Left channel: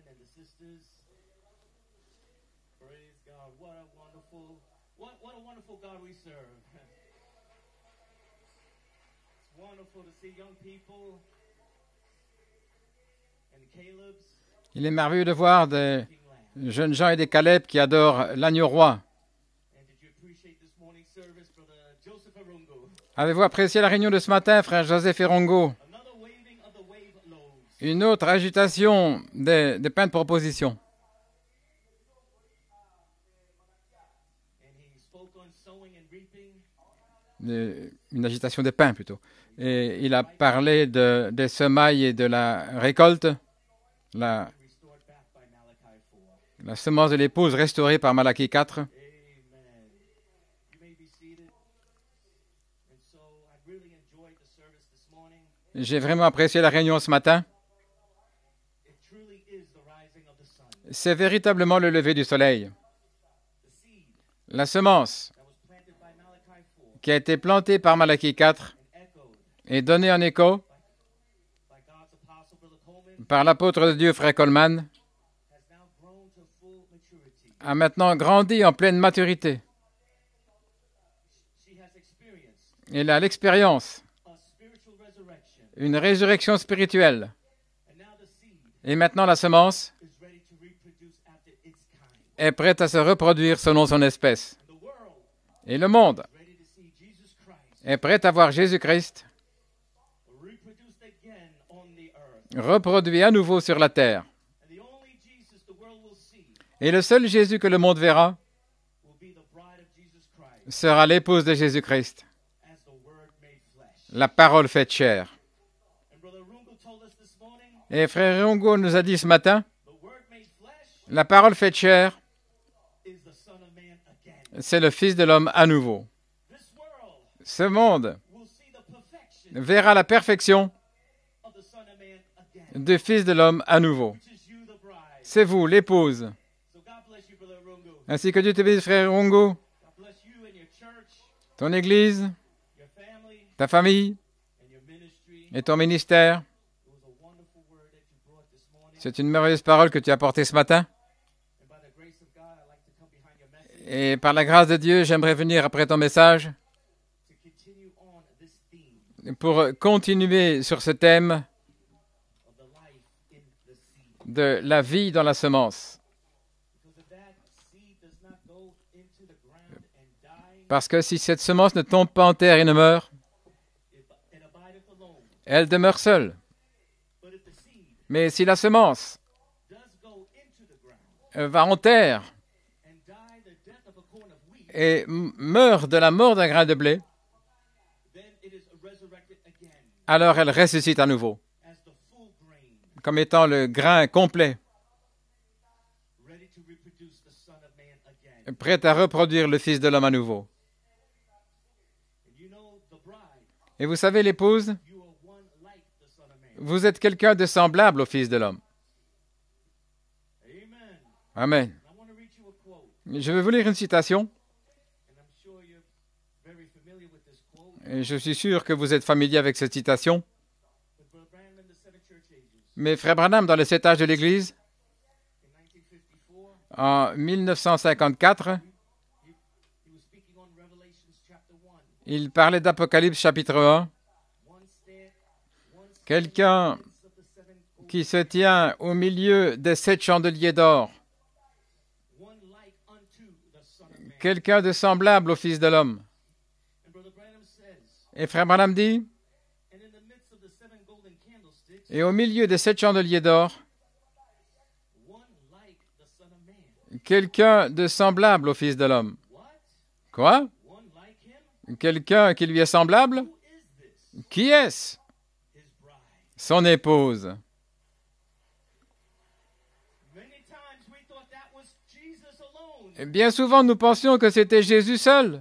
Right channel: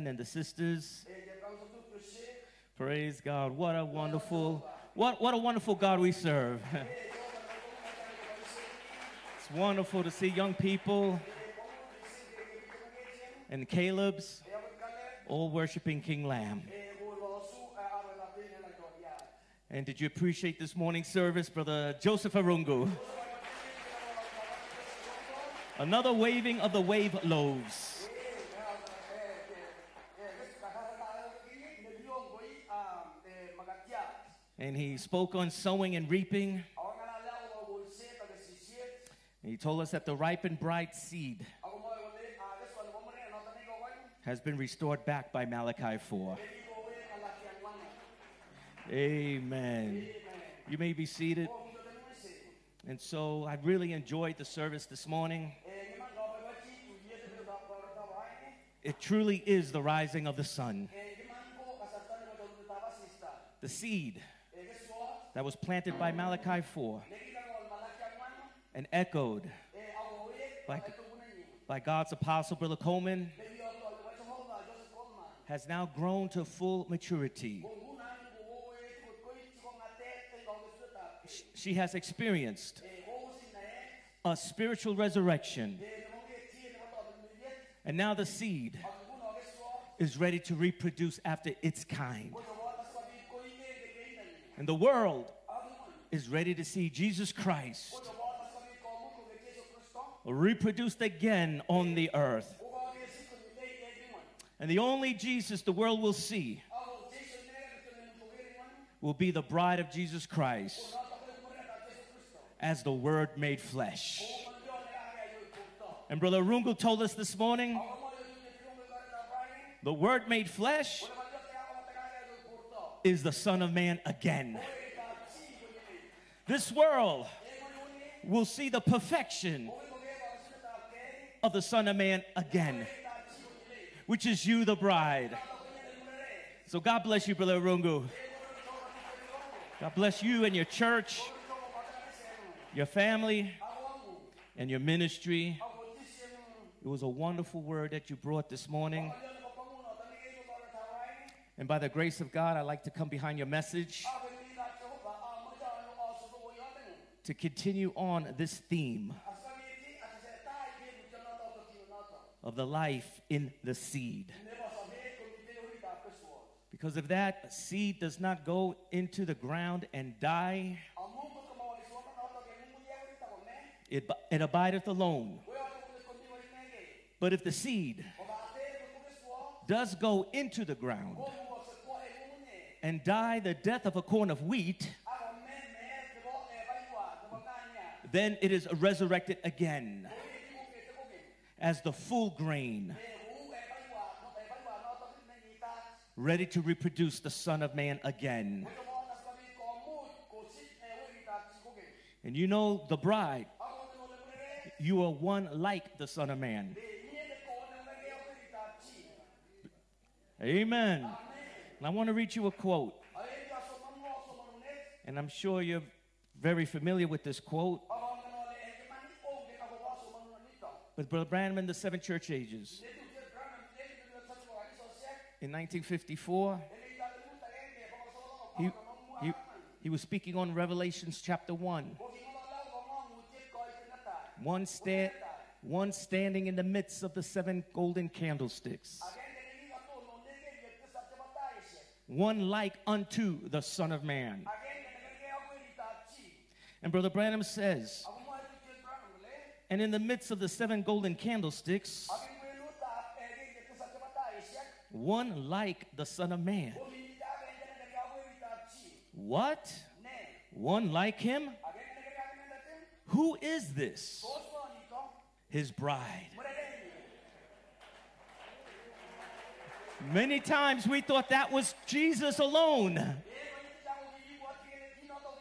brethren and the sisters. Praise God. What a wonderful God we serve. It's wonderful to see young people and Caleb's. Il est merveilleux de voir des jeunes gens et des Caleb qui adorent l'agneau roi. And did you appreciate this morning's service, Brother Joseph Arungu? Avez-vous apprécié la réunion de ce matin, frère Joseph Erongo? Another waving of the wave loaves. Une autre agitation des pains de proposition. And he spoke on sowing and reaping. Une agitation des pains plutôt. Et il a parlé des semailles et de la récolte. La semence de l'épouse restaurée par Malachie 4. Amen. You may be seated. And so I really enjoyed the service this morning. J'ai vraiment apprécié la réunion ce matin. It truly is the rising of the sun. C'est véritablement le lever du soleil. The seed la semence that was planted by Malachi 4 qui a été plantée par Malachie 4 and echoed et donnée en écho by God's apostle, Brother Coleman, par l'apôtre de Dieu, frère Coleman, has now grown to full maturity. A maintenant grandi en pleine maturité. She has experienced Il a l'expérience, a spiritual resurrection. Une résurrection spirituelle. And now the seed Et maintenant la semence is ready to reproduce after its kind. est prête à se reproduire selon son espèce. And the world Et le monde is ready to see Jesus Christ est prêt à voir Jésus-Christ reproduced again on the earth. Reproduit à nouveau sur la terre. And the only Jesus the world will see Et le seul Jésus que le monde verra will be the bride of Jesus Christ sera l'épouse de Jésus-Christ, as the Word made flesh. la parole faite chair. And Brother Rungu told us this morning, Et frère Rungu nous a dit ce matin, the Word made flesh la parole faite chair, is the Son of Man again. c'est le Fils de l'homme à nouveau. This world Ce monde will see the perfection verra la perfection of the Son of Man again, du Fils de l'homme à nouveau. which is you, the bride. C'est vous, l'épouse. So God bless you, Brother Rungu. Ainsi que Dieu te bénisse, frère Rungu, God bless you and your church, ton église, your family, ta famille and your ministry. et ton ministère. It was a wonderful word that you brought this morning. C'est une merveilleuse parole que tu as portée ce matin. And by the grace of God, I'd like to come behind your message Et par la grâce de Dieu, j'aimerais venir après ton message to continue on this theme pour continuer sur ce thème of the life in the seed. de la vie dans la semence. Because if that seed does not go into the ground and die, Parce que si cette semence ne tombe pas en terre et ne meurt, it abideth alone. elle demeure seule. But if the seed Mais si la semence does go into the ground va en terre and die the death of a corn of wheat, et meurt de la mort d'un grain de blé, then it is resurrected again alors elle ressuscite à nouveau, as the full grain, comme étant le grain complet, ready to reproduce the Son of Man again. prête à reproduire le Fils de l'homme à nouveau. And you know, the bride, Et vous savez, l'épouse, you are one like the Son of Man. vous êtes quelqu'un de semblable au Fils de l'homme. Amen. Amen. And I want to read you a quote, Je vais vous lire une citation, and I'm sure you're very familiar with this quote. et je suis sûr que vous êtes familier avec cette citation. But Brother Branham in the Seven Church Ages, Mais frère Branham, dans le 7 âges de l'Église, in 1954, en 1954, he was speaking on Revelations chapter 1. il parlait d'Apocalypse chapitre 1, One standing Quelqu'un in the midst of the seven golden qui se tient au milieu des 7 chandeliers d'or, one like unto the Son of Man. quelqu'un de semblable au Fils de l'homme. And Brother Branham says, Et frère Branham dit, and in the midst of the seven golden candlesticks, et au milieu des 7 chandeliers d'or, one like the Son of Man. quelqu'un de semblable au Fils de l'homme. What? Quoi? One like him? Quelqu'un qui lui est semblable? Who is this? Qui est-ce? His bride. Son épouse. Many times we thought that was Jesus alone, Bien souvent, nous pensions que c'était Jésus seul,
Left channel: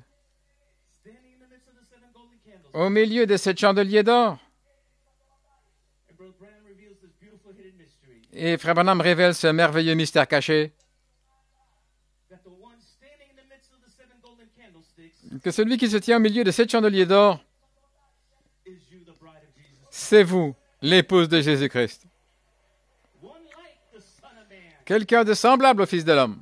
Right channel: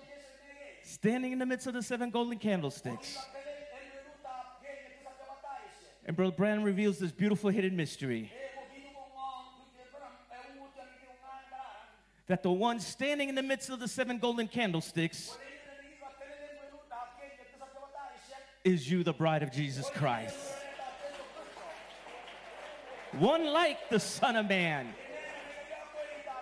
standing in the midst of the seven golden au candlesticks. milieu des 7 chandeliers d'or. And Brother Branham reveals this beautiful hidden mystery, Et frère Branham révèle ce merveilleux mystère caché, that the one standing in the midst of the seven golden candlesticks que celui qui se tient au milieu des 7 chandeliers d'or, is you, the bride of Jesus c'est Christ. vous, l'épouse de Jésus-Christ. One like the Son of Man, quelqu'un de semblable au Fils de l'homme,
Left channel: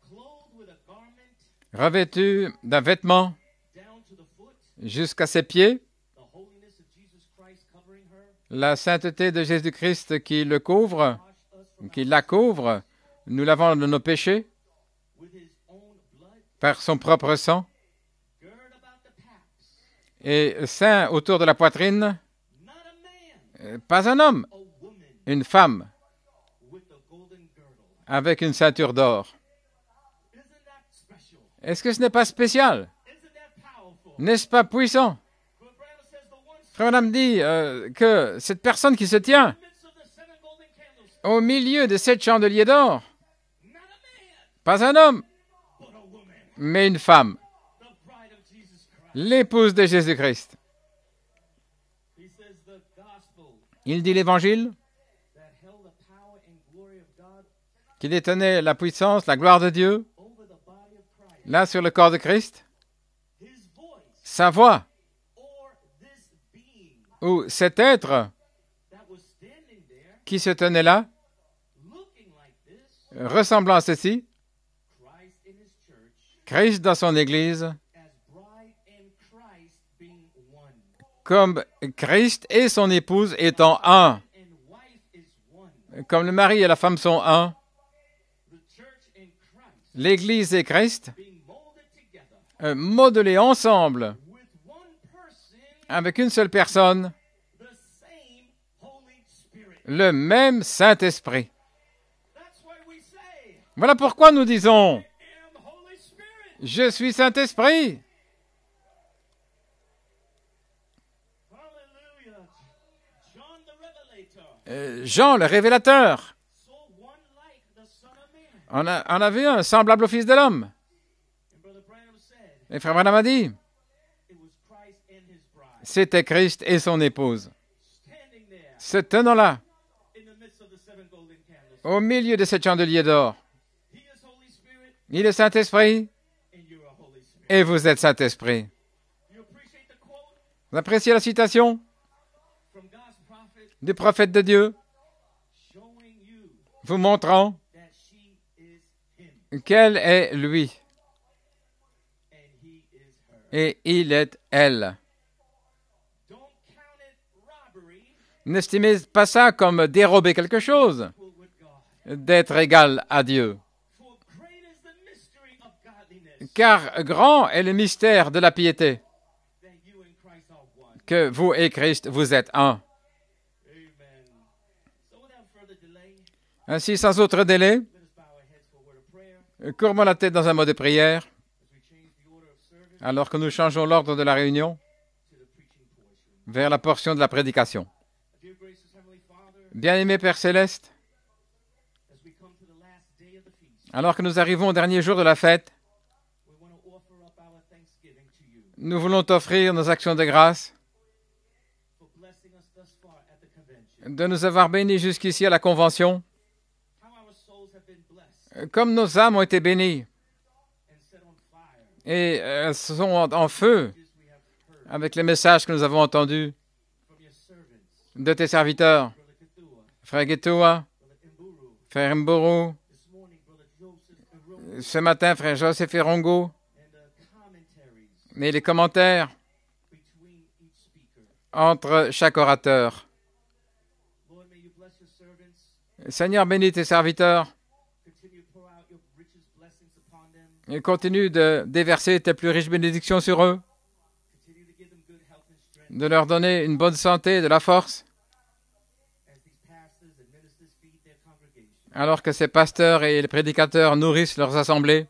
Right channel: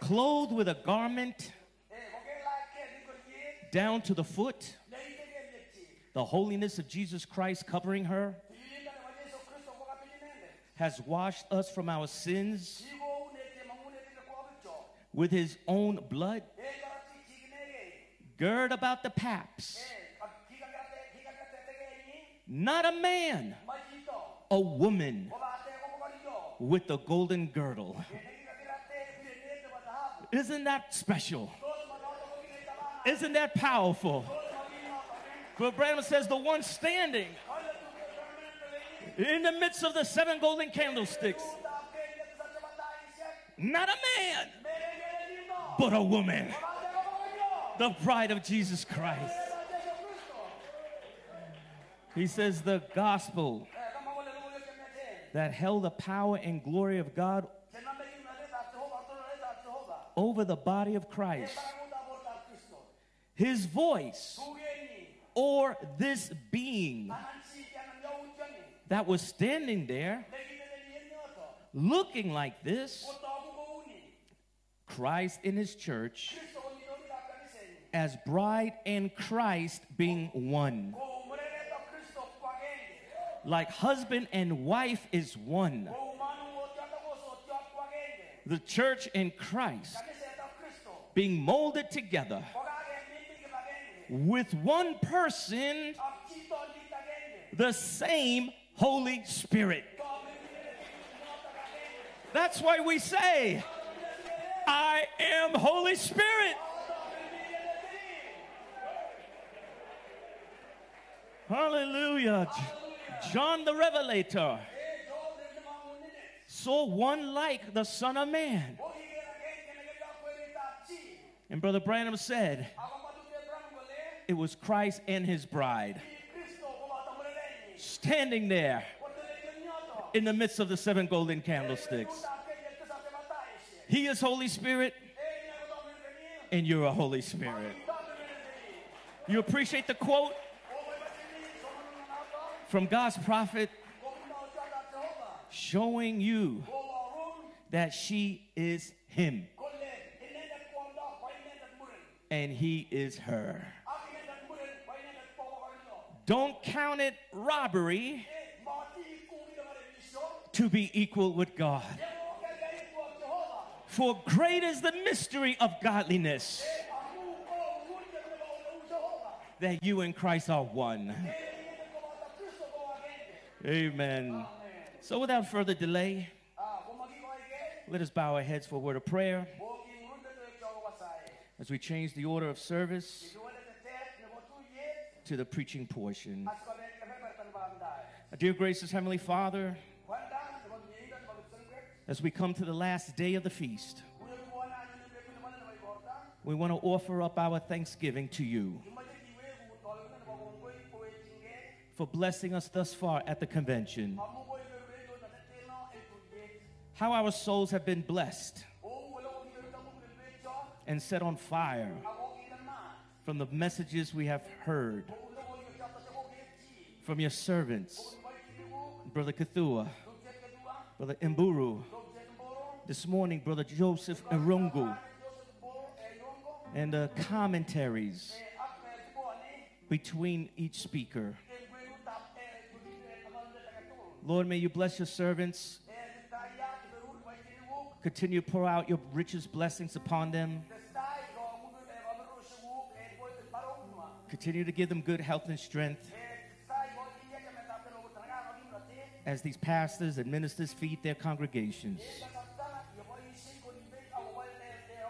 clothed with a garment revêtu d'un vêtement down to the foot, jusqu'à ses pieds, the holiness of Jesus Christ covering her, la sainteté de Jésus-Christ qui le has couvre, washed us from qui our la sins couvre, nous lavons de nos péchés with his own blood, par son propre sang, gird about the paps, et ceint autour de la poitrine, not a man, pas un homme, a woman une femme with the golden girdle. avec une ceinture d'or. Isn't that special? Est-ce que ce n'est pas spécial? Isn't that powerful? N'est-ce pas puissant? Brother Branham says the one Frère Branham standing dit que cette personne qui se in tient the midst of the 7 golden candlesticks, au milieu de 7 chandeliers d'or, not a man, pas un homme, but a woman, mais une femme, the bride of Jesus Christ. l'épouse de Jésus-Christ. He says the gospel Il dit l'Évangile that held the power and glory of God qui détenait la puissance, la gloire de Dieu, over the body of Christ. là sur le corps de Christ, His voice sa voix, or this being ou cet être that was standing there qui se tenait là, looking like this, ressemblant à ceci, Christ in his church Christ dans son Église, as bride and Christ being one. comme Christ et son épouse Like étant un, husband and wife is one. comme le mari et la femme sont un, The church and Christ l'Église et Christ, being molded together modelés ensemble, with one person, avec une seule personne, the same Holy Spirit. le même Saint-Esprit. That's why we say, Voilà pourquoi nous disons, I am Holy Spirit. je suis Saint-Esprit. Hallelujah. John the Revelator Jean, le révélateur, saw one like the Son of Man. on a vu un semblable au Fils de l'homme. And Brother Branham said Et Frère Branham a dit, it was Christ and his bride c'était Christ et son épouse, standing there se tenant là, in the midst of the 7 golden candlesticks. au milieu de 7 chandeliers d'or. He is Holy Spirit Il est Saint-Esprit and you're a Holy Spirit. et vous êtes Saint-Esprit. You appreciate the quote Vous appréciez la citation from God's prophet du prophète de Dieu, showing you vous montrant that she is him qu'elle est lui and he is her. et il est elle. Don't count it robbery N'estimez pas ça comme dérober quelque to be chose, equal with God. d'être égal à Dieu. For great is the mystery of godliness, Car grand est le mystère de la piété, that you and Christ are one. que vous et Christ, vous êtes un. Amen. So without further delay, Ainsi, sans autre délai, let us bow our heads for a word of prayer courbons la tête dans un mot de prière, as we change the order of service alors que nous changeons l'ordre de la réunion to the preaching portion. vers la portion de la prédication. Dear gracious Heavenly Father, Bien-aimé Père Céleste, as we come to the last day of the feast, alors que nous arrivons au dernier jour de la fête, we want to offer up our thanksgiving to you nous voulons t'offrir nos actions de grâce, for blessing us thus far at the convention. de nous avoir bénis jusqu'ici à la Convention, How our souls have been blessed comme nos âmes ont été bénies and set on fire et sont en from the feu messages we have heard avec les messages que nous avons entendus from your servants, de tes serviteurs, Brother Kathua, Frère Getoua, Brother Mburu, Frère Mburu, this morning, Brother Joseph Arungu, ce matin, Frère Joseph Erongo, and the commentaries mais les commentaires between each speaker. entre chaque orateur. Lord, may you bless your servants. Seigneur, bénis tes serviteurs Continue to pour out your richest blessings upon them. et continue de déverser tes plus riches bénédictions sur eux, Continue to give them good health and strength de leur donner une bonne santé, de la force, as these pastors and ministers feed their congregation. alors que ces pasteurs et les prédicateurs nourrissent leurs assemblées.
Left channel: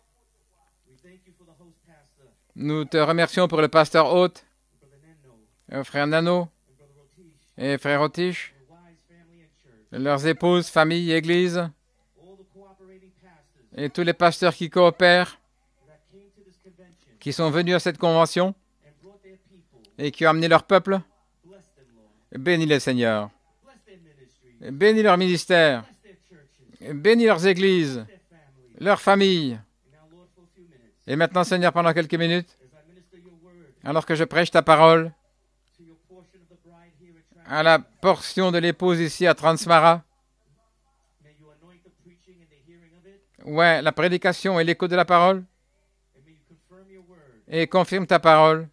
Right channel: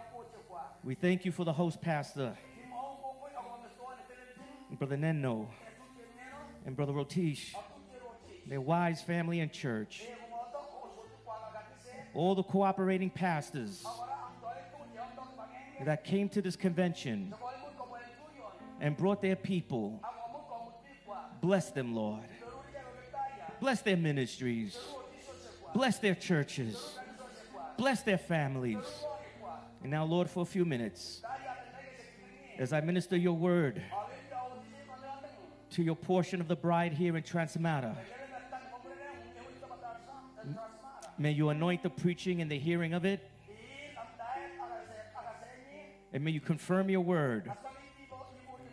We thank you for the host pastor, Nous te remercions pour le pasteur hôte, Brother Nenno, Frère Nano and Brother Rotish, et Frère Otiche, their wives, family, and church. leurs épouses, familles, églises, All the cooperating pastors et tous les pasteurs qui coopèrent, that came to this convention qui sont venus à cette convention and brought their people. et qui ont amené leur peuple. Bless them, Lord. Bénis-les, Seigneur. Bless their ministries. Bénis leur ministère. Bless their churches. Bénis leurs Bless églises, their families. leurs familles. And now, Lord, for a few minutes, Et maintenant, Seigneur, pendant quelques minutes, as I minister your word alors que je prêche ta parole to your portion of the bride here in à la Transmara, portion de l'épouse ici à Transmara, May you anoint the preaching and the hearing of it. Ouais, la prédication et l'écoute de la parole. And may you confirm your word Et confirme ta parole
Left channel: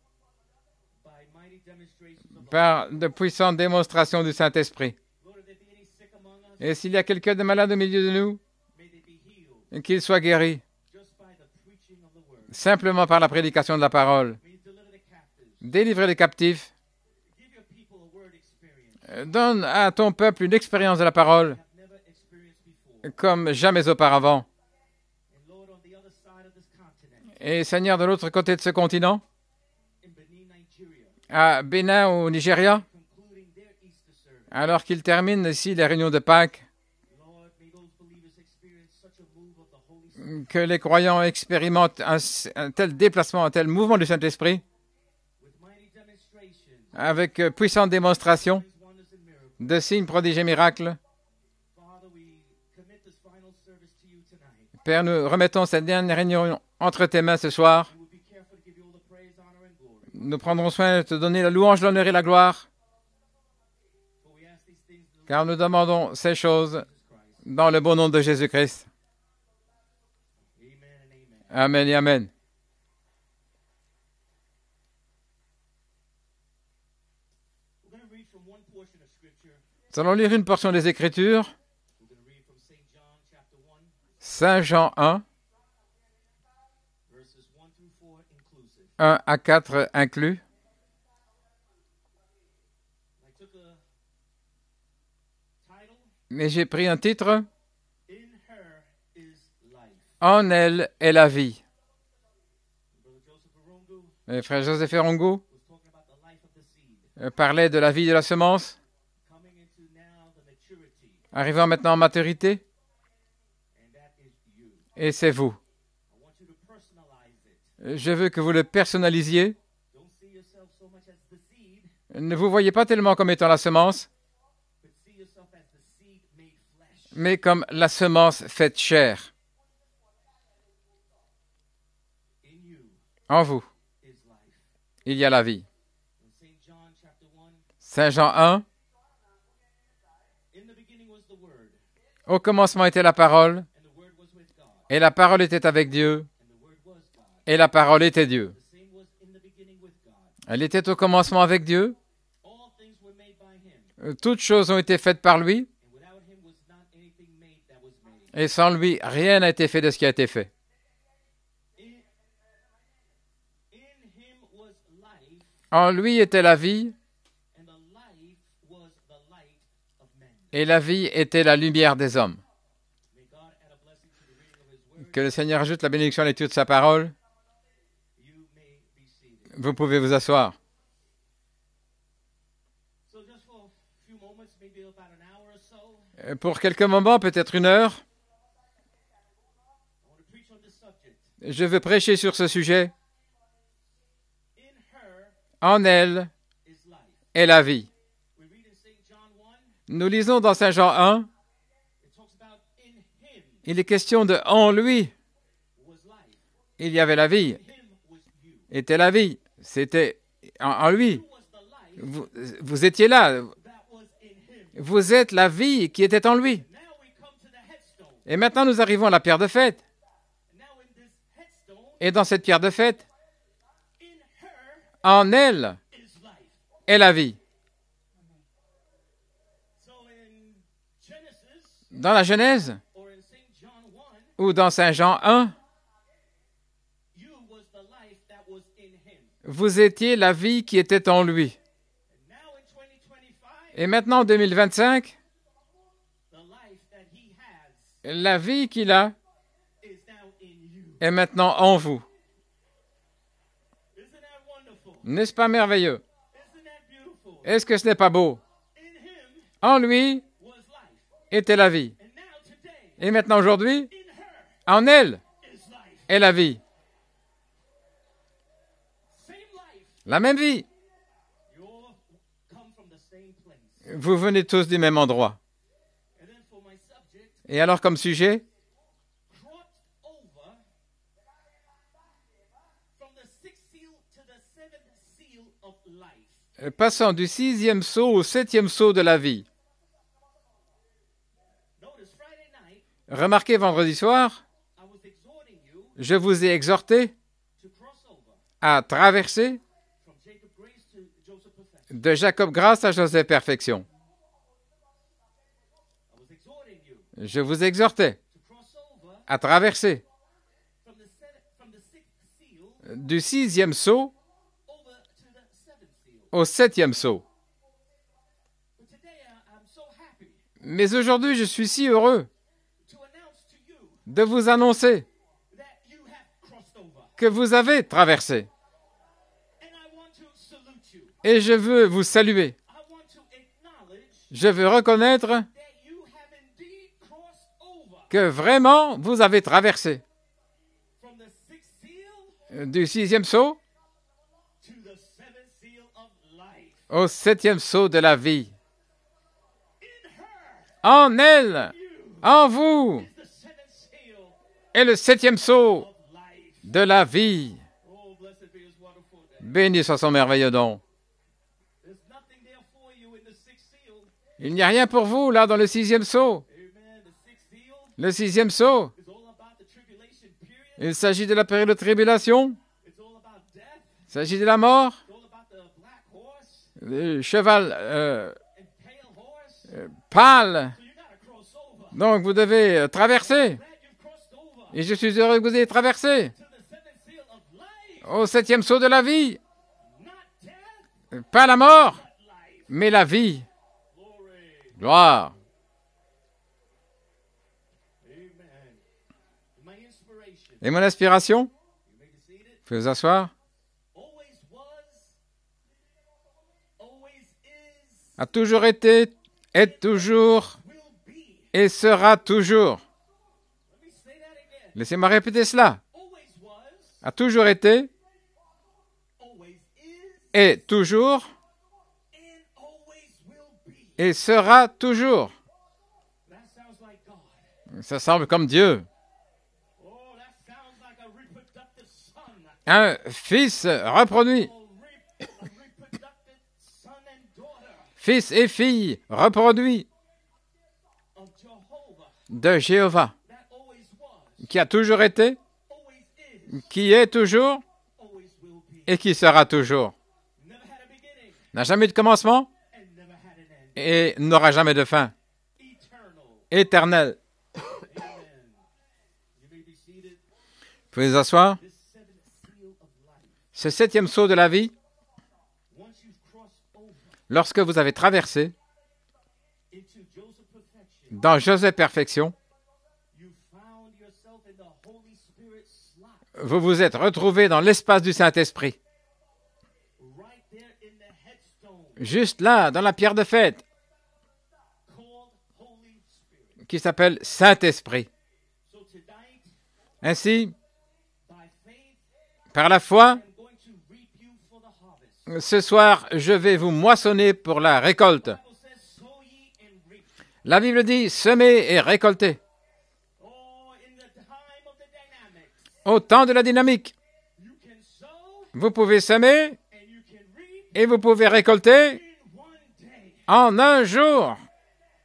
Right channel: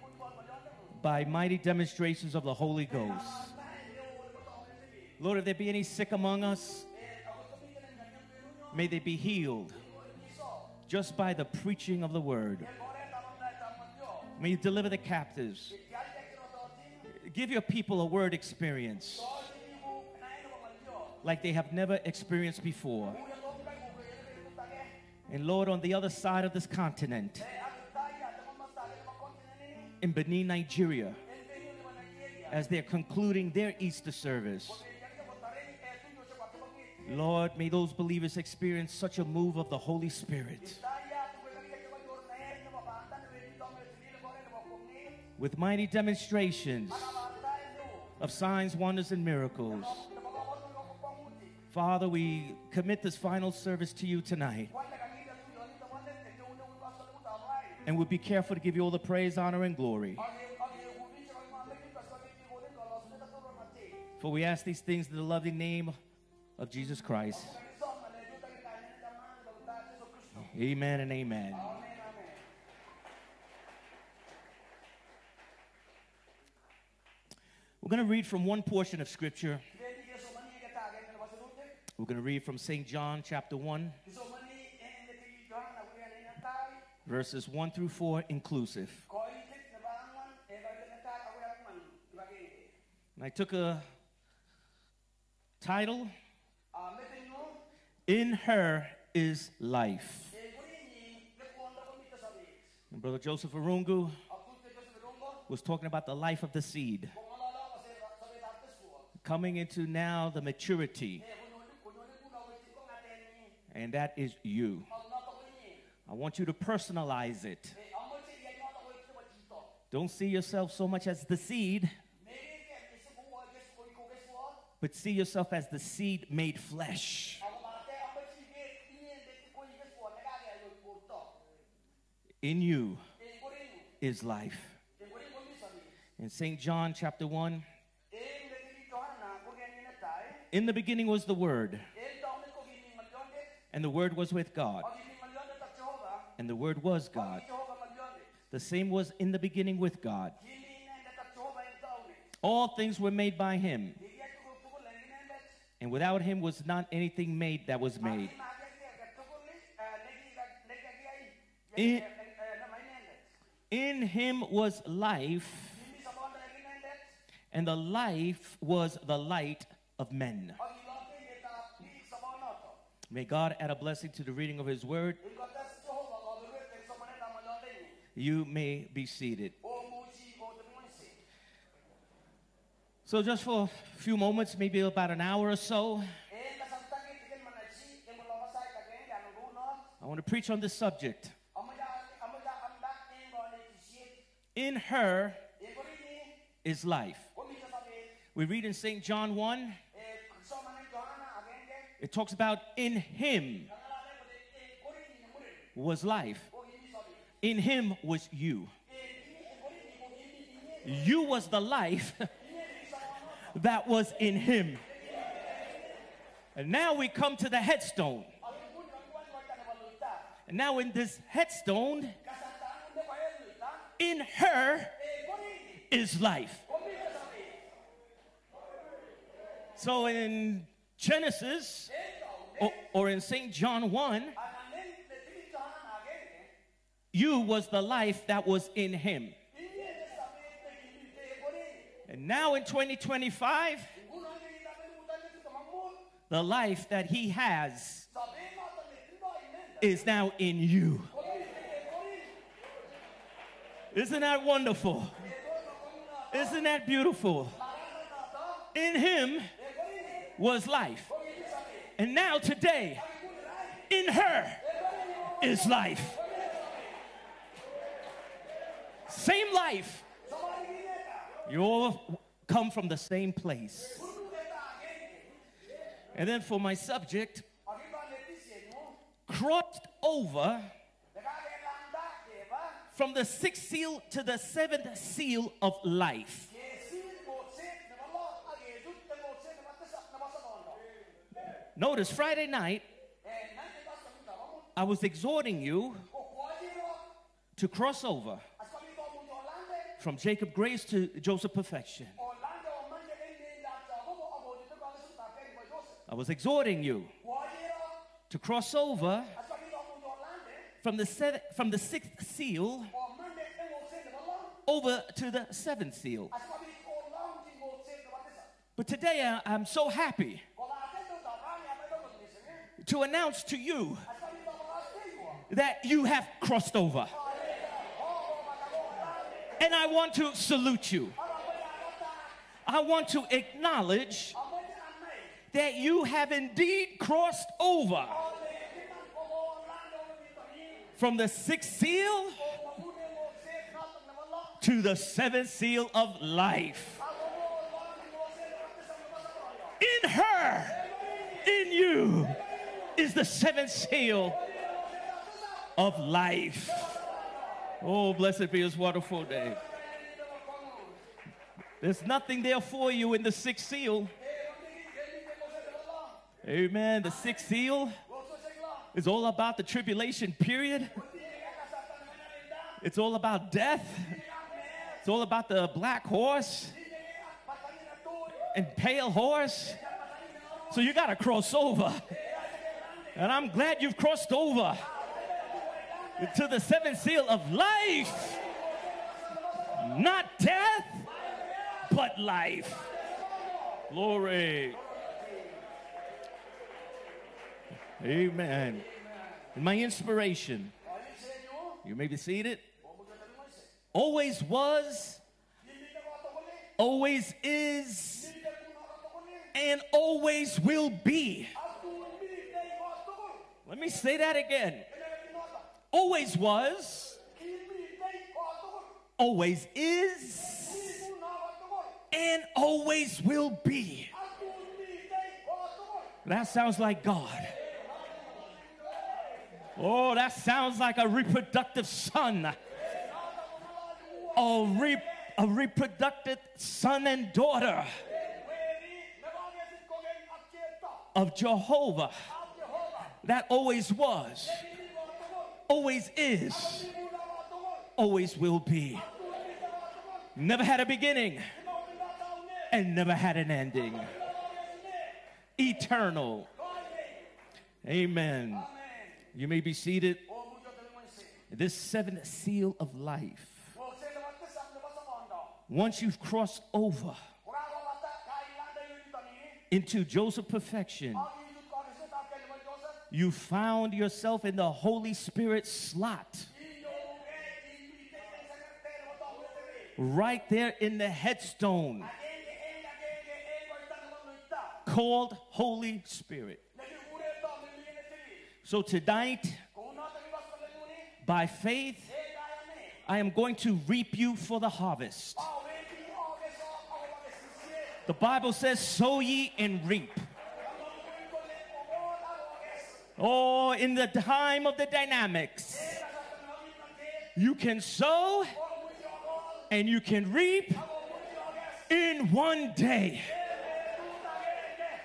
by mighty demonstrations of the par Holy de Ghost. puissantes démonstrations du Saint-Esprit. Lord, if there be any sick among us, Et s'il y a quelqu'un de malade au milieu de nous, may they be healed qu'il soit guéri just by the preaching of the word. simplement par la prédication de la parole. May you deliver the captives. Délivrer les captifs. Give your people a word experience Donne à ton peuple une expérience de la they parole have never experienced before. comme jamais auparavant. And Lord, on the other side of this continent, Et Seigneur, de l'autre côté de ce continent, in Benin, Nigeria, à Bénin au Nigeria, they're concluding their Easter service. alors qu'ils terminent ici les réunions de Pâques, Lord, may those believers experience such a move of the Holy Spirit que les croyants expérimentent un tel déplacement, un tel mouvement du Saint-Esprit, with mighty demonstrations, avec puissantes démonstrations signs, wonders, and miracles. de signes, prodiges et miracles. Father, we commit this final service to you tonight, Père, nous remettons cette dernière réunion entre tes mains ce soir. and we'll be careful to give you all the praise, honor, and glory. Nous prendrons soin de te donner la louange, l'honneur et la gloire, For we ask these things in the car nous loving name demandons ces of choses Jesus Christ. dans le bon nom de Jésus-Christ. Amen and amen. Amen et Amen. We're going to read from one portion of Scripture. Nous allons lire une portion des Écritures, We're going to read from St. John chapter 1, Saint Jean 1, verses 1 through 4 inclusive. 1 à 4 inclus. And I took a title, Et j'ai pris un titre, In Her is Life. En elle est la vie. And Brother Joseph Arungu Le frère Joseph Erongo was talking about the life of the seed, parlait de la vie de la semence, coming into now the maturity, arrivant maintenant en maturité, and that is you. et c'est vous. I want you to personalize it. Je veux que vous le personnalisiez. Don't see yourself so much as the seed, Ne vous voyez pas tellement comme étant la semence, but see yourself as the seed made flesh. mais comme la semence faite chair. In you En vous, is life. il y a la vie. In St. John chapter 1, Saint Jean 1, in the beginning was the Word, au commencement était la parole, and the Word was with God, et la parole était avec Dieu, and the Word was God. et la parole était Dieu. The same was in the beginning with God. Elle était au commencement avec Dieu. All things were made by Him, Toutes choses ont été faites par lui, and without Him was not anything made that was made. et sans lui, rien n'a été fait de ce qui a été fait. In Him was life, En lui était la vie, and the life was the light of men. et la vie était la lumière des hommes. May God add a blessing to the reading of His Word. Que le Seigneur ajoute la bénédiction à l'étude de sa parole. You may be seated. Vous pouvez vous asseoir. So just for a few moments, maybe about an hour or so, Pour quelques moments, peut-être une heure, I want to preach on this subject. je veux prêcher sur ce sujet. In her En elle is life. est la vie. We read in St. John 1, Nous lisons dans Saint Jean 1, it talks about in Him il est question de en lui, was life. il y avait la In vie. Him was you. Était la vie. C'était en lui. You was the life Vous étiez là. that was in Him. Vous êtes la vie qui était en lui. And now we come to the headstone. Et maintenant, nous arrivons à la pierre de fête. And now in this headstone, Et dans cette pierre de fête, in her en elle is life. est la vie. So in Genesis, Dans la Genèse or in St. John 1, ou dans Saint Jean 1, you was the life that was in Him. vous étiez la vie qui était en lui. And now in 2025, Et maintenant, en 2025, the life that He has la vie qu'il a is now in you. est maintenant en vous. Isn't that wonderful? N'est-ce pas merveilleux? Isn't that beautiful? Est-ce que ce n'est pas beau? In Him En lui was life. était la vie. And now today, Et maintenant, aujourd'hui, in her en elle is life. est la vie. Same life. La même vie. You all come from the same place. Vous venez tous du même endroit. And then for my subject, Et alors, comme sujet, crossed over from the sixth seal to the seventh seal of life. passant du 6e sceau au 7e sceau de la vie. Notice Friday night, Remarquez, vendredi soir, I was exhorting you je vous ai exhorté to cross over à traverser from Jacob Grace to Joseph Perfection. de Jacob Grâce à Joseph Perfection. I was exhorting you Je vous exhortais to cross over à traverser from the sixth seal du 6e sceau over to the seventh seal. au 7e sceau. But today I'm so happy Mais aujourd'hui, je suis si heureux to announce to you de vous annoncer that you have crossed over. que vous avez traversé. And I want to salute you. Et je veux vous saluer. I want to acknowledge Je veux reconnaître that you have indeed crossed over que vraiment, vous avez traversé from the sixth seal du 6e sceau to the seventh seal of life. au 7e sceau de la vie. In her, En in elle, you, en vous, is the seventh seal est le 7e sceau of life. de la vie. Oh, blessed be His wonderful name. Béni soit son merveilleux nom. There's nothing there for you in the sixth seal. Il n'y a rien pour vous là dans le 6e sceau. Amen. The sixth seal Le 6e sceau, is all about the tribulation period. il s'agit de la période de tribulation, It's all about death. il s'agit de la mort, It's all about the black horse le cheval and pale horse. pâle. So you got to cross over. Donc vous devez And I'm traverser. glad you've crossed over Et je suis heureux que vous ayez traversé to the seventh seal of life. au 7e sceau de la vie. Not death, Pas la mort, but life. mais la vie. Glory. Gloire. Amen. My inspiration. Et mon inspiration, You may be seated. vous pouvez vous asseoir, Always was, always is, a toujours été, est and toujours always will be. et sera toujours. Let me say that again. Laissez-moi répéter cela. Always was, A toujours été, always is, est toujours and always will be. et sera toujours. That sounds like God. Ça semble comme Dieu. Oh, that sounds like a reproductive son. Un fils reproduit, A reproductive son and daughter fils et fille reproduits of Jehovah. de Jéhovah, That always was, qui a toujours été, always is, qui est toujours always will be. et qui sera toujours. Never had a beginning N'a jamais eu de commencement and never had an ending. et n'aura jamais de fin. Eternal. Éternel. Amen. You may be seated. Vous pouvez vous asseoir. This seventh seal of life. Ce 7e sceau de la vie, Once you've crossed over lorsque vous avez traversé into Joseph perfection, dans Joseph Perfection, you found yourself in the Holy Spirit slot, vous vous êtes retrouvé dans l'espace du Saint-Esprit. right there in the headstone Juste là, dans la pierre de fête, called Holy Spirit. qui s'appelle Saint-Esprit. So tonight, Ainsi, by faith, par la I foi, am going to reap you for the harvest. ce soir, je vais vous moissonner pour la récolte. The Bible says, sow ye and reap. La Bible dit semer et récolter. Oh, in the time of the dynamics, Au temps de la dynamique, you can sow vous pouvez semer and you can reap et vous pouvez récolter in one day. en un jour.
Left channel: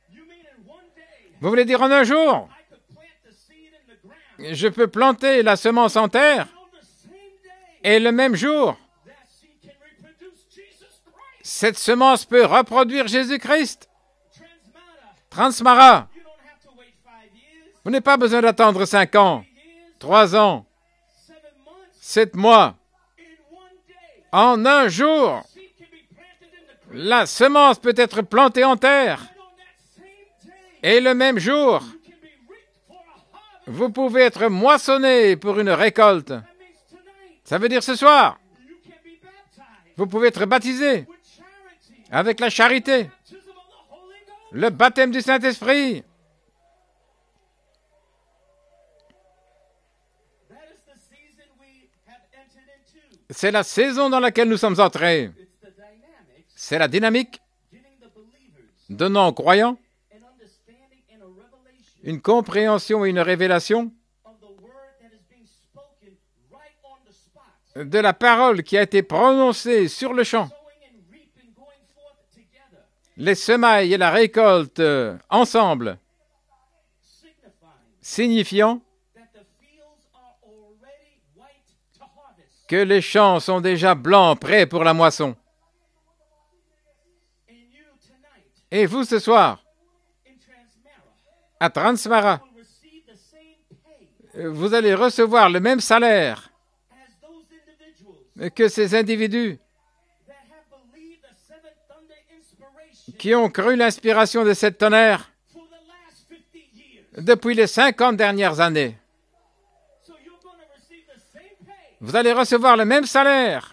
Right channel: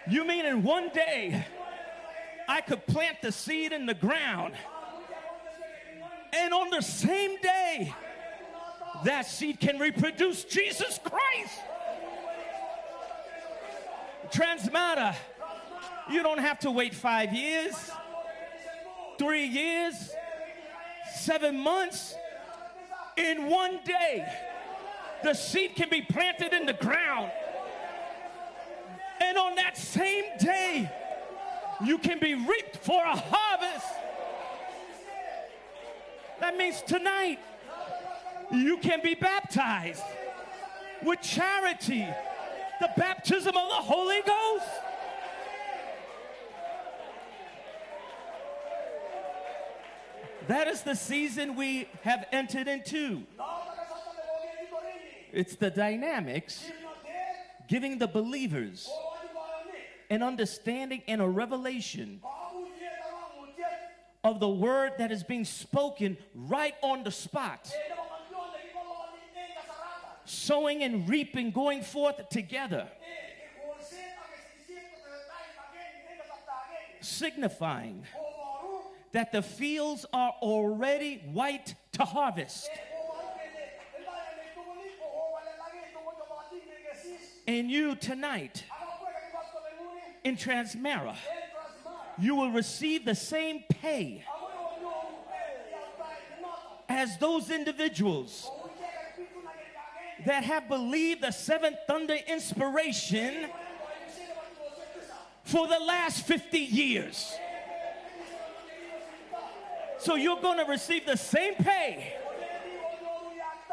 You mean in one day, Vous voulez dire en un jour? I could plant the seed in the ground, Je peux planter la semence en terre and on the same day, et le même jour, that seed can reproduce Jesus Christ. cette semence peut reproduire Jésus-Christ. Transmatter. Transmara. You don't have to wait 5 years, Vous n'avez pas besoin d'attendre 5 ans, 3 years, 3 ans, 7 months. 7 mois. In one day, En un jour, the seed can be planted in the ground, la semence peut être plantée en terre. and on that same day, Et le même jour, you can be reaped for a harvest. vous pouvez être moissonné pour une récolte. That means tonight, Ça veut dire ce soir, you can be baptized vous pouvez être baptisé with charity, avec la the charité, baptism of the Holy Ghost. le baptême du Saint-Esprit. That is the season we have entered into. C'est la saison dans laquelle nous sommes entrés. It's the dynamics C'est la dynamique giving the believers donnant aux croyants an understanding and a revelation une compréhension et une révélation of the word that is being spoken right on the spot. de la parole qui a été prononcée sur le champ. Sowing and reaping, going forth together. Les semailles et la récolte ensemble. signifiant that the fields are already white to harvest. que les champs sont déjà blancs, prêts pour la moisson. And you tonight, Et vous, ce soir, in Transmara, à Transmara, you will receive the same pay vous allez recevoir le même salaire as those individuals que ces individus that have believed the seventh thunder inspiration qui ont cru l'inspiration de cette tonnerre for the last 50 years. depuis les 50 dernières années. So you're going to receive the same pay Vous allez recevoir le même salaire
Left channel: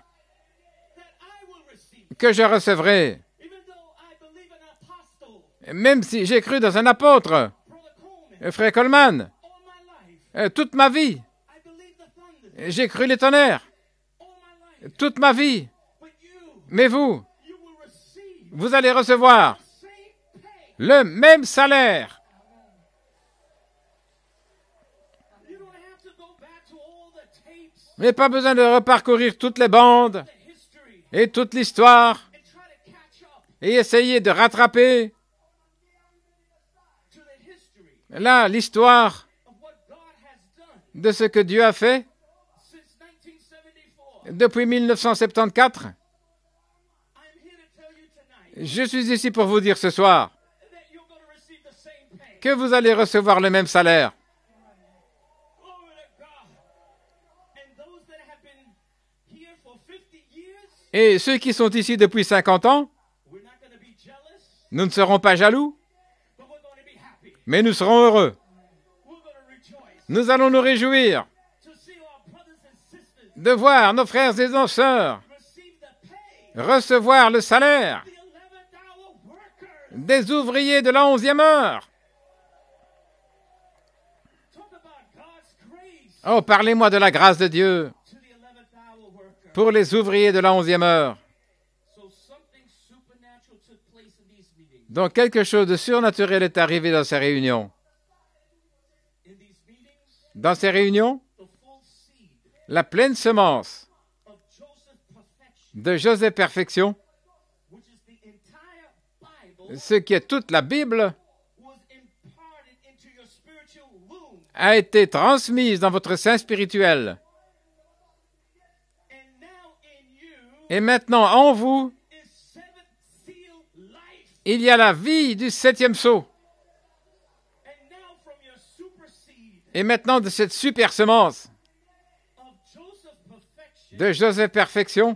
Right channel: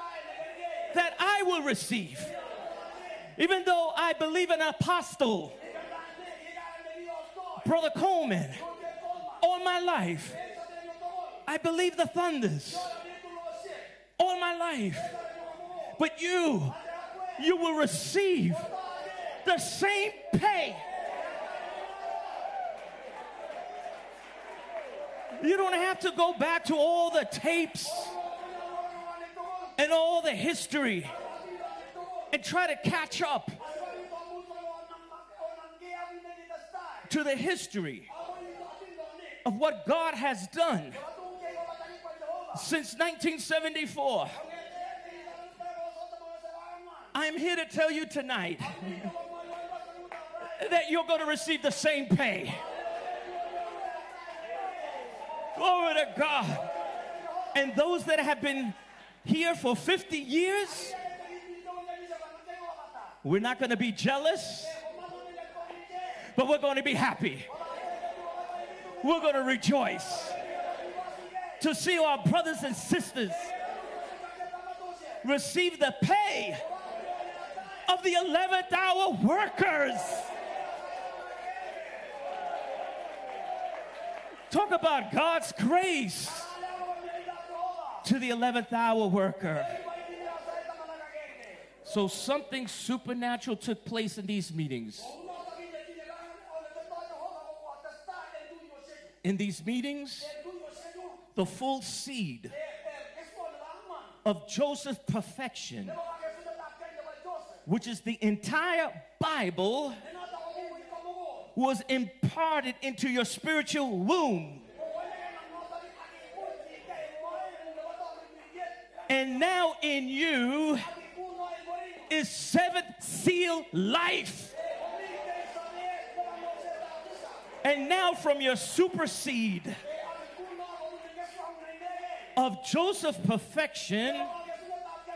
that I will receive. que je recevrai. Even though I believe in an apostle, Même si j'ai cru dans un apôtre, Brother Coleman, Frère Coleman, all my life, toute ma vie, I believe the thunders, j'ai cru les tonnerres, all my life. toute ma vie. But you, Mais vous, you will receive vous allez recevoir the same pay. le même salaire. You don't have to go back to all the tapes, Vous n'avez pas besoin de reparcourir toutes les and all bandes the history, et toute l'histoire and try to catch up et essayer de rattraper to the history là l'histoire of what God has done de ce que Dieu a fait since 1974. depuis 1974. I'm here to tell you tonight Je suis ici pour vous dire ce soir that you're going to receive the same pay. que vous allez recevoir le même salaire. Glory to God. And those that have been here for 50 years, Et ceux qui sont ici depuis 50 ans, we're not going to be jealous, nous ne serons pas jaloux, but we're going to be happy. mais nous serons heureux. We're going to rejoice Nous allons nous réjouir to see our brothers and sisters de voir nos frères et nos sœurs receive the pay recevoir le salaire of the 11th hour workers. des ouvriers de la 11e heure. Talk about God's grace Oh, parlez-moi de la grâce de Dieu to the 11th hour worker. pour les ouvriers de la 11e heure. So something supernatural took place in these meetings. Donc quelque chose de surnaturel est arrivé dans ces réunions. In these meetings, Dans ces réunions, the full seed la pleine semence of Joseph's perfection, de Joseph Perfection, which is the entire Bible, ce qui est toute la Bible, was imparted into your spiritual womb. a été transmise dans votre sein spirituel. And now in you Et maintenant, en vous, is seventh seal life. il y a la vie du 7e sceau. And now from your super seed Et maintenant, de cette super semence of Joseph's perfection de Joseph Perfection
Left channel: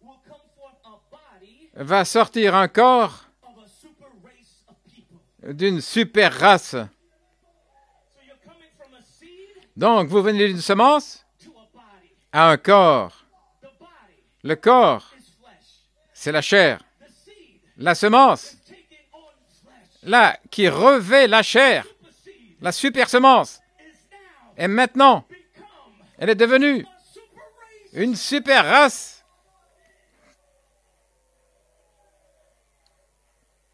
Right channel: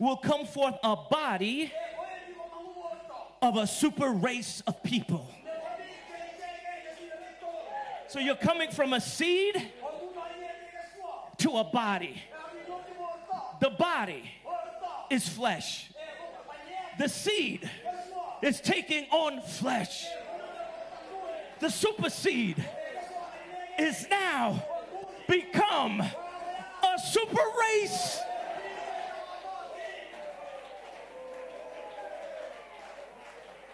will come forth a body va sortir un corps of a super race of people. d'une super race. So you're coming from a seed Donc, vous venez d'une semence to a body. à un corps. The body Le corps, is flesh. c'est la chair. The seed La semence, is taking on flesh. là, qui revêt la The chair, super seed la super semence. is now Et maintenant, become elle est devenue a super race. une super race.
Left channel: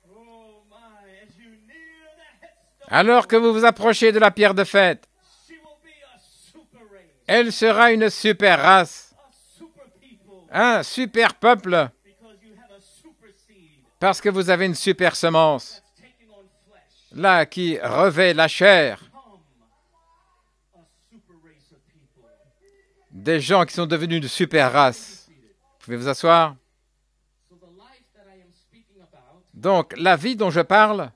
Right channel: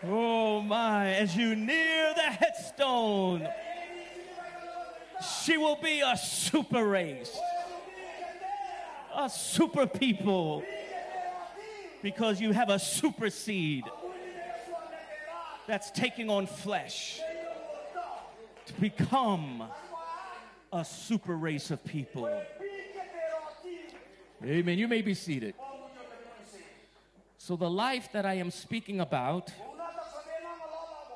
Oh my, as you near the headstone, Alors que vous vous approchez de la pierre de fête, she will be a super race, elle sera une super race, a super people, un super peuple, because you have a super seed parce que vous avez une super semence, that's taking on flesh. là, qui revêt la chair. Come a super race of people. Des gens qui sont devenus de super You may race. be seated. Vous pouvez vous asseoir. So the life that I am speaking about Donc, la vie dont je parle,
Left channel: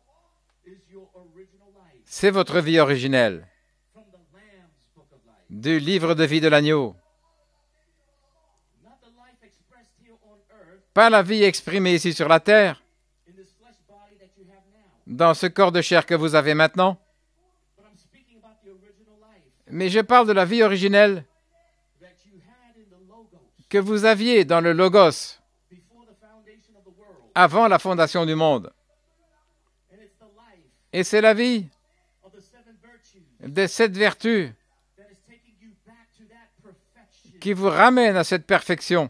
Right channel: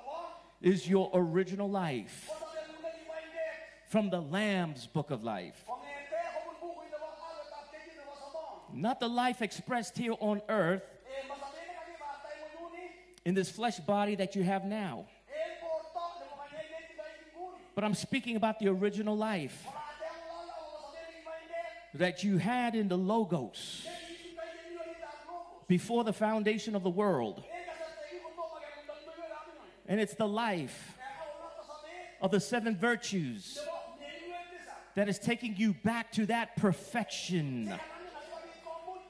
is your original life c'est votre vie originelle, from the Lamb's book of life. du livre de vie de l'agneau. Not the life expressed here on earth Pas la vie exprimée ici sur la terre, in this flesh body that you have now, dans ce corps de chair que vous avez maintenant, but I'm speaking about the original life mais je parle de la vie originelle that you had in the Logos que vous aviez dans le Logos before the foundation of the world. avant la fondation du monde. And it's the life Et c'est la vie of the seven virtues de cette vertu that is taking you back to that perfection qui vous ramène à cette perfection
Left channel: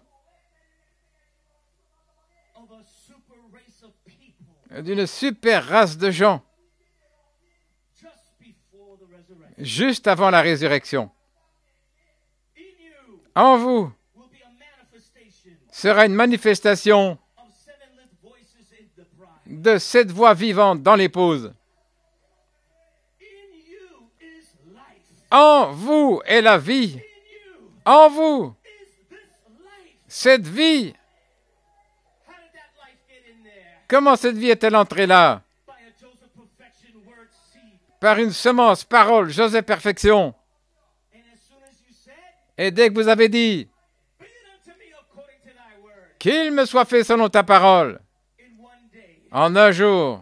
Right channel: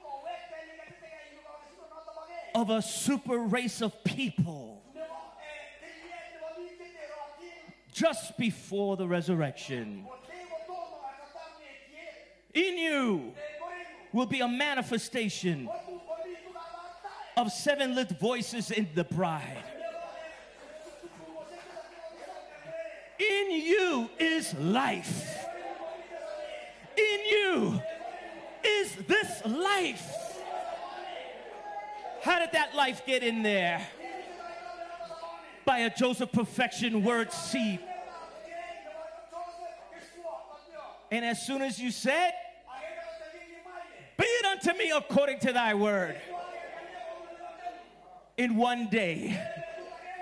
of a super race of people d'une super race de gens just before the resurrection. juste avant la résurrection. In you En vous will be a manifestation sera une manifestation of seven lit voices in the bride. de cette voix vivante dans l'épouse. In you is life. En vous est la vie. In you En vous, is this life. cette vie. How did that life get in there? Comment cette vie est-elle entrée là? By a Joseph Perfection word seed. Par une semence, parole, Joseph Perfection. And as soon as you said, Et dès que vous avez dit, be it unto me according to thy word, qu'il me soit fait selon ta parole, in one day, en un jour,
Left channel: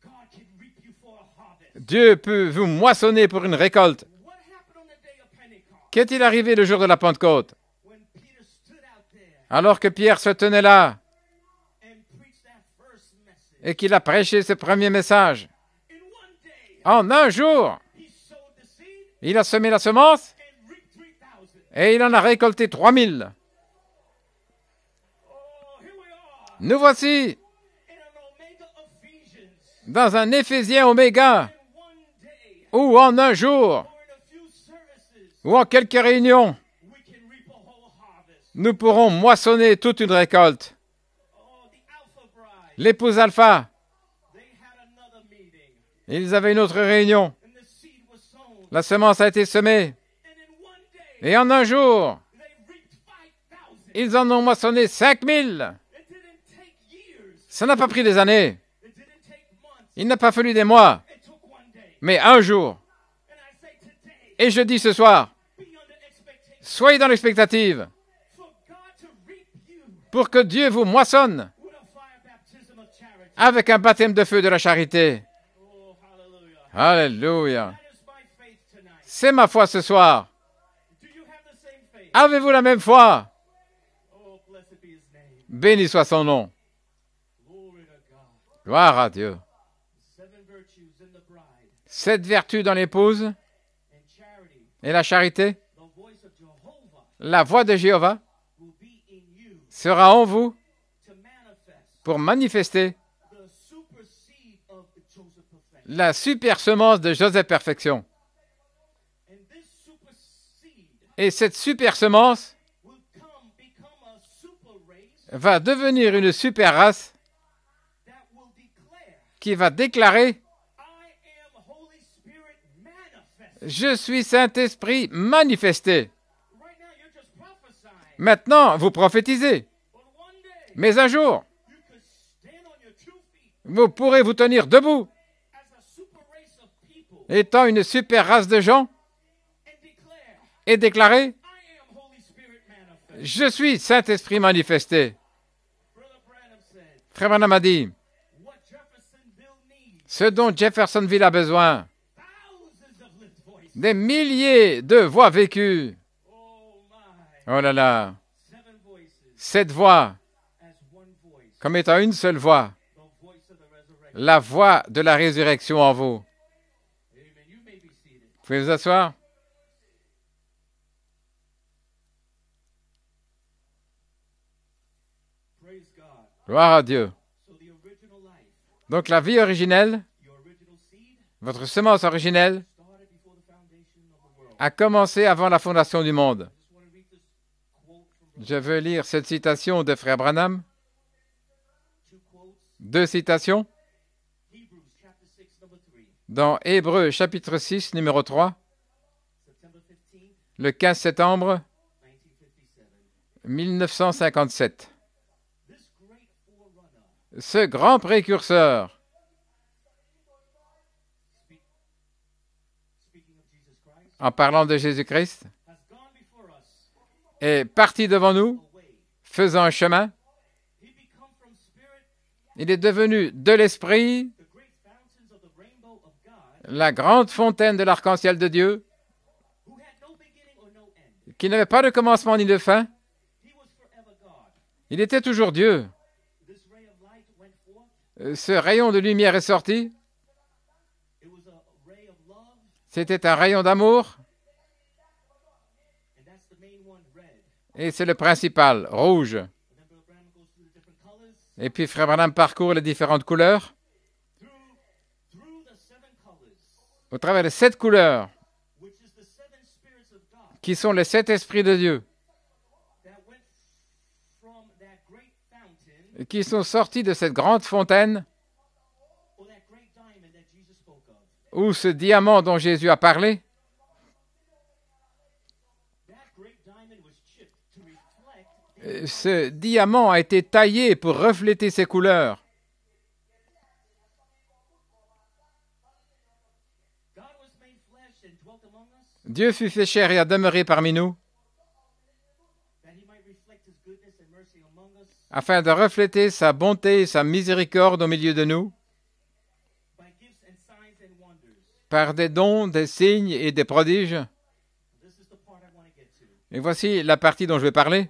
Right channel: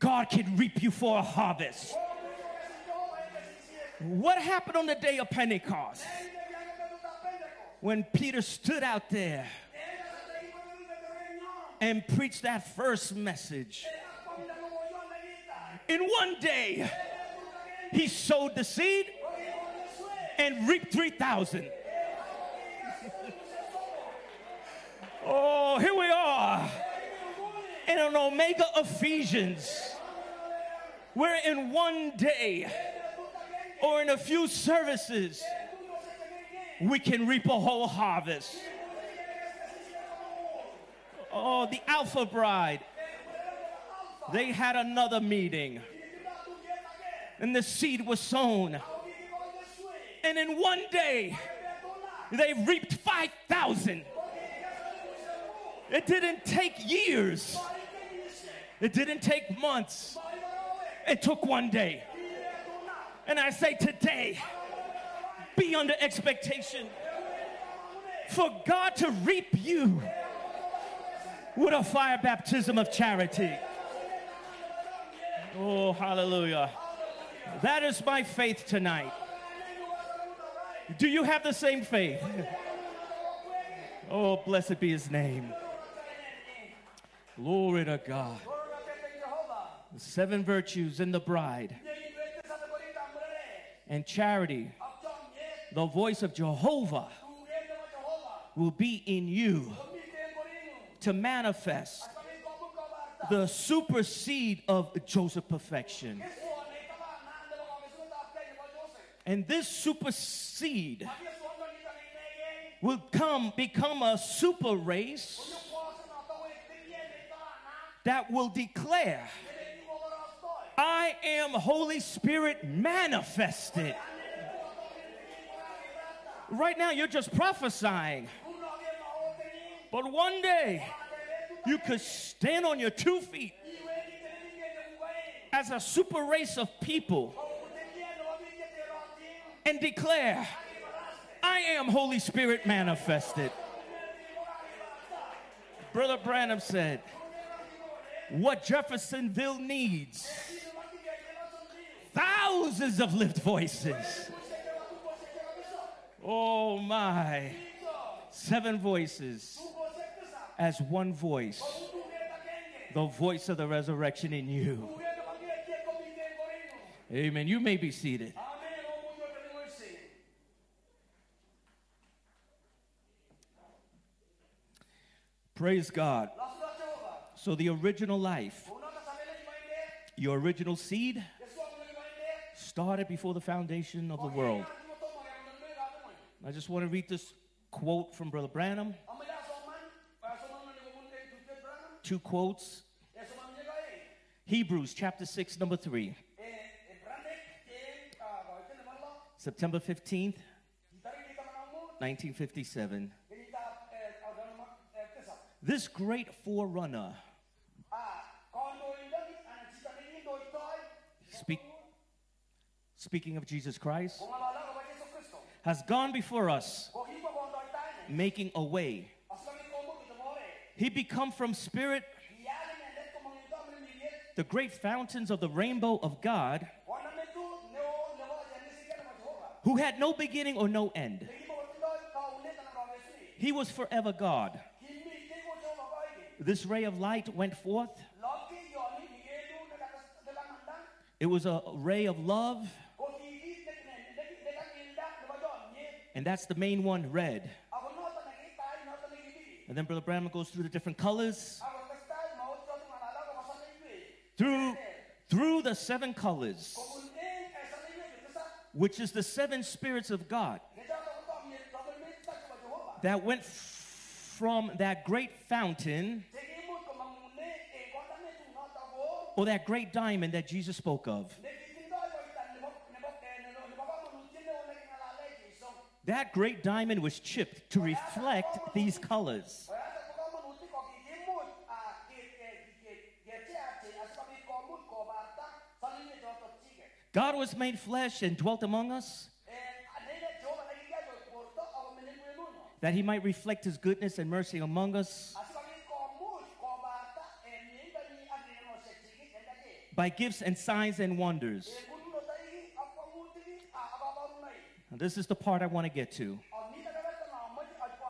God can reap you for a harvest. Dieu peut vous moissonner pour une récolte. What happened on the day of Pentecost? Qu'est-il arrivé le jour de la Pentecôte? When Peter stood out there Alors que Pierre se tenait là and preached that first message. et qu'il a prêché ce premier message, In one day, en un jour, he sowed the seed il a semé la semence and reaped 3,000. et il en a récolté 3000. Oh, here we are Nous voici in an Omega Ephesians. dans un Éphésien Oméga In one day où en un jour or in a few services, ou en quelques réunions, we can reap a whole harvest. nous pourrons moissonner toute une récolte. Oh, the Alpha Bride, L'épouse Alpha, they had another meeting ils avaient une autre réunion. and the seed was sown. La semence a été semée And in one day, et en un jour, they reaped 5,000. ils en ont moissonné 5000. It didn't take years. Ça n'a pas pris des années, It didn't take months. il n'a pas fallu des mois, It took one day. mais un jour. And I say today, Et je dis ce soir, be under expectation soyez dans l'expectative for God to reap you pour que Dieu vous moissonne with a fire baptism of charity. avec un baptême de feu de la charité. Oh, hallelujah. Alléluia. That is my faith tonight. C'est ma foi ce soir. Do you have the same faith? Avez-vous la même foi? Oh, blessed be his name. Béni soit son nom. Glory to God. Gloire à Dieu. The 7 virtues in the bride 7 vertus dans l'épouse and charity, et la charité, the voice of Jehovah la voix de Jéhovah will be in you sera en vous to manifest pour manifester the super seed of Joseph Perfection. la super semence de Joseph Perfection. And this super seed Et cette super semence will become a super race va devenir une super race that will declare, qui va déclarer I am Holy Spirit manifest. Je suis Saint-Esprit manifesté. Right now you're just prophesying. Maintenant, vous prophétisez. But one day Mais un jour, you could stand on your 2 feet vous pourrez vous tenir debout, as a super race of people étant une super race de gens, and declare, et déclarer I am Holy Spirit manifest. Je suis Saint-Esprit manifesté. Brother Branham said, Frère Branham a dit what Jeffersonville needs, ce dont Jeffersonville a besoin, thousands of lived voices. des milliers de voix vécues. Oh my. Oh là là, 7 voices 7 voix as one voice. comme étant une seule voix, The voice of the resurrection. la voix de la résurrection en vous. Amen. You may be seated. Vous pouvez vous asseoir? Praise God. Gloire à Dieu. So the original life, Donc la vie originelle, your original seed, votre semence originelle, started before the foundation of the world. a commencé avant la fondation du monde. I just want to read this quote from Brother Je veux Branham. lire cette citation de Frère Branham. 2 quotes. 2 citations Hebrews chapter 6, number 3. dans Hébreux chapitre 6, numéro 3, September 15th, le 15 septembre 1957. 1957. This great forerunner, Ce grand précurseur, speaking of Jesus Christ, en parlant de Jésus-Christ, has gone before us est parti devant nous, away. faisant un chemin. He become from spirit Il est devenu de l'Esprit, the great fountains of the rainbow of God, la grande fontaine de l'arc-en-ciel de Dieu, who had no beginning or no end. qui n'avait pas de commencement ni de fin. He was forever God. Il était toujours Dieu. This ray of light went forth. Ce rayon de lumière est sorti. It was a ray of love, C'était un rayon d'amour. and that's the main one, red. Et c'est le principal, rouge. And then Brother Branham goes through the different colors. Et puis Frère Branham parcourt les différentes couleurs. Through the 7 colors, Au travers des 7 couleurs, which is the 7 spirits of God qui sont les 7 esprits de Dieu, that went from that great fountain qui sont sortis de cette grande fontaine or that great diamond that Jesus spoke of. ou ce diamant dont Jésus a parlé, That great diamond was chipped to reflect these ce colors. diamant a été taillé pour refléter ces couleurs. God was made flesh and dwelt among us, Dieu fut fait chair et a demeuré parmi nous, that he might reflect his goodness and mercy among us afin de refléter sa bonté et sa miséricorde au milieu de nous, by gifts and signs and wonders. par des dons, des signes et des prodiges. This is the part I want to get to. Et voici la partie dont je vais parler.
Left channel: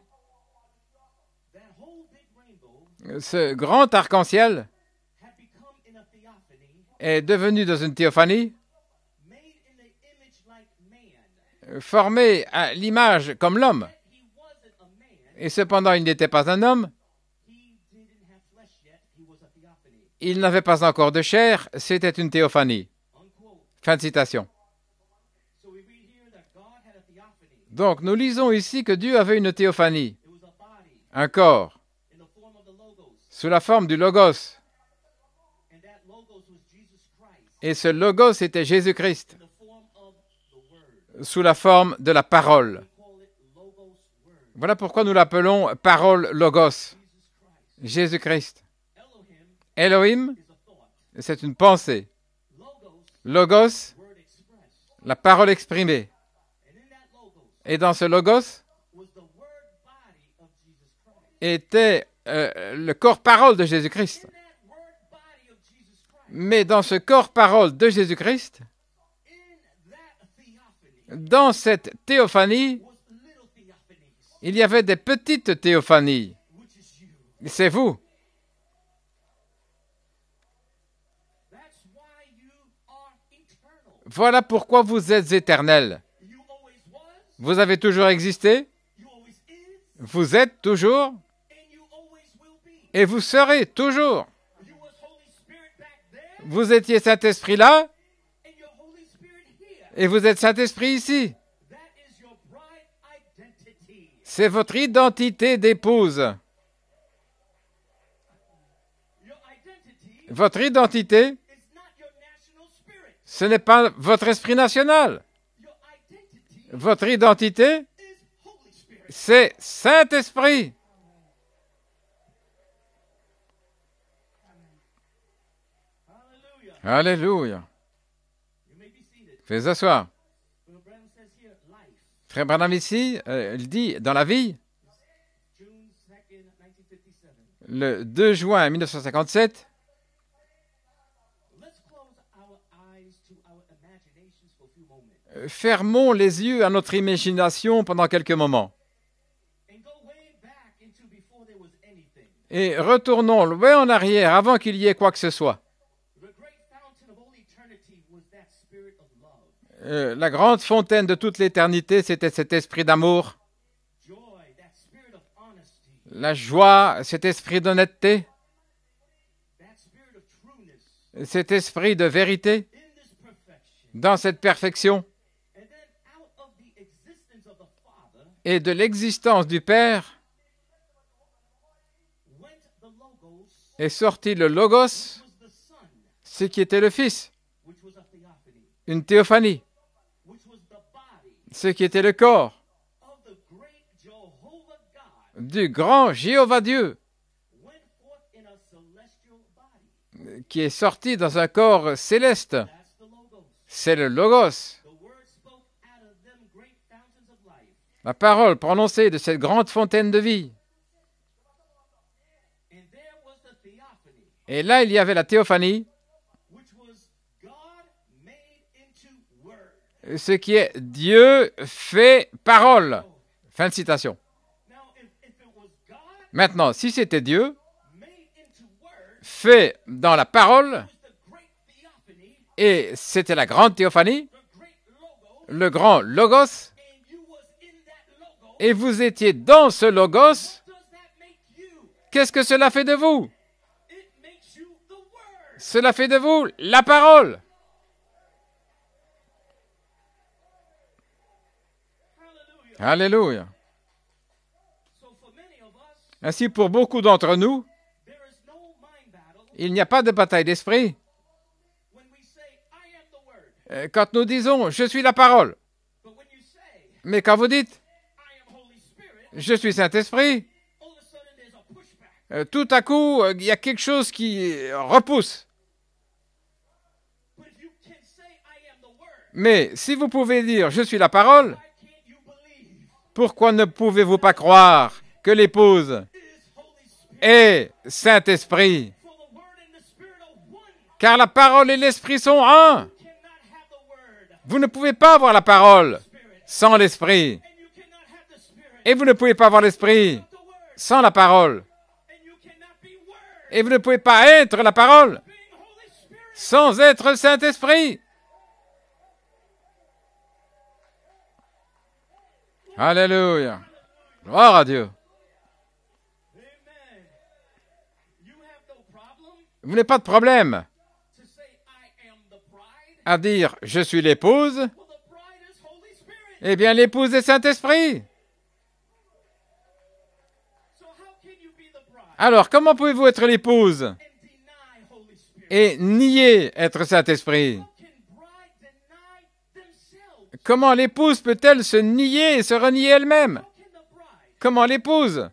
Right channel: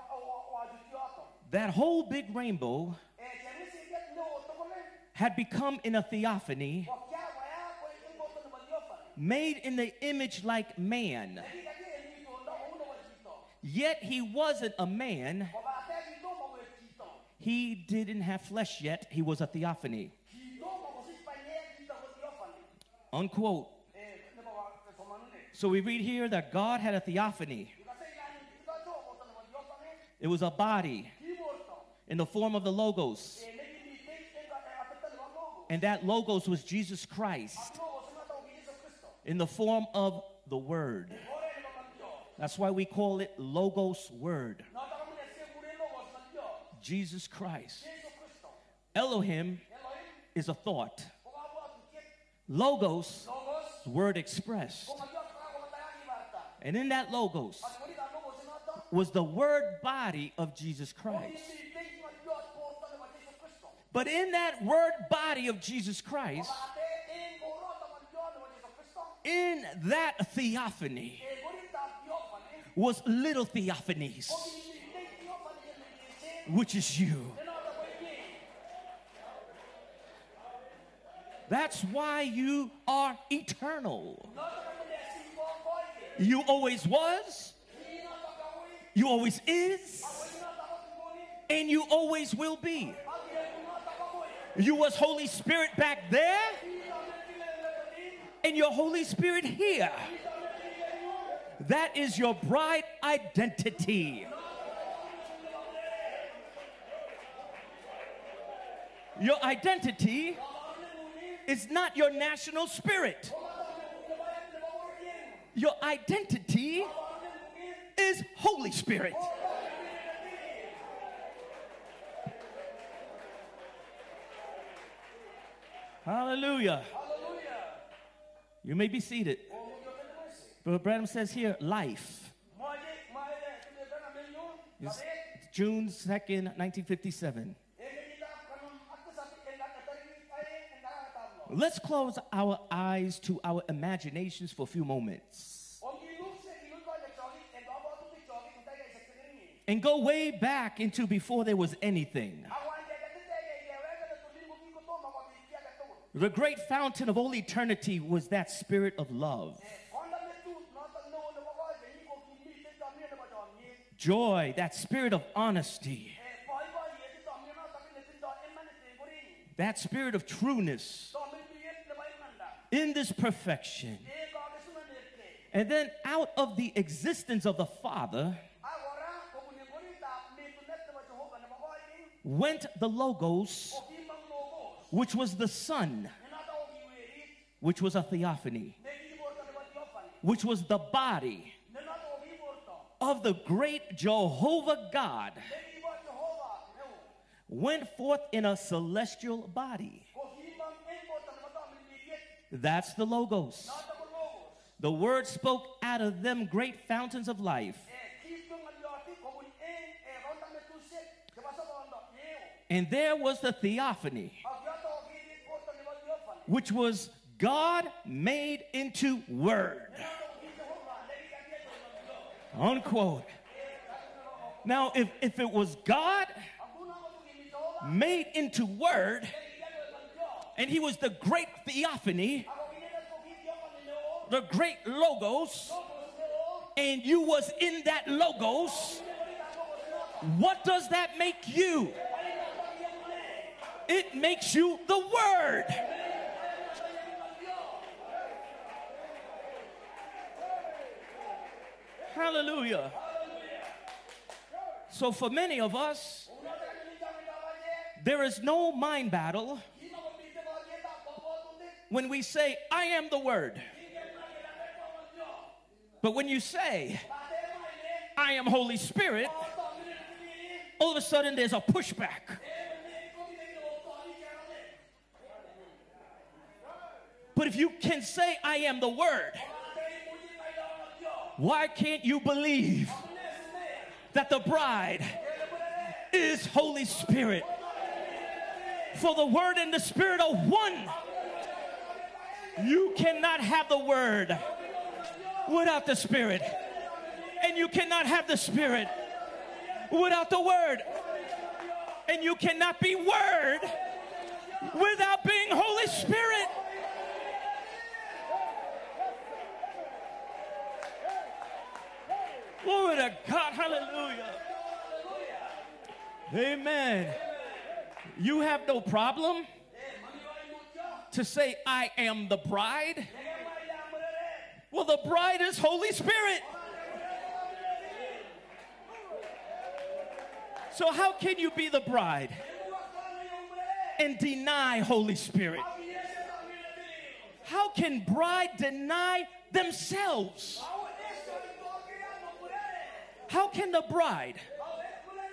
That whole big rainbow Ce grand arc-en-ciel had become in a theophany, est devenu dans une théophanie, made in the image like man. formé à l'image comme l'homme. Yet he wasn't a man. Et cependant, il n'était pas un homme, He didn't have flesh yet. He was a theophany. il n'avait pas encore de chair, c'était une théophanie. Unquote. Fin de citation. So we read here that God had a theophany. Donc, nous lisons ici que Dieu avait une théophanie, It was a body un corps, in the form of the Logos. sous la forme du Logos. And that Logos was Jesus Christ Et ce Logos était Jésus-Christ, in the form of the Word. sous la forme de la So parole. we call it Logos Word. Voilà pourquoi nous l'appelons parole Logos, Jesus Christ. Jésus-Christ. Elohim Elohim, is a thought. c'est une pensée. Logos, Logos, word expressed. la parole exprimée. And in that Logos Et dans ce Logos was the word body of Jesus Christ. était le corps-parole de But Jésus-Christ. in that word body of Jesus Christ, Mais dans ce corps-parole de Jésus-Christ, in that theophany, dans cette théophanie, was little theophanies, il y avait des petites théophanies. which is you. C'est vous. That's why you are eternal. Voilà pourquoi vous êtes éternels. You always was, Vous avez toujours existé, you always is, vous êtes toujours, and you always will be. et vous serez toujours. You was Holy Spirit back there, Vous étiez Saint-Esprit là, and you're Holy Spirit here. et vous êtes Saint-Esprit ici. That is your bride identity. C'est votre identité d'épouse. Your identity Votre identité, is not your national spirit. ce n'est pas votre esprit national. Your identity Votre identité, is Holy Spirit. c'est Saint-Esprit. Hallelujah. Alléluia. You may be seated. Faites asseoir. Brother Branham says here, life. Frère Branham ici, il dit, dans la vie, It's June 2nd, 1957. le 2 juin 1957, Let's close our eyes to our imaginations for a few moments fermons les yeux à notre imagination pendant quelques moments and go way back into before there was anything. et retournons loin en arrière avant qu'il y ait quoi que ce soit. The great fountain of all eternity was that spirit of love, La grande fontaine de toute l'éternité, c'était cet esprit d'amour, joy, that spirit of honesty, la joie, cet esprit d'honnêteté, that spirit of trueness cet esprit de vérité, in this perfection. dans cette perfection And then out of the existence of the Father et de l'existence du Père went the Logos, est sorti le Logos, which was the Son, ce qui était le Fils, which was a theophany, une théophanie, which was the body ce qui était le corps of the great Jehovah God, du grand Jéhovah Dieu, went forth in a celestial body. qui est sorti dans un corps céleste. That's the Logos. C'est le Logos, The word spoke out of them great fountains of life. la parole prononcée de cette grande fontaine de vie. And there was the theophany, Et là, il y avait la théophanie, which was God made into word. ce qui est Dieu fait parole. Unquote. Fin de citation. Now, if it was God Maintenant, si c'était Dieu made into word, fait dans la and he parole, was the great theophany, et c'était la grande théophanie, the great Logos, le grand Logos, and you was in that Logos, et vous étiez dans ce Logos, what does that make you? qu'est-ce que cela fait de vous? It makes you the word. Cela fait de vous la parole. Hallelujah. Alléluia. So for many of us, Ainsi, pour beaucoup d'entre nous, there is no mind battle il n'y a pas de bataille d'esprit when we say, I am the word, Quand nous disons « Je suis la parole but when you say, », mais quand vous dites I am Holy Spirit, « Je suis Saint-Esprit », all of a sudden there's a pushback. tout à coup, il y a quelque chose qui repousse. But if you can say, I am the word, Mais si vous pouvez dire « Je suis la parole », why can't you believe pourquoi ne pouvez-vous pas croire que l'épouse is Holy Spirit? est Saint-Esprit? For the word and the spirit are one. Car la parole et l'esprit sont un. You cannot have the word Vous ne pouvez pas avoir la without parole the spirit. sans l'esprit. And you cannot have the spirit Et vous ne pouvez pas avoir l'esprit without the word. sans la parole. And you cannot be word Et vous ne pouvez pas être la parole without being Holy Spirit. sans être Saint-Esprit. Glory Alléluia. to God. Hallelujah. Gloire à Dieu. Amen. You have no problem Vous n'avez pas de problème to say, I am the bride. à dire « Je suis l'épouse Well, the bride is Holy Spirit. ». Eh bien, l'épouse est Saint-Esprit. So how can you be the bride Alors, comment pouvez-vous être l'épouse and deny Holy Spirit? et nier être Saint-Esprit? How can bride deny themselves? Comment l'épouse peut-elle se nier et se renier elle-même? How can the bride Comment l'épouse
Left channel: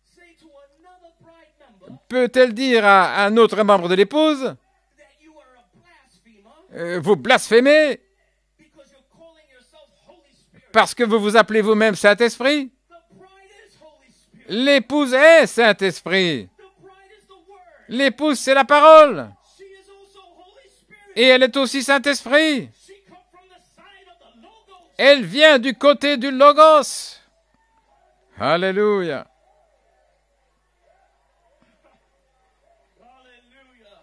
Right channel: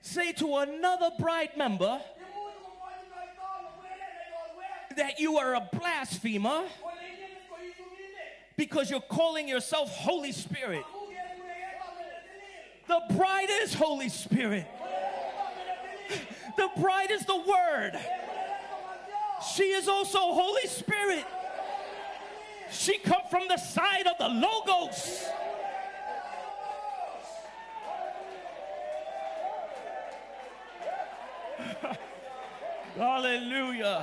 say to another bride member peut-elle dire à un autre membre de l'épouse that you are a blasphemer vous blasphémez because you're calling yourself Holy Spirit? parce que vous vous appelez vous-même Saint-Esprit? The bride is Holy Spirit. L'épouse est Saint-Esprit. The bride is the Word. L'épouse, c'est la parole. She is also Holy Spirit. Et elle est aussi Saint-Esprit. She comes from the side of the Logos. Elle vient du côté du Logos. Alléluia. Hallelujah.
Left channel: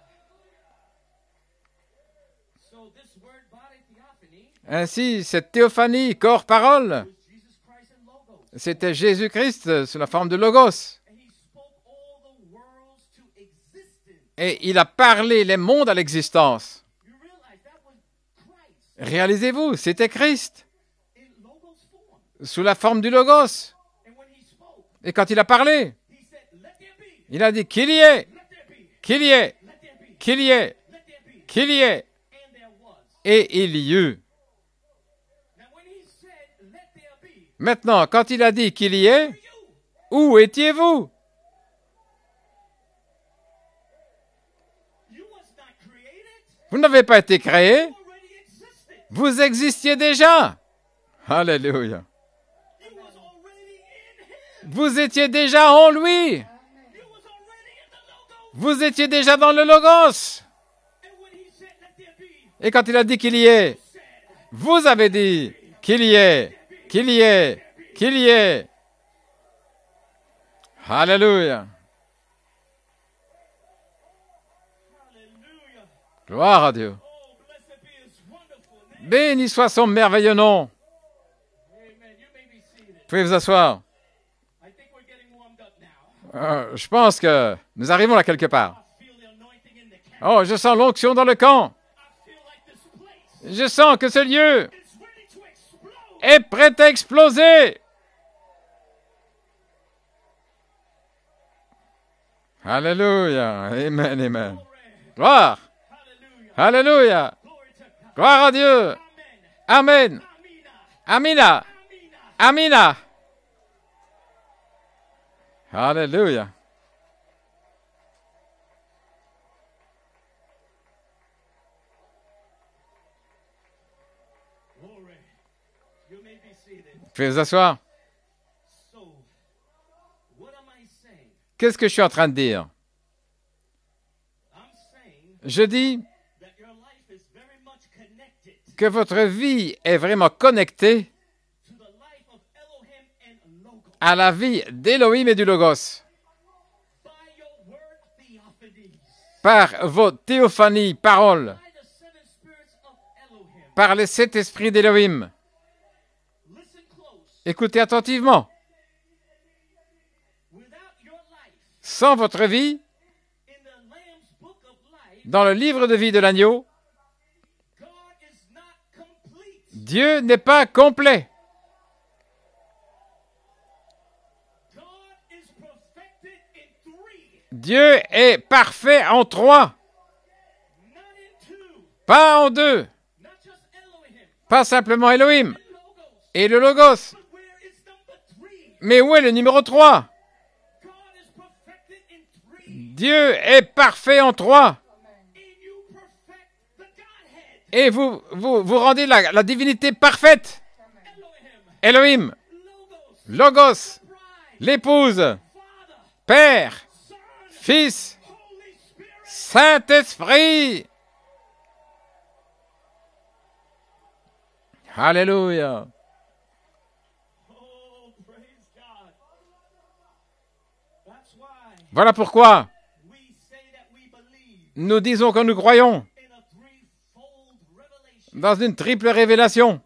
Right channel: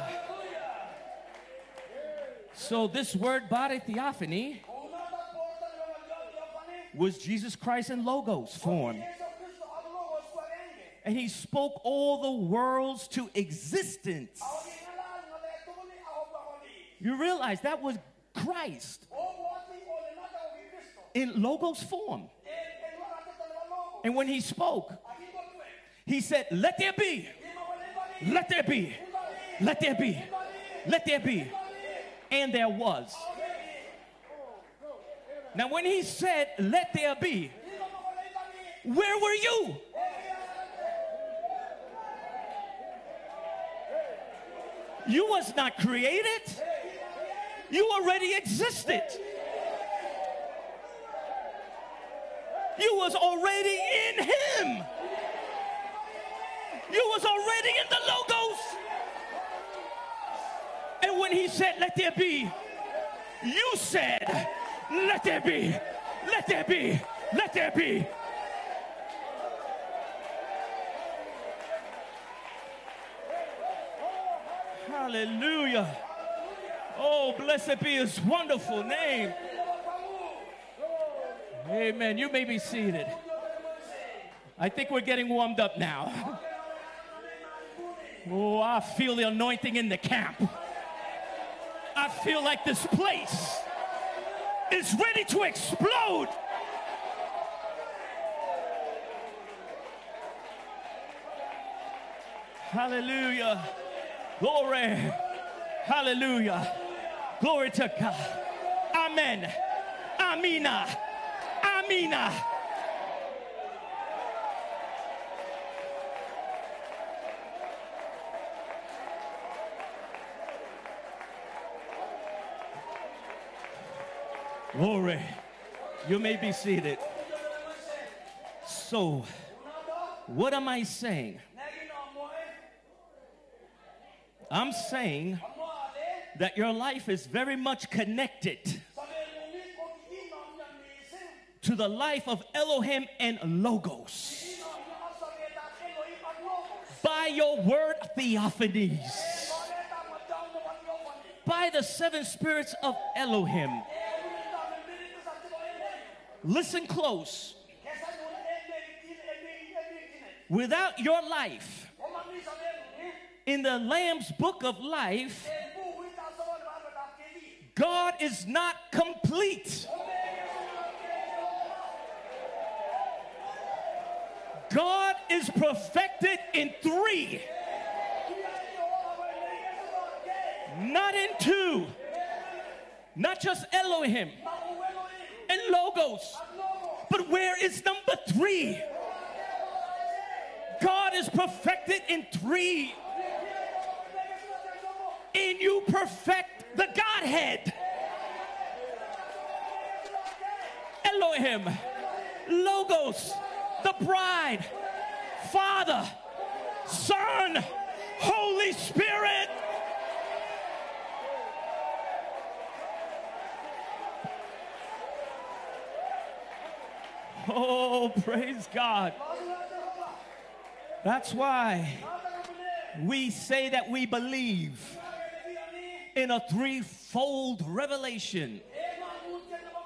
So this word body theophany Ainsi, cette théophanie, corps-parole, was Jesus Christ in Logos. c'était form. Jésus-Christ sous la forme de Logos. And he spoke all the worlds to existence. Et il a parlé les mondes à l'existence. You realize that was Christ Réalisez-vous, c'était Christ in Logos form. sous la forme du Logos. And when he spoke, Et quand il a parlé, he said, let there be, il a dit qu'il y ait, let there be, qu'il y ait, let there be, qu'il y ait, let there be. qu'il y ait. And there was. Et il y eut. Now when he said, let there be, Maintenant, quand il a dit qu'il y where ait, were you? où étiez-vous? You was not created. Vous n'avez pas été créé, You already existed. vous existiez déjà. Alléluia. You was already in him. Vous étiez déjà en lui. You was already in the Logos. Vous étiez déjà dans le Logos. And when he said, let there be, Et quand il a dit qu'il y ait, you said, vous avez dit qu'il y ait, qu'il y ait, qu'il y ait. Alléluia. hallelujah. Gloire à Dieu. Oh, blessed be his wonderful name. Béni soit son merveilleux nom. Amen. You may be seated. Vous pouvez vous asseoir. I think we're getting warmed up now. Je pense que nous arrivons là quelque Oh, part. I feel the anointing in the camp. Oh, je sens l'onction dans le camp. I feel like this place Je sens que ce lieu is ready to explode. est prêt à exploser. Alléluia. Amen, amen. Glory. Gloire. Hallelujah. Alléluia. Glory to God. Gloire à Dieu. Amen. Amen. Amina. Amina. Amina. Amina. Alléluia. Glory. You may be seated. Vous pouvez vous asseoir. So, what am I saying? Qu'est-ce que je suis en train de dire? I'm saying Je dis that your life is very much connected que votre vie est vraiment connectée to the life of Elohim and Logos à la vie d'Élohim et du Logos by your word theophanies, par vos théophanies, paroles, by the seven spirits of Elohim. par les sept esprits d'Élohim. Listen close. Écoutez attentivement. Without your life Sans votre vie, in the Lamb's book of life, dans le livre de vie de l'agneau, God is not complete. Dieu n'est pas complet. God is perfected in 3, Dieu est parfait en trois, not in 2. Pas en deux. Not just Elohim Pas simplement Elohim and Logos. et le Logos. But where is number 3? Mais où est le numéro 3? God is perfected in 3. Dieu est parfait en 3. And you perfect the Godhead. Et vous rendez la divinité parfaite. Elohim, Elohim, Logos, Logos, the bride, l'épouse, Father, Père, Son, Fils, Holy Spirit. Saint-Esprit. Alléluia. Oh, praise God. That's why Voilà pourquoi we say that we believe nous disons que nous croyons in a threefold revelation. dans une triple révélation.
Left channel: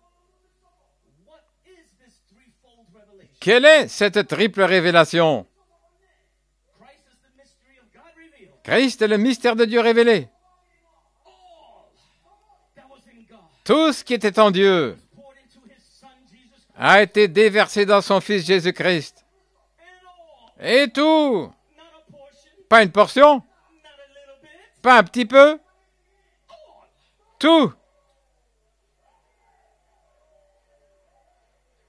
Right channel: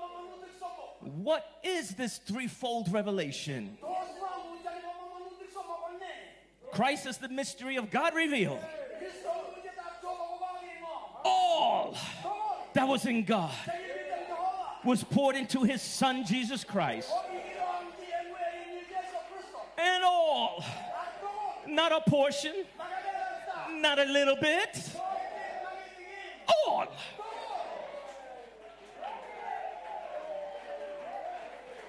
What is this threefold revelation? Quelle est cette triple révélation? Christ is the mystery of God revealed. Christ est le mystère de Dieu révélé. All that was in God Tout ce qui était en Dieu was poured into his Son Jesus Christ. a été déversé dans son Fils Jésus-Christ. And all, Et tout, not a portion, pas une portion, not a little bit, pas un petit peu, all. tout.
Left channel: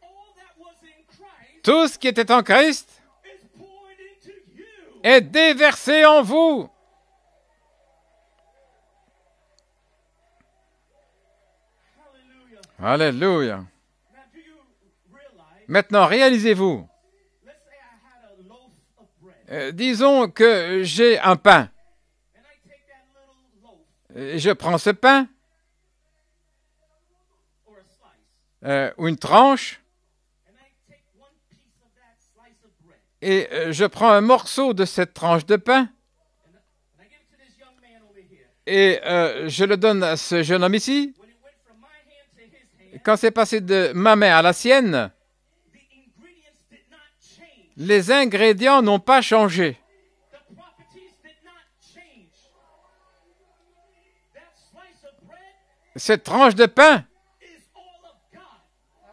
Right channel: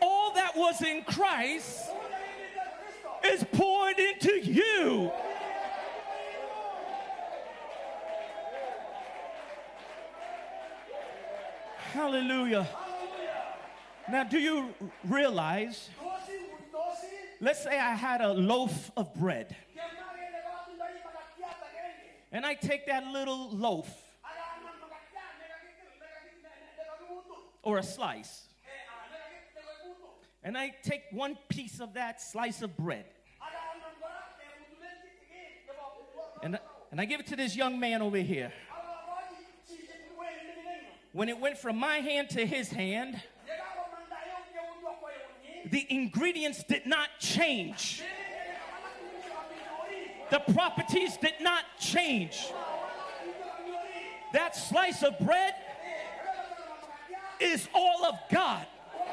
All that was in Christ Tout ce qui était en Christ is poured into you. est déversé en vous. Hallelujah. Alléluia. Now, do you realize, Maintenant, réalisez-vous, let's say I had a loaf of bread, disons que j'ai un pain. and I take that little loaf Je prends ce pain or a slice, ou une tranche and I take one piece of that slice of bread, et je prends un morceau de cette tranche de pain and I give it to this young man over here. et je le donne à ce jeune homme ici. When it went from my hand to his hand, Quand c'est passé de ma main à la sienne, the ingredients did not change. les ingrédients n'ont pas changé. The properties did not change. That slice of bread Cette tranche de pain is all of God.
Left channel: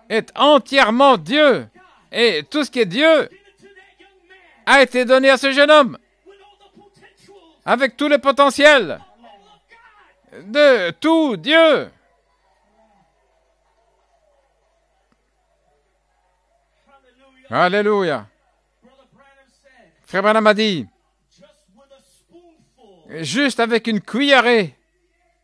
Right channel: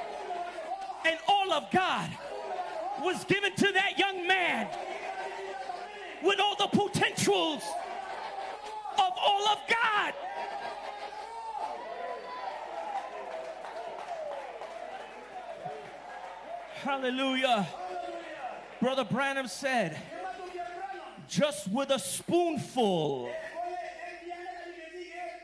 est entièrement Dieu. God Et tout ce qui est Dieu given to that young man a été donné à ce jeune homme with all the potentials avec tout le potentiel of all of God. de tout Dieu. Hallelujah. Alléluia. Brother Branham said, Frère Branham a dit, just with a spoonful, juste avec une cuillerée,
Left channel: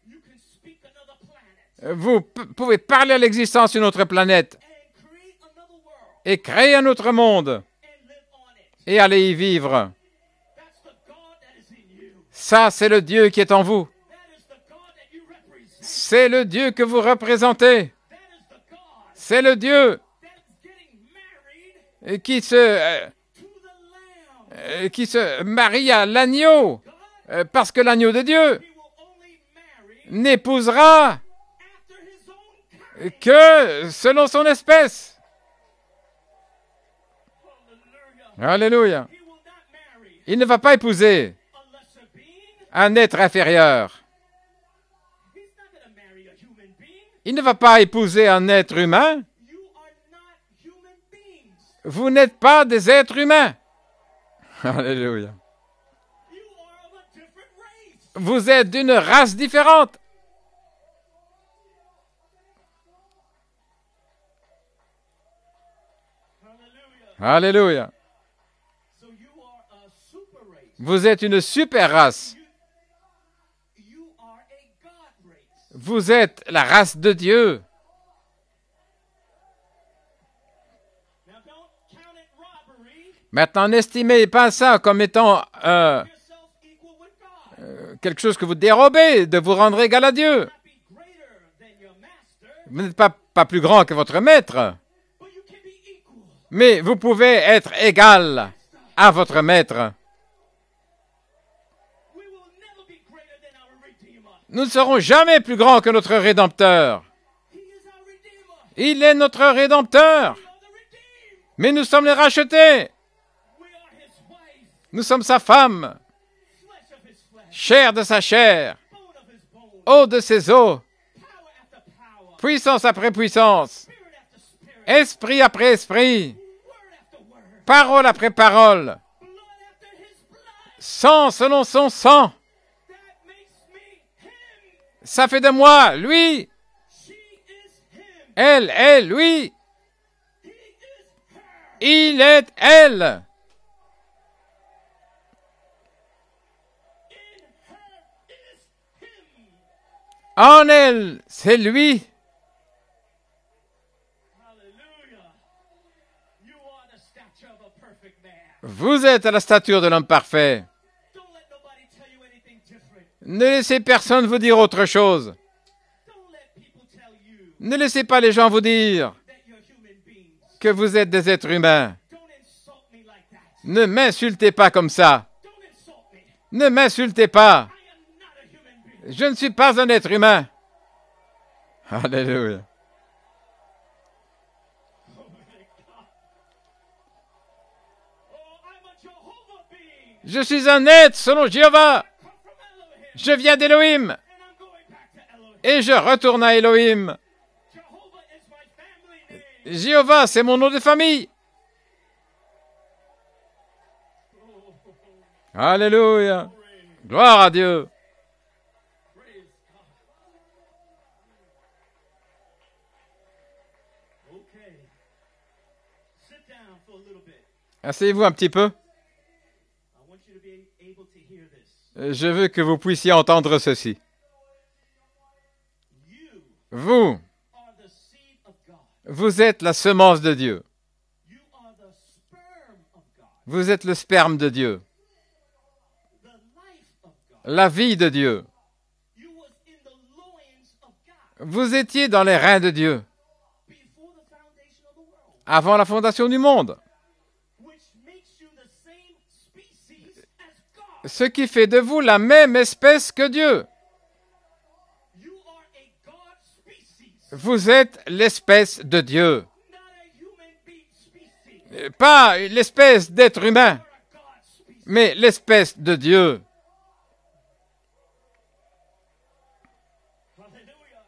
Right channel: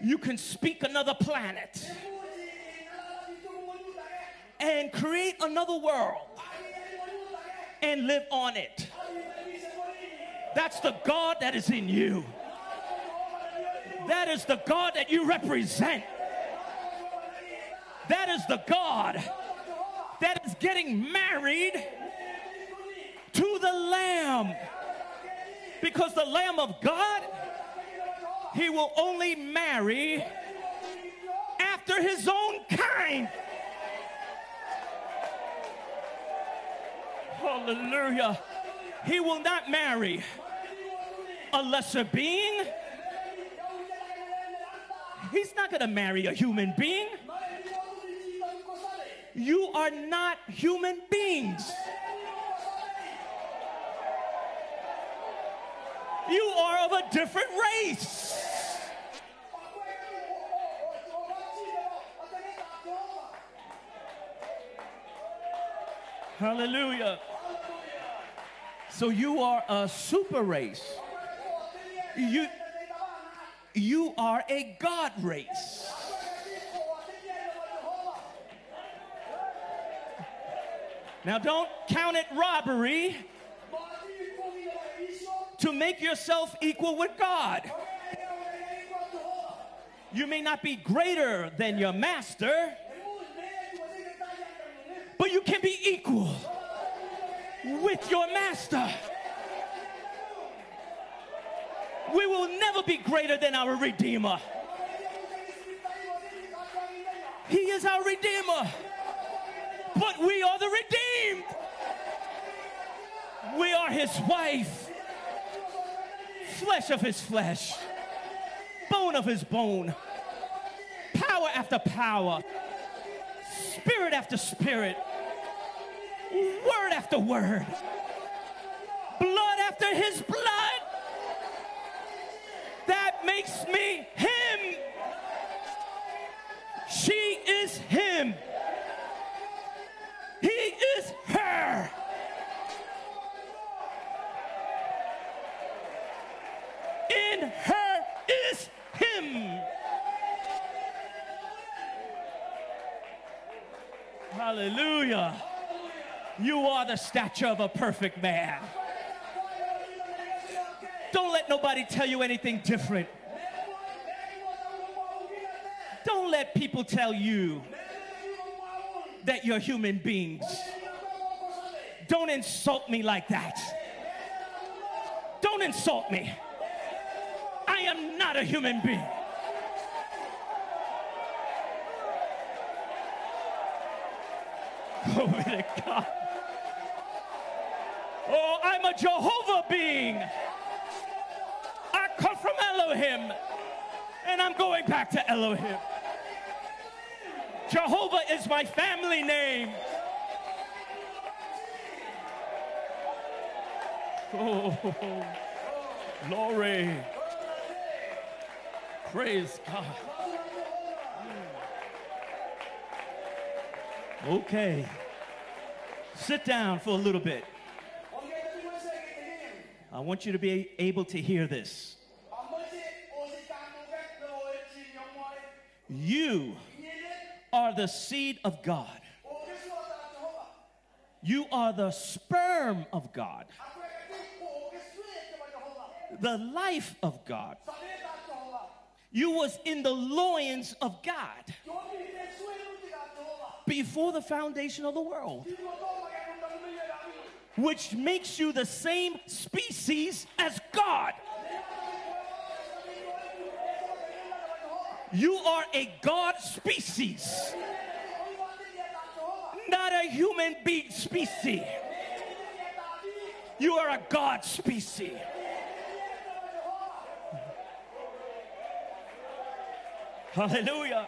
you can speak another planet vous pouvez parler à l'existence d'une autre planète and create another world et créer un autre monde and live on it. et aller y vivre. That's the God that is in you. Ça, c'est le Dieu qui est en vous. That is the God that you represent. C'est le Dieu que vous représentez. That is the God C'est le Dieu that is getting married qui se to the Lamb. marie à l'agneau. God, Parce que l'agneau de Dieu he will only marry n'épousera after his own kind. que selon son espèce. Hallelujah. Alléluia. He will not marry Il ne va pas épouser a lesser being. un être inférieur. He's not going to marry a human being. Il ne va pas épouser un être humain. You are not human beings. Vous n'êtes pas des êtres humains. Alléluia. You are of a different race. Vous êtes d'une race différente. Hallelujah. Alléluia. So you are a super race. Vous êtes une super race. You are a God race. Vous êtes la race de Dieu. Now don't count it robbery Maintenant, n'estimez pas ça comme étant to make yourself equal with God. quelque chose que vous dérobez, de vous rendre égal à Dieu. Not be greater than your master, Vous n'êtes pas plus grand que votre maître, but you can be equal. mais vous pouvez être égal Master. à votre maître. We will never be greater than our Redeemer. Nous ne serons jamais plus grands que notre Rédempteur. He is our Redeemer. Il est notre Rédempteur, We are the redeemed. mais nous sommes les rachetés. We are his wife, Nous sommes sa femme, flesh of his flesh, chair de sa chair, bone of his bone, eau de ses os, power after power, puissance après puissance, spirit after spirit, esprit après esprit, word after word, parole après parole, blood after his blood. sang selon son sang. That makes me him. Ça fait de moi, lui. She is him. Elle est lui. He is her. Il est elle. In her is him. En elle, c'est lui. Hallelujah. You are the stature of a perfect man. Vous êtes à la stature de l'homme parfait. Don't let nobody tell you anything different. Ne laissez personne vous dire autre chose. Don't let people tell you Ne laissez pas les gens vous dire that you're human beings. que vous êtes des êtres humains. Don't insult me like that. Ne m'insultez pas comme ça. Don't insult me. Ne m'insultez pas. I am not a human being. Je ne suis pas un être humain. Alléluia. Glory to God. Oh, I'm a Jehovah being. Je suis un être selon Jéhovah. I come from Elohim. Je viens d'Élohim. And I'm going back to Elohim. Et je retourne à Élohim. Jehovah is my family name. Jéhovah, c'est mon nom de famille. Oh, Alléluia. glory. Gloire à Dieu. Praise God. Okay. Sit down for a little bit. Asseyez-vous un petit peu. I want you to be able to hear this. Je veux que vous puissiez entendre ceci. You Vous, are the seed of God. vous êtes la semence de Dieu. You are the sperm of God. Vous êtes le sperme de Dieu. The life of God. La vie de Dieu. You was in the loins of God Vous étiez dans les reins de Dieu before the foundation of the world, avant la fondation du monde. which makes you the same species as God. Ce qui fait de vous la même espèce que Dieu. You are a God species, Vous êtes l'espèce de Dieu. not a human being species. Pas l'espèce d'être You humain, are a God species. mais l'espèce de Dieu. Hallelujah.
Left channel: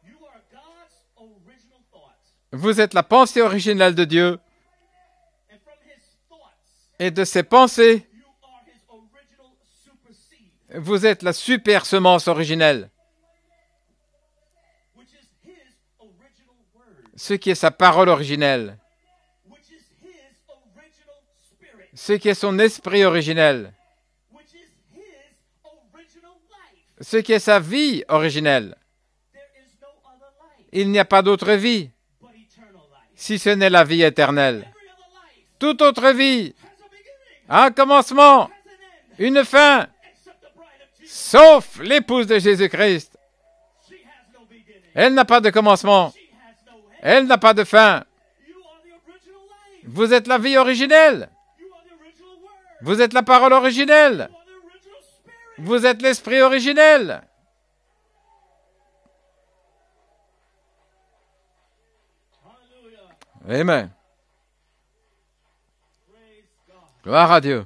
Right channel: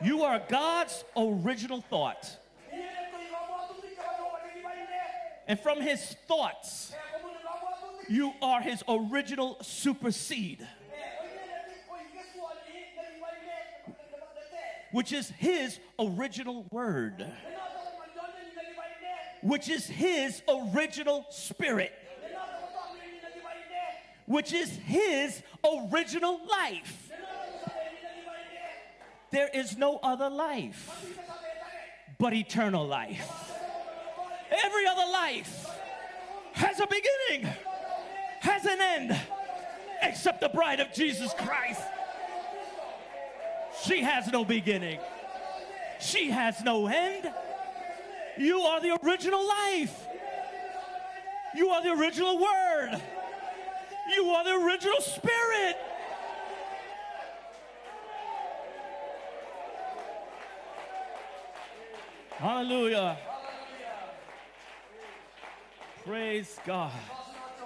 You are God's original thought. Vous êtes la pensée originelle de Dieu. And from his thoughts, Et de ses pensées, you are his original super seed, vous êtes la super semence originelle. which is his original word, Ce qui est sa parole originelle. which is his original spirit, Ce qui est son esprit originel. which is his original life. Ce qui est sa vie originelle. There is no other life Il n'y a pas d'autre vie, but eternal life. si ce n'est la vie éternelle. Every other life Toute autre vie has a beginning, a un commencement, has an end, une fin, except the bride of Jesus sauf Christ. l'épouse de Jésus-Christ. She has no beginning. Elle n'a pas de commencement, She has no end. elle n'a pas de fin. You are the original life. Vous êtes la vie originelle, You are the original word. vous êtes la parole originelle, You are the original spirit. vous êtes l'esprit originel. Hallelujah. Amen. Praise God. Gloire à Dieu.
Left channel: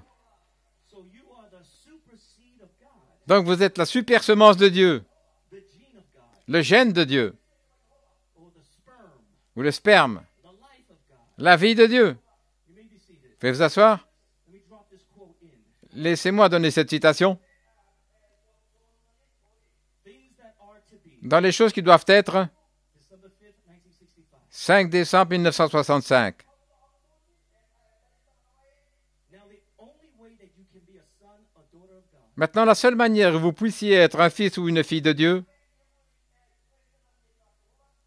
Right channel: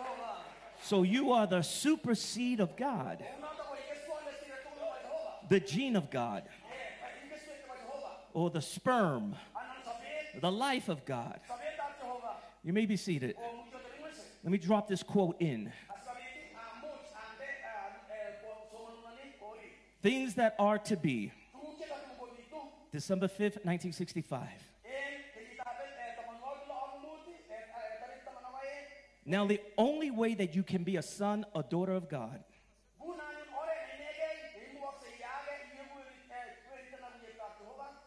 So you are the super seed of God, Donc vous êtes la super semence de Dieu, the gene of God, le gène de Dieu, or the sperm, ou le sperme, the life of God. la vie de Dieu. You may be seated. Pouvez vous asseoir? Let me drop this quote in. Laissez-moi donner cette citation. Things that are to be. Dans les choses qui doivent être, December 5th, 1965. 5 décembre 1965. Now, the only way that you can be a son or daughter of God Maintenant, la seule manière où vous puissiez être un fils ou une fille de Dieu,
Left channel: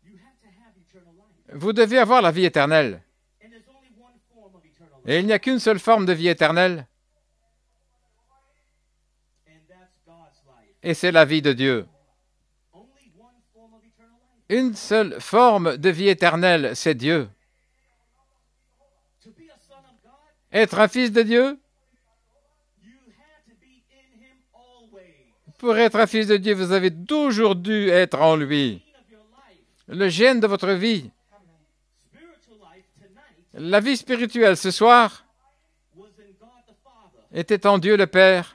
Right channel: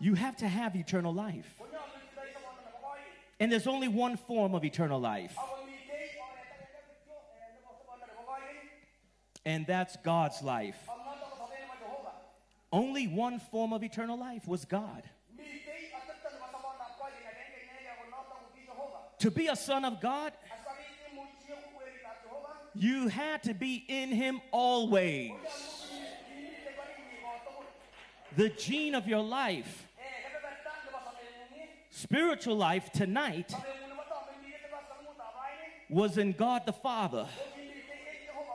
you have to have eternal life. vous devez avoir la vie éternelle. And there's only one form of eternal Et il life, n'y a qu'une seule forme de vie éternelle, and that's God's life. et c'est la vie de Dieu. Only one form of eternal life was Une God. seule forme de vie éternelle, c'est Dieu. To be a son of God, Être un fils de Dieu, you had to be in him always. pour être un fils de Dieu, vous avez toujours dû être en The lui. gene of your life, Le gène de votre vie, spiritual life tonight la vie spirituelle ce soir, was in God the Father. était en Dieu le Père,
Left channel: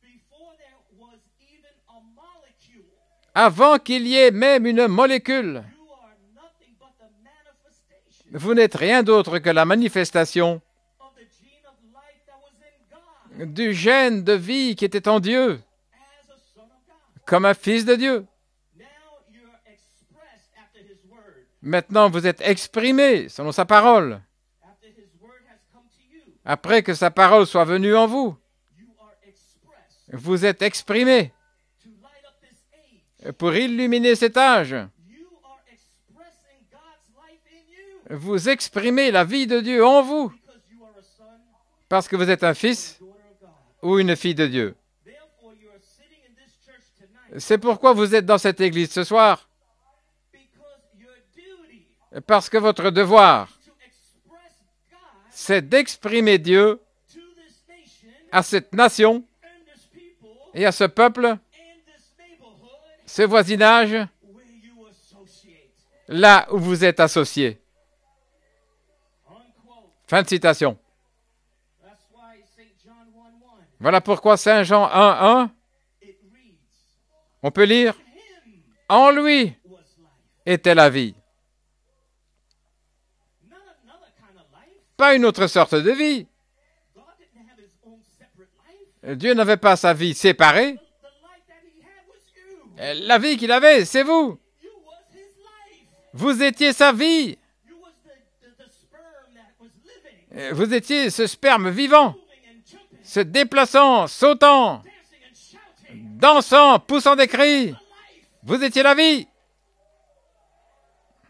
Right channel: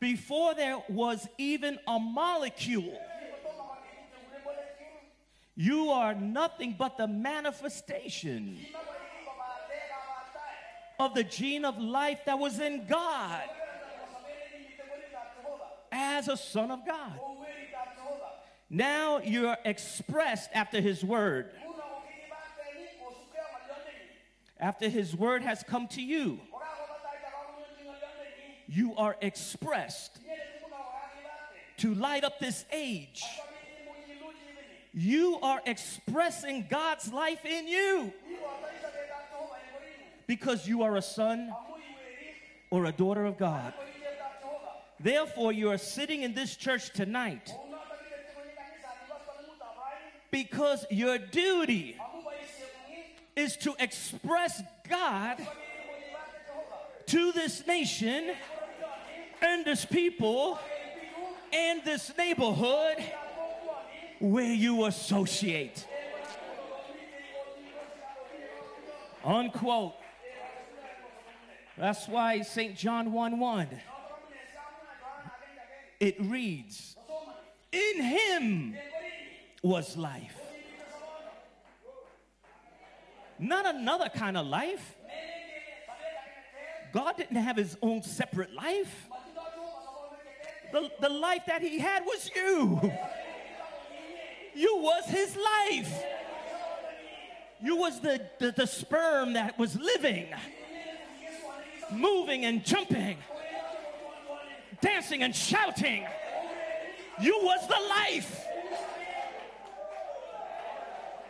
Before there was even a molecule, avant qu'il y ait même une molécule. you are nothing but the manifestation Vous n'êtes rien d'autre que la manifestation of the gene of life that was in God du gène de vie qui était en Dieu, as a son of God. comme un fils de Dieu. Now you're expressed after his word. Maintenant, vous êtes exprimé selon sa parole. After his word has come to you, Après que sa parole soit venue en vous, you are expressed vous êtes exprimé to light up this age. pour illuminer cet âge. You are expressing God's life in you Vous exprimez la vie de Dieu en vous because you are a son parce que vous êtes un or a fils daughter of God. ou une fille de Dieu. Therefore, you are sitting in this church tonight C'est pourquoi vous êtes dans cette église ce soir, because your duty parce que votre devoir, is to express God c'est d'exprimer Dieu to this nation à cette nation and this people et à ce peuple, and this neighborhood ce voisinage, where you associate. là où vous êtes associés. Unquote. Fin de citation. That's why St. John 1:1, Voilà pourquoi Saint Jean 1:1, it reads, on peut lire in him « En lui was life. était la vie Not another kind of life. ». Pas une autre sorte de vie. God didn't have his own separate life. Dieu n'avait pas sa vie séparée. The life that he had was you. La vie qu'il avait, c'est vous. You was his life. Vous étiez sa vie. You was the sperm that was living, Vous étiez ce sperme vivant, moving and jumping, se déplaçant, sautant, dancing and shouting. dansant, poussant des You cris. was the life, Vous étiez la vie,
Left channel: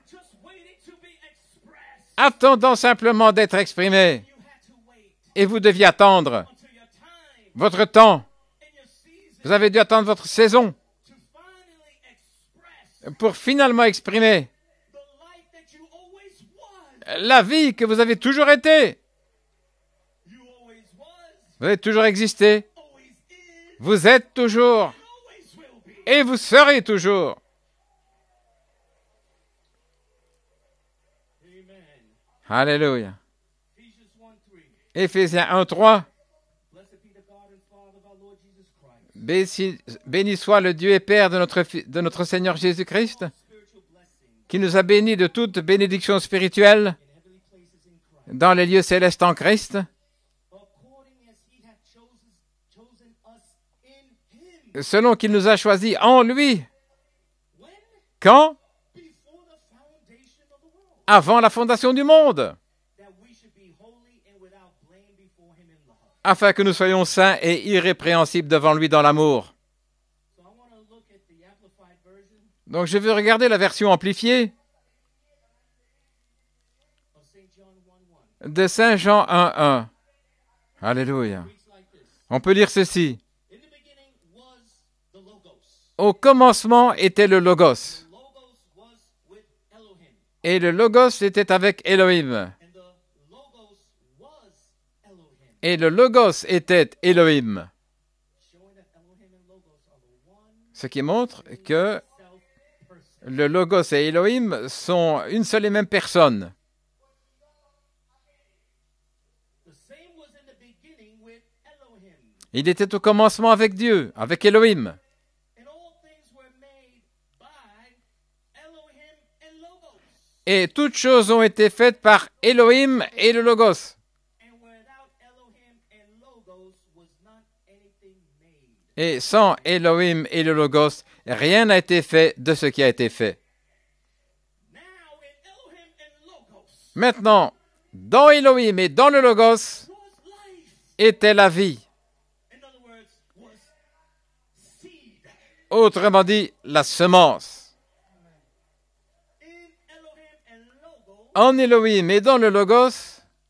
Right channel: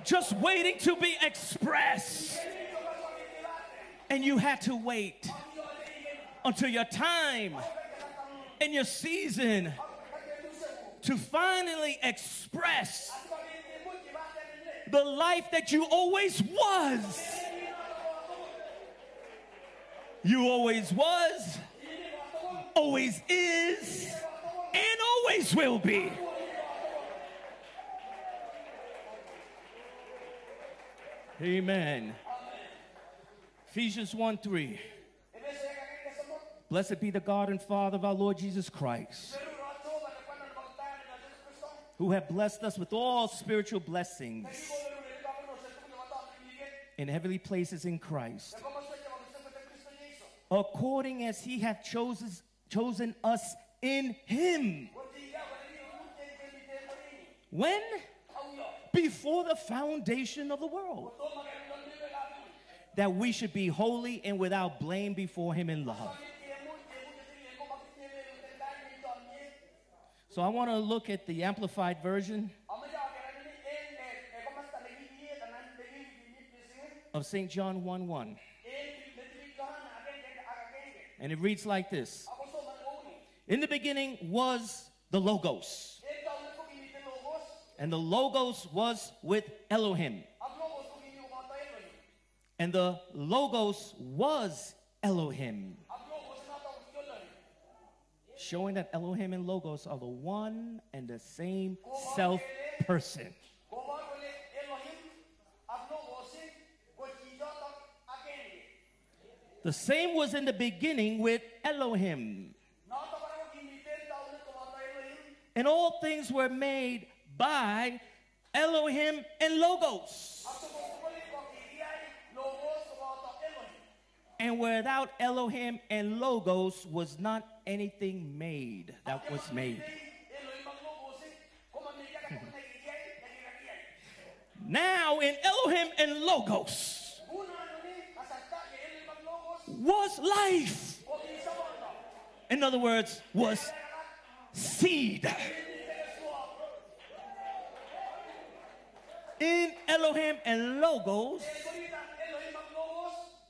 just waiting to be expressed. attendant simplement d'être And exprimé. you had to wait Et vous deviez attendre until your time votre temps. and your season Vous avez dû attendre votre saison to finally express pour finalement exprimer the life that you always was. la vie que vous avez toujours été. You always was, Vous avez toujours existé. always is, Vous êtes toujours. and always will be. Et vous serez toujours. Amen. Alléluia. Ephesians 1:3. Éphésiens 1:3. Blessed be the God and Father of our Lord Jesus Christ. Béni soit le Dieu et Père de notre who has Seigneur blessed us Jésus-Christ, with all spiritual blessings qui nous a bénis de toute bénédiction spirituelle in heavenly places in Christ, dans les lieux célestes en Christ, according as he hath chosen us in him. selon qu'il nous a choisis en lui. When? Quand? Before the foundation of the world. Avant la fondation du monde, That we should be holy and without blame before him in love. afin que nous soyons saints et irrépréhensibles devant lui dans l'amour. So I want to look at the amplified version Donc je veux regarder la version amplifiée of St. John 1:1. de Saint Jean 1:1. Alléluia. It reads like this. On peut lire ceci. In the beginning was the Logos. Au commencement était le And Logos. the Logos was with Elohim. Et le Logos était avec Elohim. And the Logos was Elohim. Et le Logos était Elohim. Showing that Elohim and Logos are the one Ce qui montre same que self-person. le Logos et Elohim sont une seule et même personne. The same was in the beginning with Elohim. Il était au commencement avec Dieu, avec Elohim. And all things were made by Elohim and Logos. Et toutes choses ont été faites par Elohim et le Logos. And without Elohim and Logos was not anything made. Et that was sans made. Elohim et le Logos, rien n'a été fait de ce qui a été fait. Now in Elohim and Logos Maintenant, dans Elohim et dans le Logos was life. était la vie. In other words, was seed. Autrement dit, la semence. In Elohim and Logos En Elohim et dans le Logos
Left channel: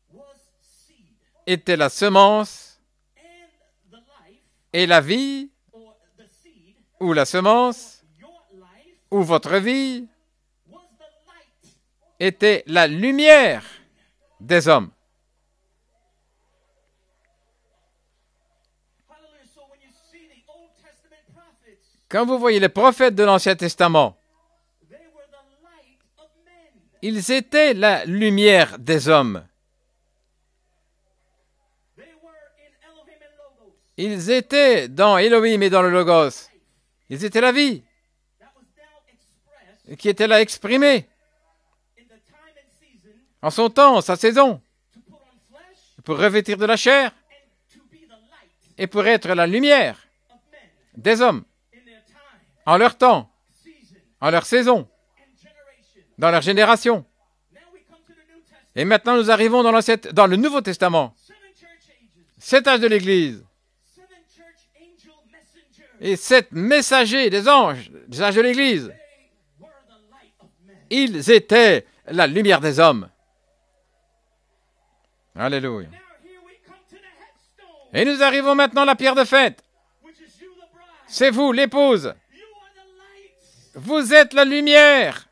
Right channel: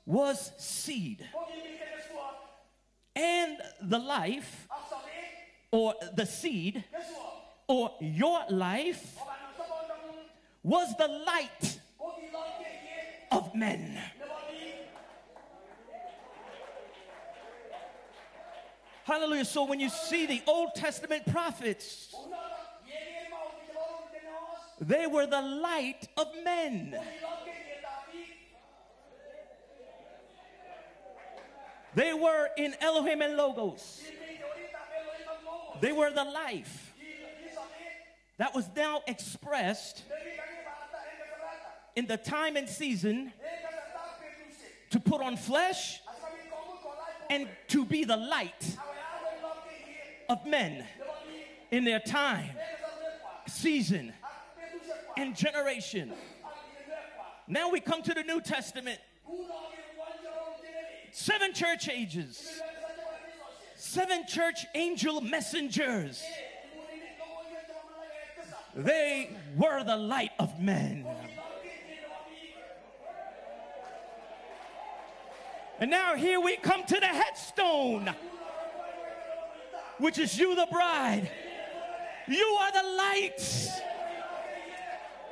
was seed. était la semence And the life, et la vie, or the seed, ou la or semence, your life, ou votre vie, was the light était la lumière men. des hommes. Hallelujah. So when you see the Old Testament prophets, Quand vous voyez les prophètes de l'Ancien Testament, they were the light of men. ils étaient la lumière des hommes. They were in Elohim and Logos. Ils étaient dans Elohim et dans le They were Logos. the life Ils étaient la vie that was now expressed qui était là exprimée in the time and season en son temps, sa saison, to put on flesh pour revêtir de la chair and to be the light et pour être la lumière of men des hommes, in their time, en leur temps, season, en leur saison, and generation. dans leur génération. Now we come to the New Testament. Et maintenant, nous arrivons dans le Nouveau Testament. 7 church ages, 7 âges de l'Église 7 church angel messengers. et 7 messagers des anges, des âges de l'Église. They were the light of men. Ils étaient la lumière des hommes. Alléluia. And now here we come to the headstone, Et nous arrivons maintenant à la pierre de fête. which is you, the bride. C'est vous, l'épouse. You are the light. Vous êtes la lumière.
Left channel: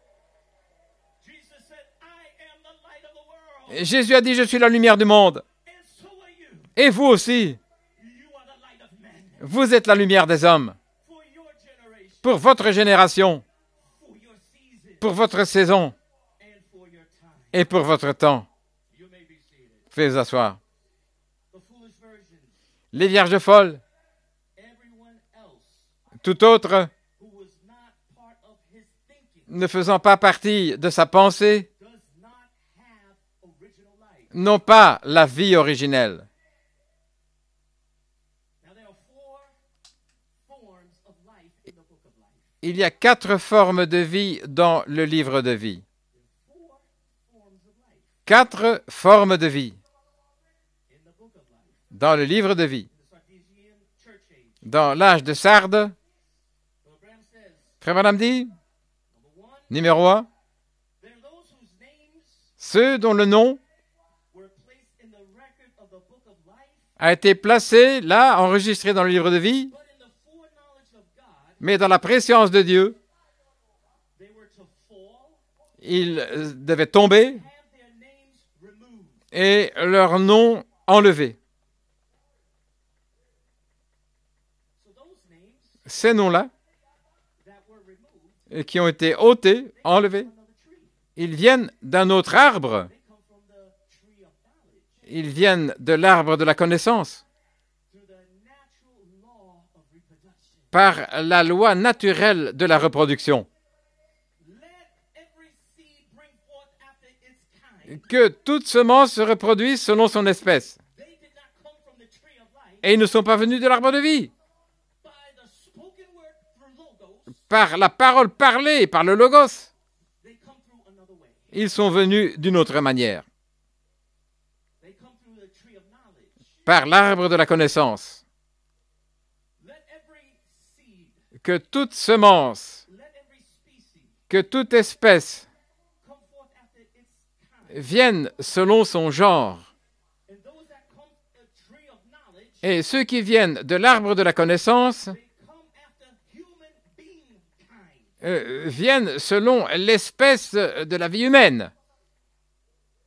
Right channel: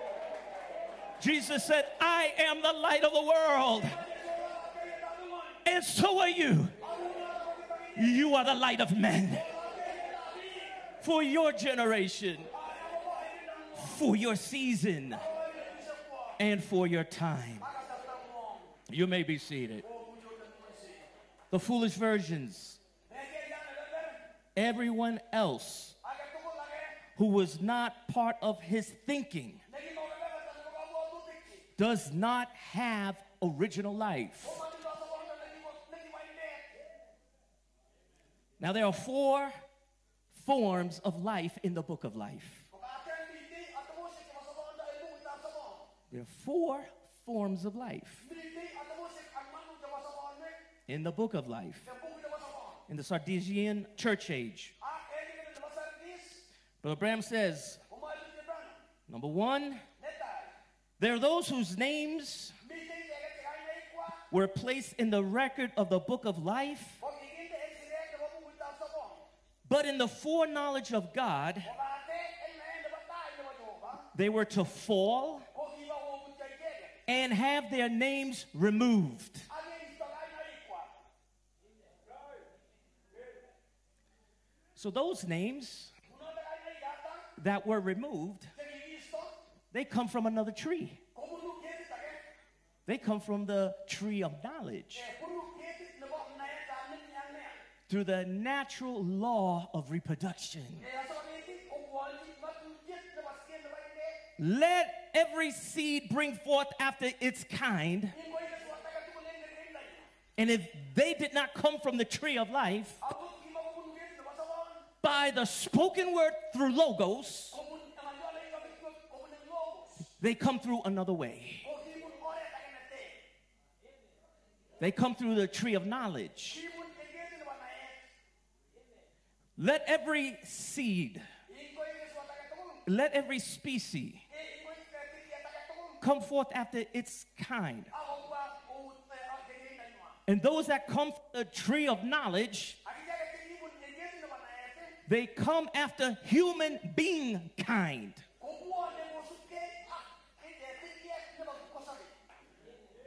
Jesus said, I am the light of the world. Jésus a dit, je suis la lumière du monde. And so are you. Et vous aussi, You are the light of men. vous êtes la lumière des hommes. For your generation, Pour votre génération, for your season, pour votre saison and for your time. et pour votre temps. You may be seated. Faites vous asseoir. The foolish virgins, Les vierges folles, everyone else tout autre who was not part of his thinking ne faisant pas partie de sa pensée, does not have original life. n'ont pas la vie originelle. Now there are 4 forms of life in the book of life. Il y a 4 formes de vie dans le livre de vie. There are 4 forms of life 4 formes de vie in the book of life. dans le livre de vie. In the Sardisian church age, Dans l'âge de Sardes, Brother Branham says, Frère Branham dit, number 1, numéro 1, there are those whose names ceux dont le nom were placed in the record of the book of life, a été placé là, enregistré dans le livre de vie, but in the foreknowledge of God, mais dans la préscience de Dieu, they were to fall ils devaient and tomber have their names removed. et leur nom enlevé. So those names Ces noms-là, that were removed, qui ont été ôtés, they come enlevés, from another tree. ils viennent d'un autre arbre. They come from the tree of knowledge, Ils viennent de l'arbre de la connaissance, through the natural law of reproduction. par la loi naturelle de la reproduction. Let every seed bring forth after its kind. Que toute semence se reproduise selon son And espèce. if they did not come from the tree of life, Et ils ne sont pas venus de l'arbre de vie. by the spoken word through logos, Par la parole parlée, par le logos, they come through another way. ils sont venus d'une autre manière. They come through the tree of knowledge. Par l'arbre de la connaissance. Let every seed, Que toute semence, let every species que toute espèce come forth after its kind. vienne selon son genre. And those that come from the tree of knowledge, Et ceux qui viennent de l'arbre de la connaissance they come after human being kind. viennent selon l'espèce de la vie humaine.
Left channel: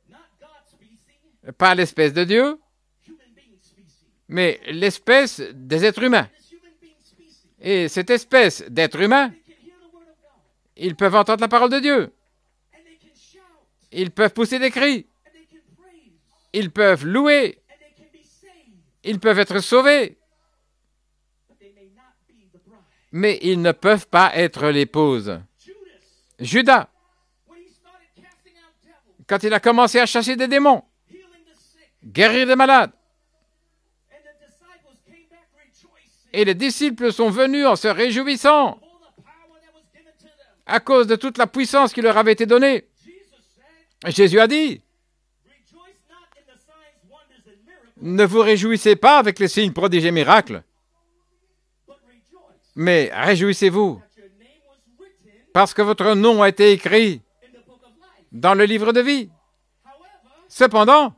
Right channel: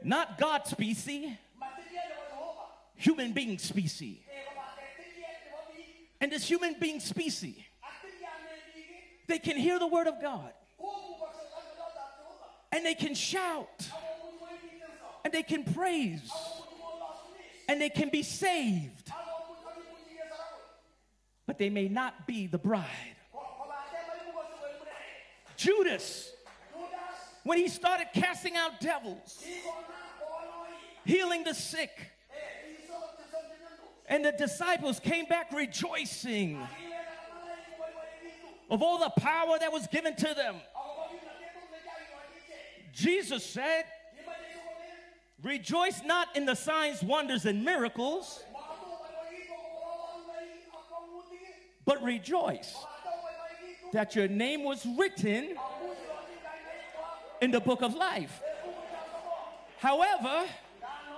Not God's species, Pas l'espèce de Dieu, human being species. mais l'espèce des êtres humains. And this human being species, Et cette espèce d'êtres humains, they can hear the word of God, ils peuvent entendre la parole de Dieu. and they can shout, Ils peuvent pousser des cris. and they can praise, Ils peuvent louer. and they can be saved, Ils peuvent être sauvés. but they may not be the bride. Mais ils ne peuvent pas être l'épouse. Judas, Judas, when he started casting out devils, quand il a commencé à chasser des démons, healing the sick, guérir des malades, and the disciples came back rejoicing et les disciples sont venus en se réjouissant of all the power that was given to them. à cause de toute la puissance qui leur avait été donnée. Jesus said, Jésus a dit, rejoice not in the signs, wonders, and miracles, ne vous réjouissez pas avec les signes, prodiges et miracles, but rejoice mais réjouissez-vous that your name was written parce que votre nom a été écrit in the book of life. dans le livre de vie. However, Cependant,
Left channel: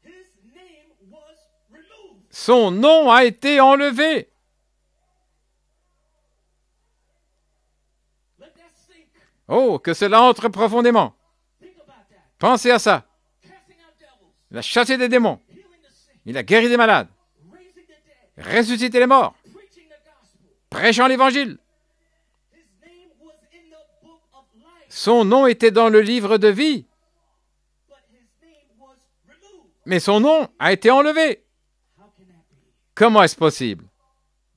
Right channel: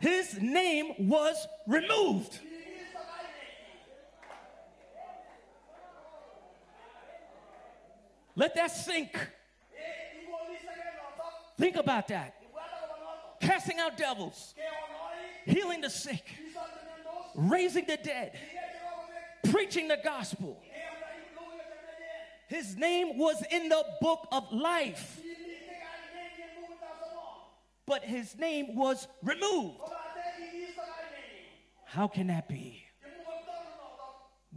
his name was removed. son nom a été enlevé. Let that sink. Oh, que cela entre profondément. Think about that. Pensez à ça. Casting out devils, Il a chassé des démons, healing the sick, il a guéri des malades, raising the dead, ressuscité les morts, preaching the gospel. prêchant l'évangile. His name was in the book of life, Son nom était dans le livre de vie, but his name was removed. mais son nom a été enlevé. How can that be? Comment est-ce possible?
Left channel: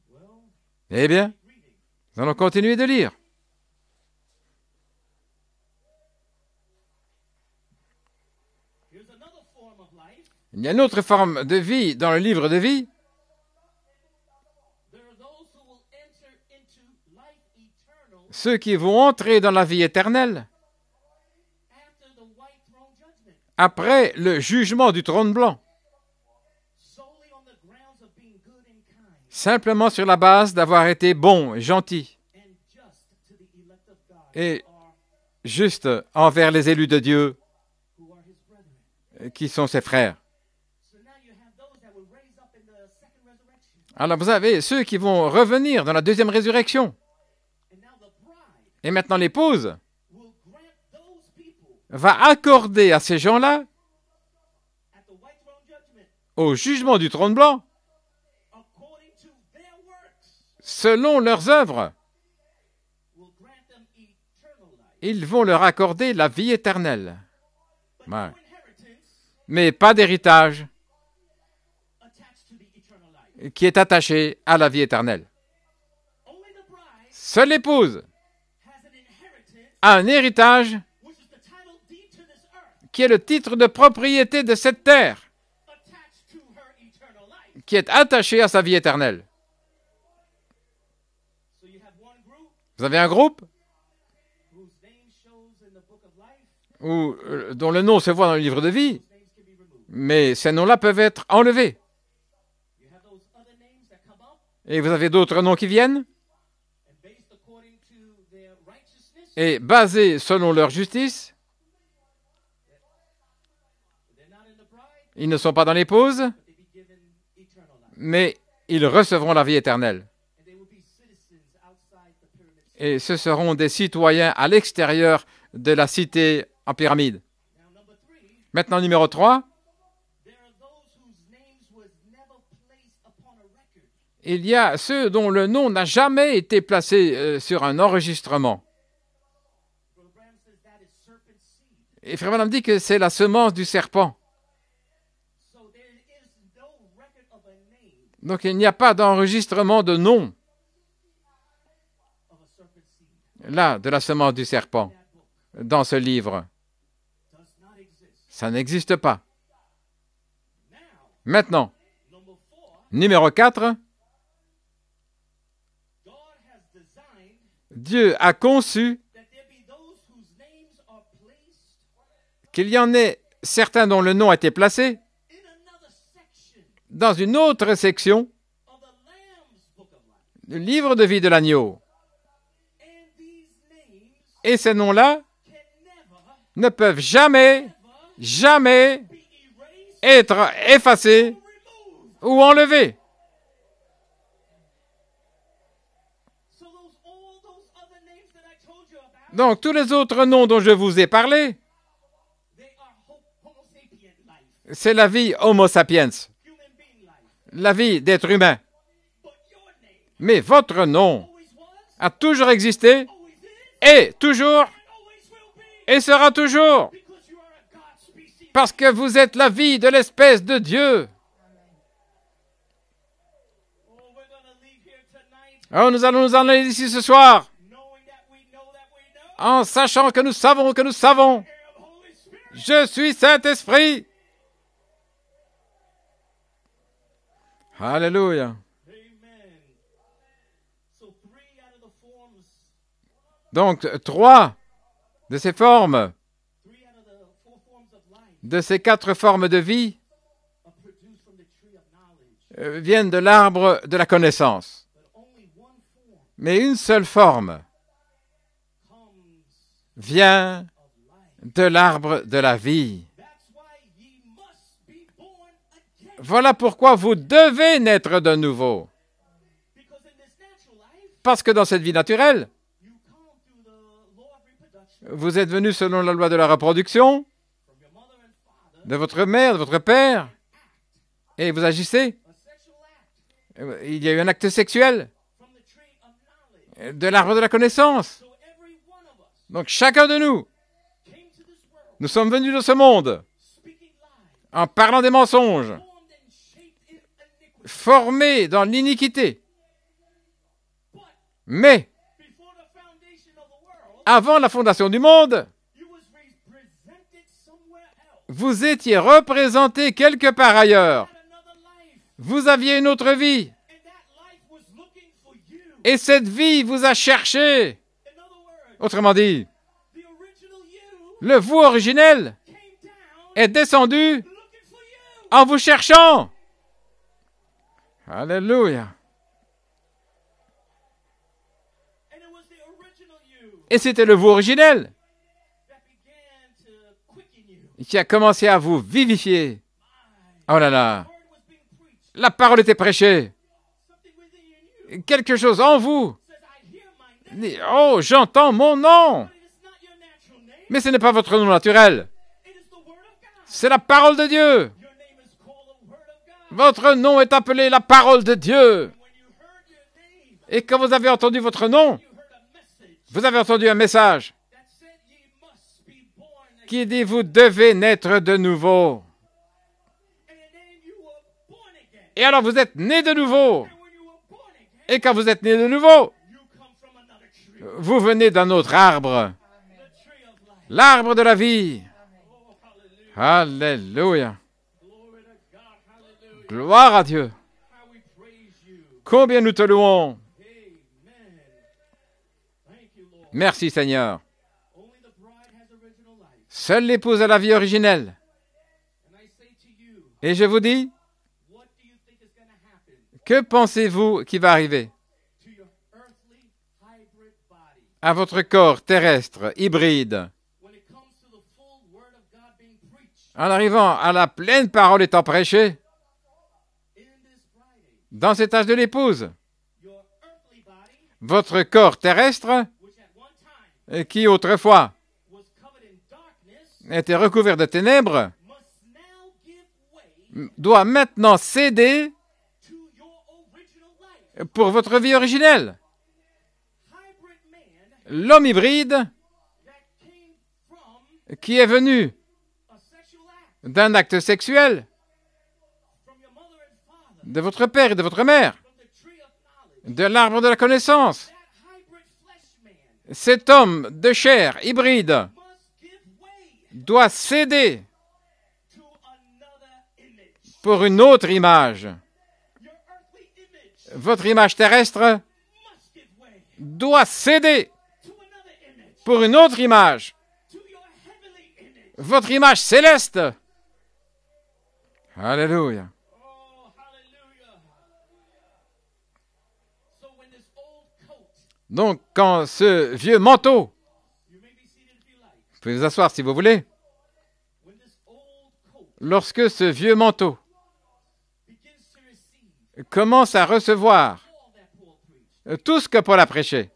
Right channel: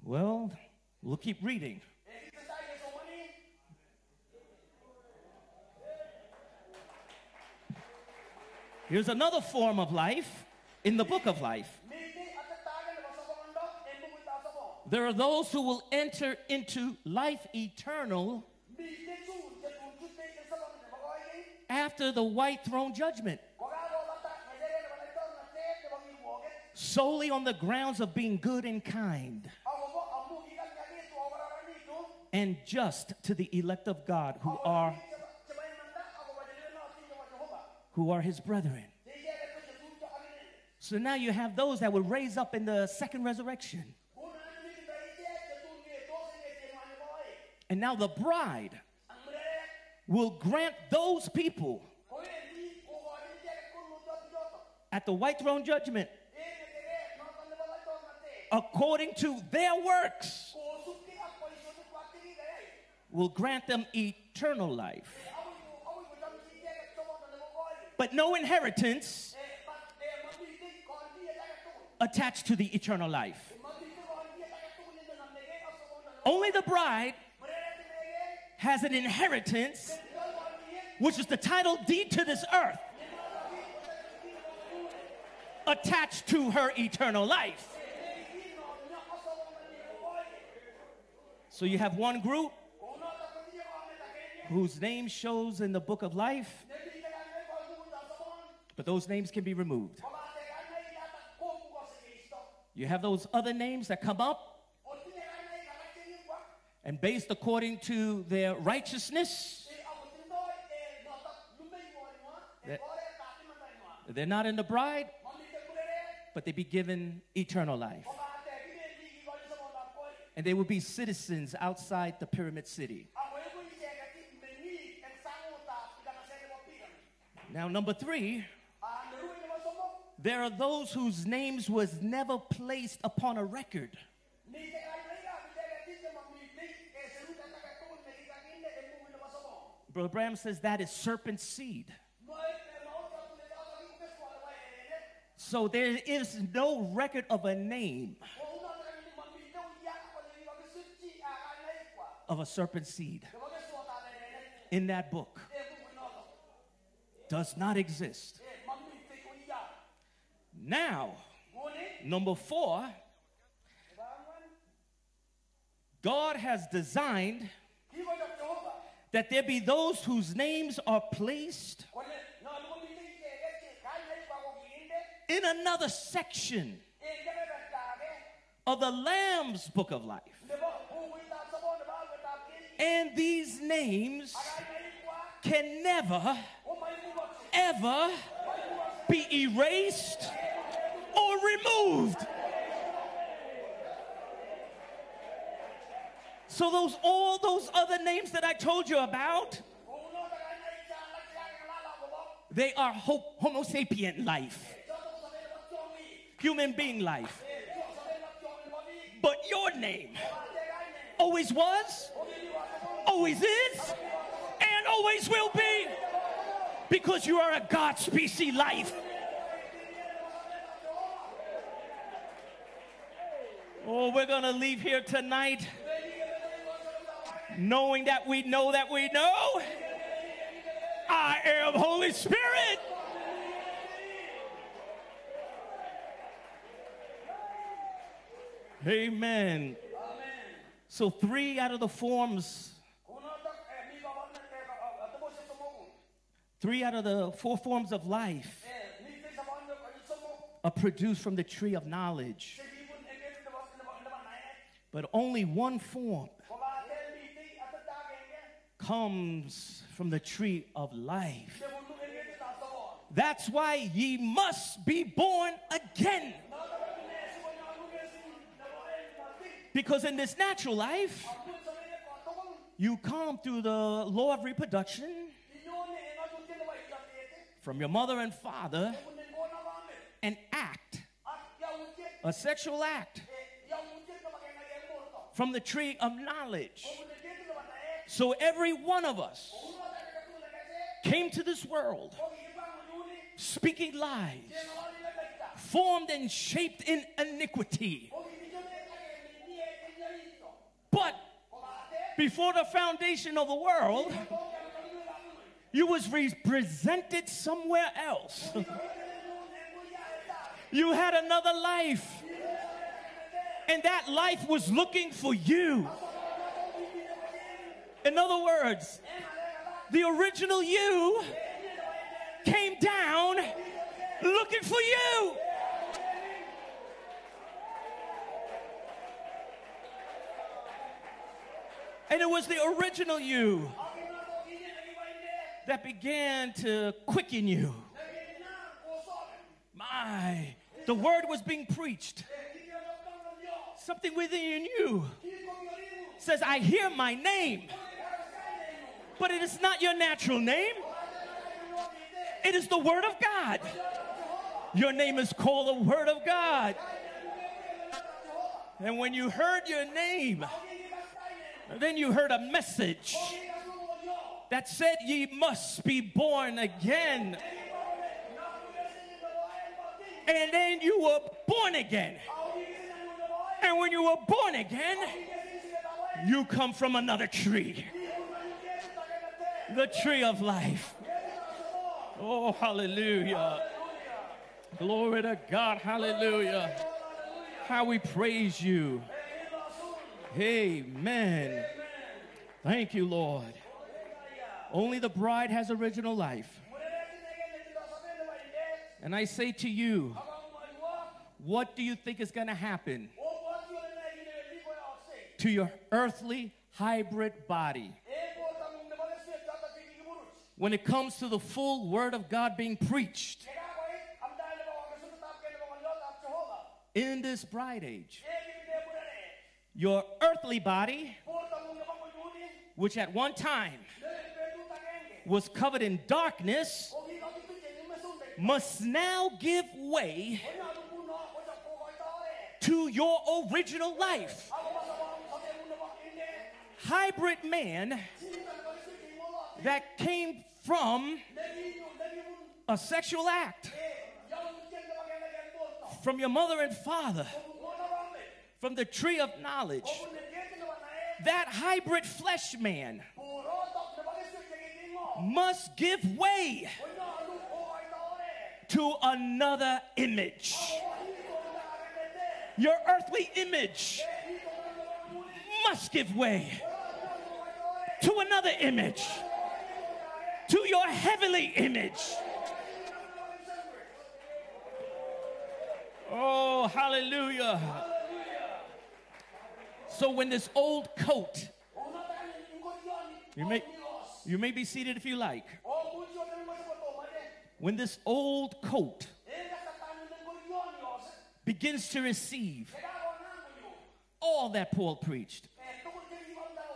Well, Eh bien, keep reading. nous allons continuer de lire. Here's another form of life. Il y a une autre forme de vie dans le livre de vie. There are those who will enter into life eternal ceux qui vont entrer dans la vie éternelle after the white throne judgment, après le jugement du trône blanc, solely on the grounds of being good and kind simplement sur la base d'avoir été bon, gentil and just to the elect of God et who are juste envers les élus de Dieu his brethren. qui sont ses frères. So now you have those that will raise up in the second resurrection. Alors vous avez ceux qui vont revenir dans la deuxième résurrection. And now the bride Et maintenant l'épouse will grant those people va accorder à ces gens-là, at the white throne judgment, au jugement du trône blanc, according to their works, selon leurs œuvres, will grant them eternal life. ils vont leur accorder la vie éternelle. But no inheritance Mais pas d'héritage attached to the eternal life. qui est attaché à la vie éternelle. Only the bride Seule l'épouse has an inheritance, a un héritage which is the title deed to this earth, qui est le titre de propriété de cette terre, attached to her eternal life. qui est attaché à sa vie éternelle. So you have one group Vous avez un groupe whose name shows in the book of life. dont le nom se voit dans le livre de vie, Those names can be removed. mais ces noms-là peuvent être enlevés. You have those other names that come up, Et vous avez d'autres noms qui viennent, and based according to their righteousness, et basés selon leur justice, they're not in the bride, ils ne sont pas dans l'épouse, but they be given eternal life. mais ils recevront la vie éternelle. And they will be citizens outside the pyramid city. Et ce seront des citoyens à l'extérieur de la cité en pyramide. Now, number 3, Maintenant, numéro 3, there are those whose names was never placed upon a record. il y a ceux dont le nom n'a jamais été placé sur un enregistrement. Brother Branham says that is serpent seed. Et Frère Branham dit que c'est la semence du serpent. So there is no record of a name Donc il n'y a pas d'enregistrement de nom, of a serpent seed là, de la semence du in serpent, that book. dans ce livre. Does not exist. Ça n'existe pas. Now, Maintenant, number 4, numéro 4, God has designed Dieu a conçu that there be those whose names are placed qu'il y en ait certains dont le nom a été placé in another section dans une autre section of the Lamb's book of life. du livre de vie de l'agneau. And these names Et ces noms-là can never, ne peuvent jamais, ever jamais be erased être effacés or removed. ou enlevés. So all those other names that I told you about, Donc tous les autres noms dont je vous ai parlé, they are Homo sapien life, c'est la vie Homo sapiens, human being life. la vie d'être humain. But your name Mais votre nom always was, a toujours existé always is, et toujours and always will be, et sera toujours, because you are a God species parce life. que vous êtes la vie de l'espèce de Dieu. Oh, we're going to leave here tonight Alors nous allons nous en aller d'ici ce soir knowing that we know that we know. en sachant que nous savons que nous savons. I am Holy Spirit. Je suis Saint-Esprit. Alléluia. Amen. So 3 out of the forms, Donc 3 de ces formes, 3 out of the 4 forms of life de ces 4 formes de vie, are produced from the tree of knowledge. viennent de l'arbre de la connaissance. But only one form Mais une seule forme comes from vient the tree of life. de l'arbre de la vie. That's why ye must be born again. Voilà pourquoi vous devez naître de nouveau. Because in this natural life, Parce que dans cette vie naturelle, you come through the law of reproduction vous êtes venu selon la loi de la reproduction, from your mother and father de votre mère, de votre père, and act, et vous agissez. a sexual act, Il y a eu un acte sexuel from the tree of knowledge. de l'arbre de la connaissance. So every one of us Donc chacun de nous, came to this world nous sommes venus dans ce monde speaking lies, en parlant des mensonges, formed and shaped in iniquity. formés dans l'iniquité. But Mais before the foundation of the world, avant la fondation du monde, You was represented somewhere else. Vous étiez représenté quelque part You ailleurs. had another life, Vous aviez une autre vie. and that life was looking for you. Et cette vie vous a cherché. In other words, Autrement dit, the original you le vous originel came down est descendu looking for you. en vous cherchant. Alléluia. And it was the original you Et c'était le vous originel that began to quicken you. qui a commencé à vous vivifier. My, Oh là là. the word was being preached. La parole était prêchée. Something within you Quelque chose en vous. says, I hear my name, Oh, j'entends mon nom. but it is not your natural name. Mais ce n'est pas votre nom naturel. It is the word of God. C'est la parole de Dieu. Your name is called the word of God. Votre nom est appelé la parole de Dieu. And when you heard your name, Et quand vous avez entendu votre nom, you heard a message vous avez entendu un message that said ye must be born qui dit vous again. devez naître de nouveau. And then you were born again. Et alors vous êtes né de nouveau. And when you were born Et again, quand vous êtes né de nouveau, you come from another tree, vous venez d'un autre arbre, the tree of life. l'arbre de la vie. Oh, hallelujah. Alléluia. Glory to God. Hallelujah. Gloire à Dieu. How we praise you. Combien nous te louons. Amen. Thank you, Lord. Merci Seigneur. Only the bride has original life. Seule l'épouse a la vie originelle. And I say to you, Et je vous dis, what do you think is going to happen que pensez-vous qui va arriver to your earthly hybrid body à votre corps terrestre, hybride, when it comes to the full word of God being preached en arrivant à la pleine parole étant prêchée in this bride age? dans cet âge de l'épouse? Your earthly body, Votre corps terrestre, which at one time qui autrefois was covered in darkness, était recouvert de ténèbres, must now give way doit maintenant céder to your original life. pour votre vie originelle. Hybrid man L'homme hybride that came from qui est venu a sexual act d'un acte sexuel from your mother and father, de votre père et de votre mère, from the tree of knowledge. de l'arbre de la connaissance. That hybrid flesh man Cet homme de chair hybride must give way doit céder to another image. pour une autre image. Your earthly image Votre image terrestre must give way doit céder to another image, pour une autre image. to your heavenly image. Votre image céleste. Alléluia. Oh, hallelujah. So when this old coat, Donc, quand ce vieux manteau, you may be seated if you like, vous pouvez vous asseoir si vous voulez, when this old coat lorsque ce vieux manteau begins to receive commence à recevoir all that Paul preached, tout ce que Paul a prêché,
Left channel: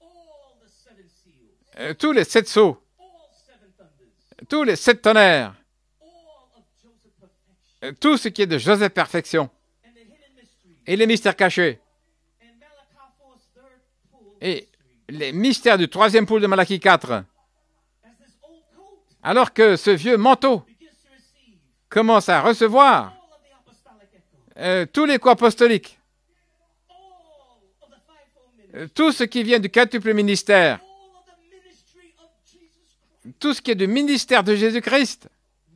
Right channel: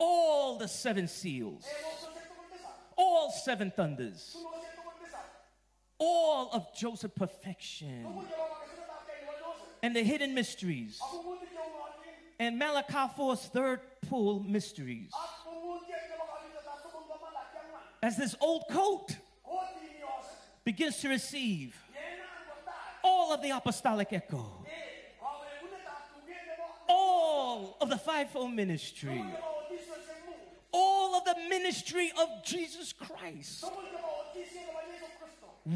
all the seven seals, tous les 7 sceaux, all seven thunders, tous les 7 tonnerres, all of Joseph perfection, tout ce qui est de Joseph Perfection and the hidden mysteries, et les mystères cachés, and Malachi 4's third pool et mysteries. les mystères du 3e poule de Malachie 4. As this old coat Alors que ce vieux manteau begins to receive commence à recevoir all of the apostolic echo, tous les coups apostoliques, all of the fivefold ministry, tout ce qui vient du quintuple ministère, all of the ministry of Jesus Christ, tout ce qui est du ministère de Jésus-Christ.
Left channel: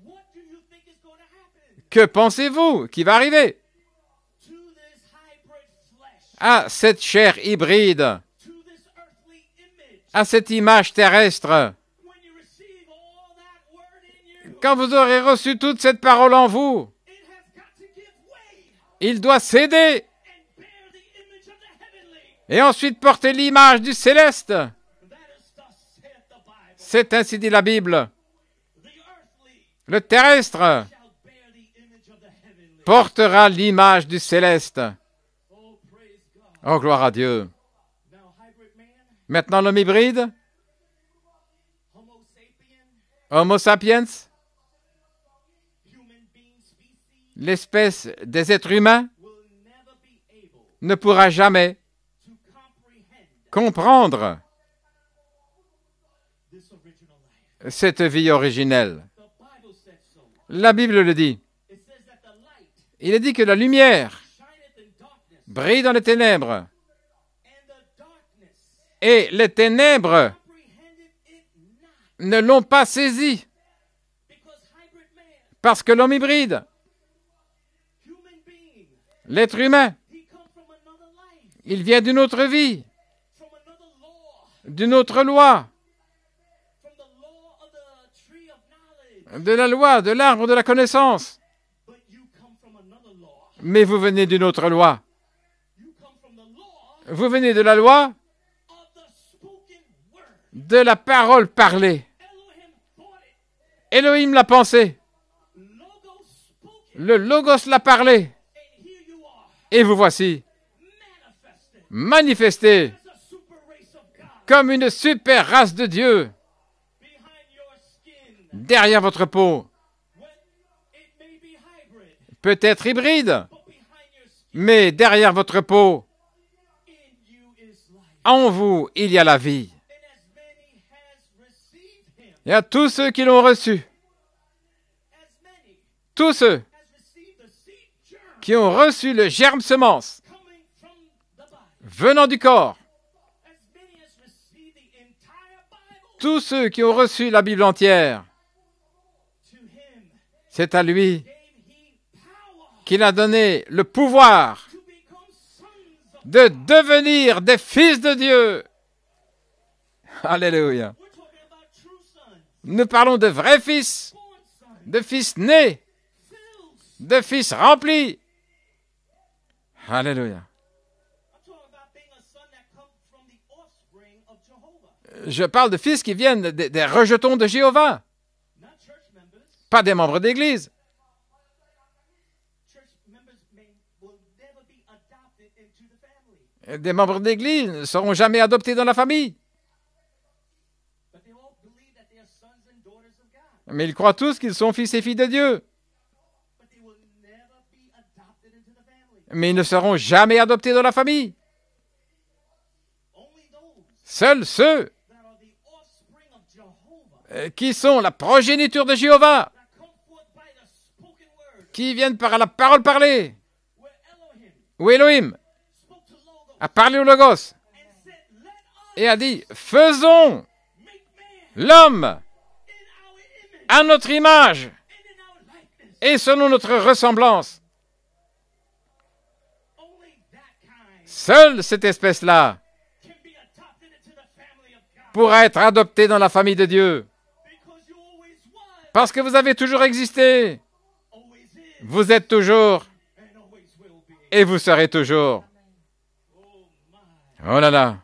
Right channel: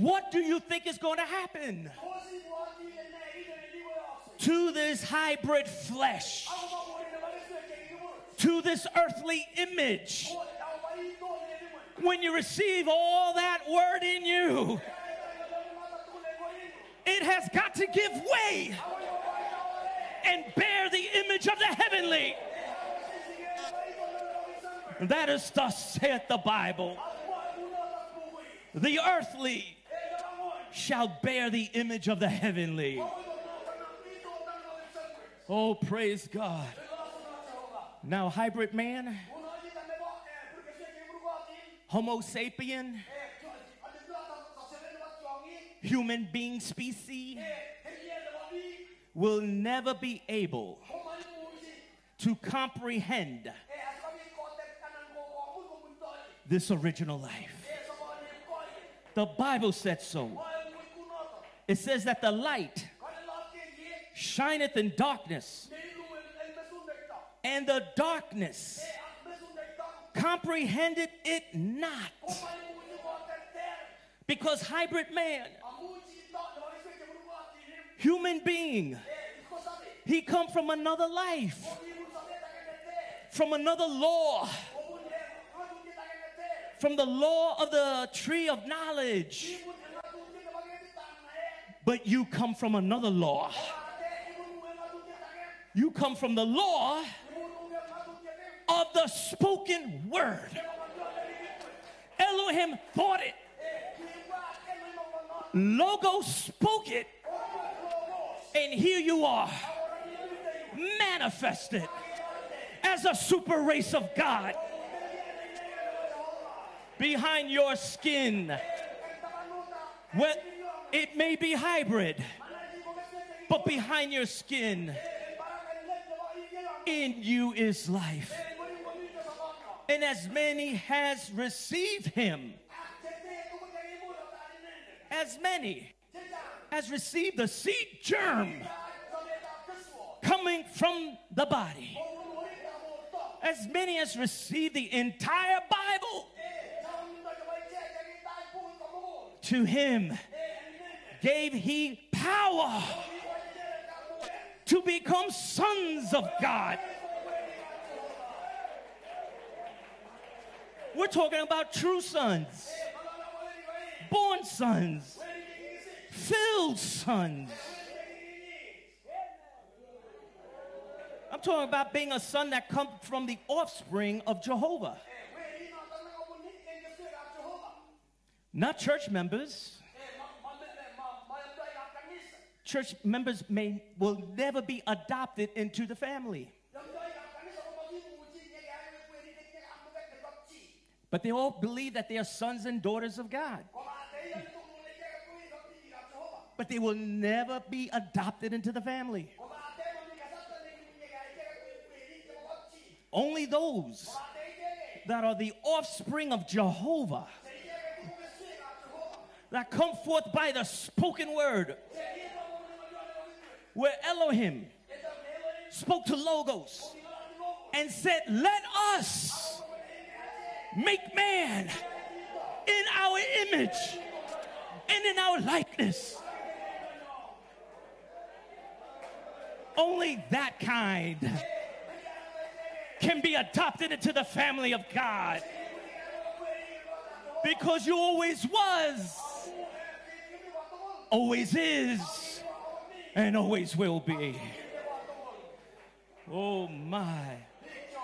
what do you think is going to happen Que pensez-vous qui va arriver to this hybrid flesh, à cette chair hybride, to this earthly image, à cette image terrestre, when you receive all that word in you? quand vous aurez reçu toute cette parole en vous? It has got to give way Il doit céder and bear the image of the heavenly. et ensuite porter l'image du céleste. That is thus saith the Bible. C'est ainsi dit la Bible. The earthly Le terrestre shall bear the image of the heavenly. portera l'image du céleste. Oh, praise God. Oh, gloire à Dieu. Now, hybrid man, Maintenant, l'homme hybride, Homo sapien, Homo sapiens, human being species, l'espèce des êtres humains, will never be able ne pourra jamais to comprehend comprendre this original life. cette vie originelle. The Bible said so. La Bible le dit. It says that the light Il est dit que la lumière shineth in darkness, brille dans les ténèbres And the darkness et les ténèbres comprehended it not. ne l'ont pas saisi, Because hybrid man, parce que l'homme hybride, human being, l'être humain, he come from another life, il vient d'une autre vie, from another law, d'une autre loi, from the law of the tree of knowledge. de la loi, de l'arbre de la connaissance. But you come from another law. Mais vous venez d'une autre loi. You come from the law Vous venez de la loi of the spoken word. de la parole parlée. Elohim thought it. Elohim l'a pensé, Logos spoke it. le Logos l'a parlé, And here you are, et vous voici, manifested manifesté as a super race of God. comme une super race de Dieu Behind your skin. derrière votre peau. It may be hybrid, Peut-être hybride, but behind your skin, mais derrière votre peau, in you is life. en vous, il y a la vie. And as many has received him, Et à tous ceux qui l'ont reçu, as many tous ceux has received the seed germ qui ont reçu le germe semence coming from the body, venant du corps, as many as received the entire Bible, tous ceux qui ont reçu la Bible entière, to him c'est à lui gave he power qu'il a donné le pouvoir to become sons of de God. devenir des fils de Dieu. Alléluia. We're talking about true sons, Nous parlons de vrais fils, born sons, de fils nés, filled sons. de fils remplis. Alléluia. I'm talking about being a son that comes from the offspring of Jehovah. Je parle de fils qui viennent des rejetons de Jéhovah, Not church members. pas des membres d'église. Church members will never be adopted into the family. Des membres d'église ne seront jamais adoptés dans la famille. But they all believe that they are sons and daughters of God. Mais ils croient tous qu'ils sont fils et filles de Dieu. But they will never be adopted into the family. Mais ils ne seront jamais adoptés dans la famille. Only those Seuls ceux that are the offspring of Jehovah, qui sont la progéniture de Jéhovah, that come forth by the spoken word, qui viennent par la parole parlée, where Elohim où Elohim spoke to Logos a parlé au Logos and said, let et a us dit, faisons make man l'homme in our image à notre image and in our likeness. et selon notre ressemblance. Only that kind Seule cette espèce-là can be adopted into the family of God. pourra être adoptée dans la famille de Dieu. Because you always was, Parce que vous avez toujours existé, always is, vous êtes toujours and always will be. et vous serez toujours. Oh my. Oh là là.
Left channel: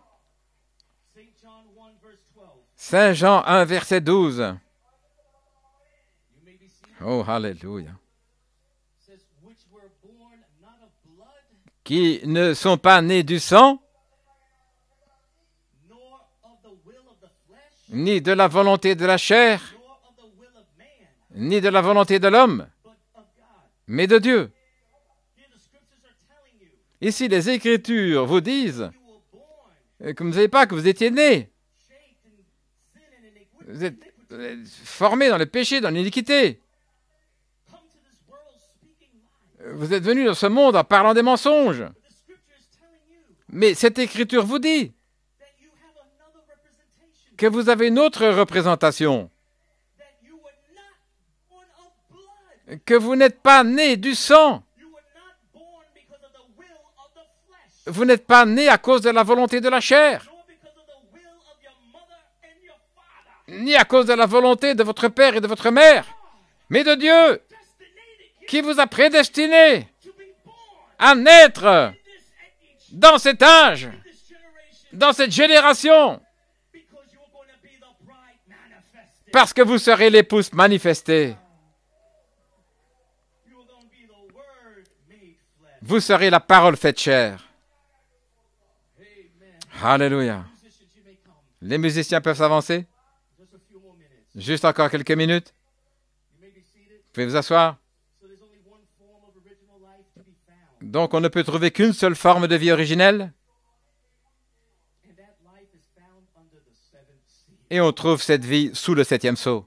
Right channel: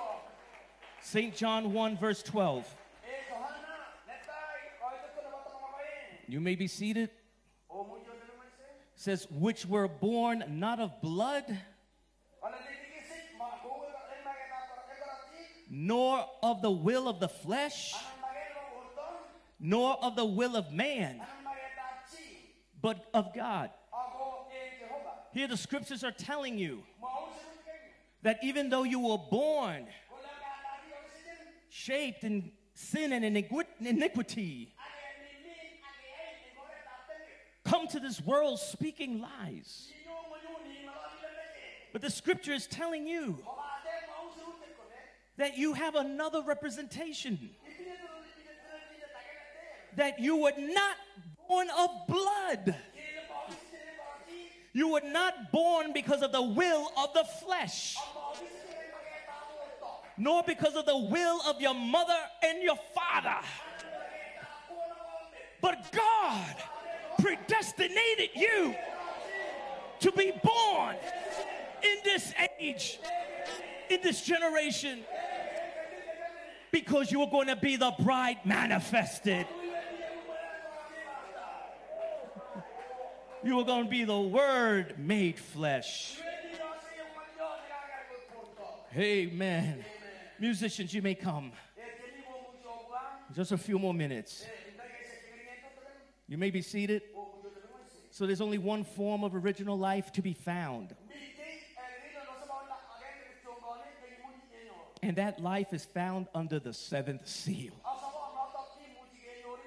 St. John 1 verse 12. Saint Jean 1, verset 12. You may be seated. Oh, alléluia. Says, which were born not of blood, Qui ne sont pas nés du sang, nor of the will of the flesh, ni de la volonté de la chair, nor of the will of man, ni de la volonté de l'homme, but of God. mais de Dieu. Here the scriptures are telling you Ici, les Écritures that vous even disent though you were born, que vous ne savez pas que vous étiez nés, shaped in sin and vous êtes iniquity, formés dans le péché, dans l'iniquité. come to this world speaking lies. Vous êtes venus dans ce monde en parlant des mensonges. But the scripture is telling you Mais cette Écriture vous dit that you have another representation, que vous avez une autre représentation, that you were not born of blood. que vous n'êtes pas nés du sang, You were not born because of the will of the flesh, vous n'êtes pas nés à cause de la volonté de la chair, nor because of the will of your mother and your father. ni à cause de la volonté de votre père et de votre mère, God mais de Dieu destinated qui you vous a prédestiné to be born à naître in this age, dans cet âge, in this generation, dans cette génération, because you are going to be the bride manifested. parce que vous serez l'épouse manifestée. You are going to be the word made flesh. Vous serez la parole faite chair. Amen. Alléluia. Musicians, you may come. Les musiciens peuvent s'avancer. Just a few more minutes. Juste encore quelques minutes. You may be seated. Vous pouvez vous asseoir. So there's only one form of original life to be found. Donc, on ne peut trouver qu'une seule forme de vie originelle. And that life is found under the seventh seal. Et on trouve cette vie sous le septième sceau.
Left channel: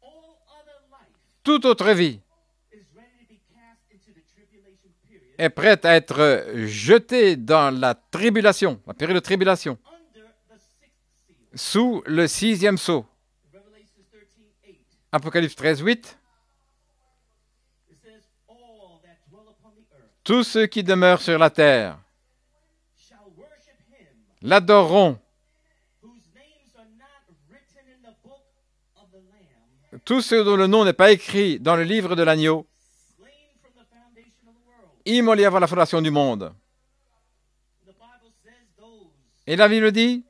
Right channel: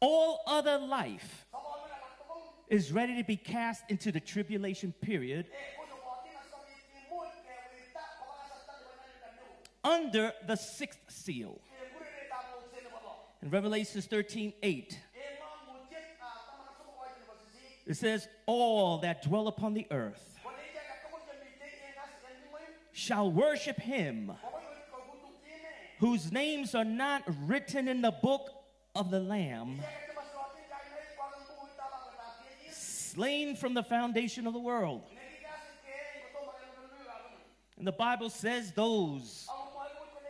All other life Toute autre vie est prête à être jetée dans la tribulation, la période de tribulation, sous le 6e sceau. Apocalypse 13, 8. Tous ceux qui demeurent sur la terre l'adoreront. Tous ceux dont le nom n'est pas écrit dans le livre de l'agneau, immolés avant la fondation du monde. Et la Bible dit,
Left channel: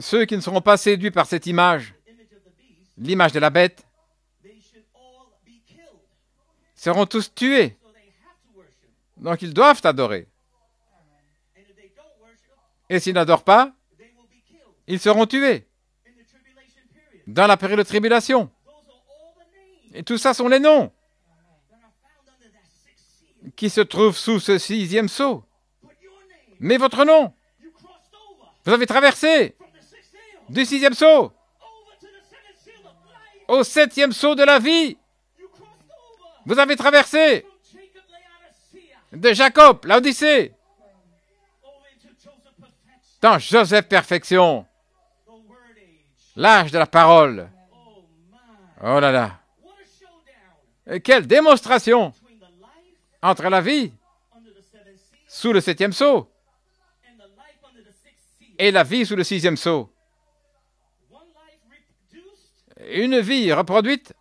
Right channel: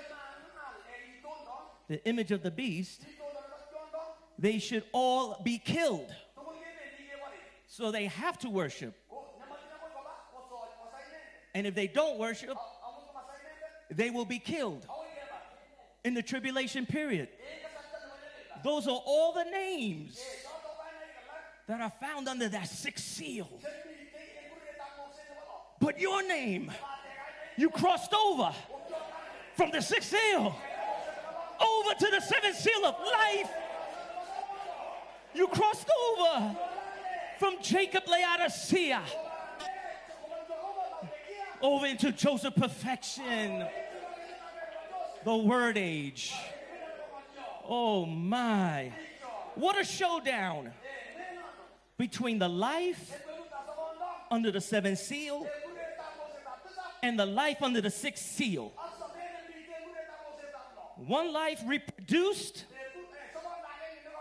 ceux qui ne seront pas séduits par cette image, l'image de la bête, seront tous tués. Donc ils doivent adorer. Et s'ils n'adorent pas, ils seront tués dans la période de tribulation. Et tout ça sont les noms qui se trouvent sous ce 6e sceau. Mais votre nom, vous avez traversé du 6e sceau au 7e sceau de la vie. Vous avez traversé de Jacob, l'Odyssée, dans Joseph Perfection, l'âge de la parole. Oh là là! Et quelle démonstration entre la vie sous le 7e sceau et la vie sous le 6e sceau. Une vie reproduite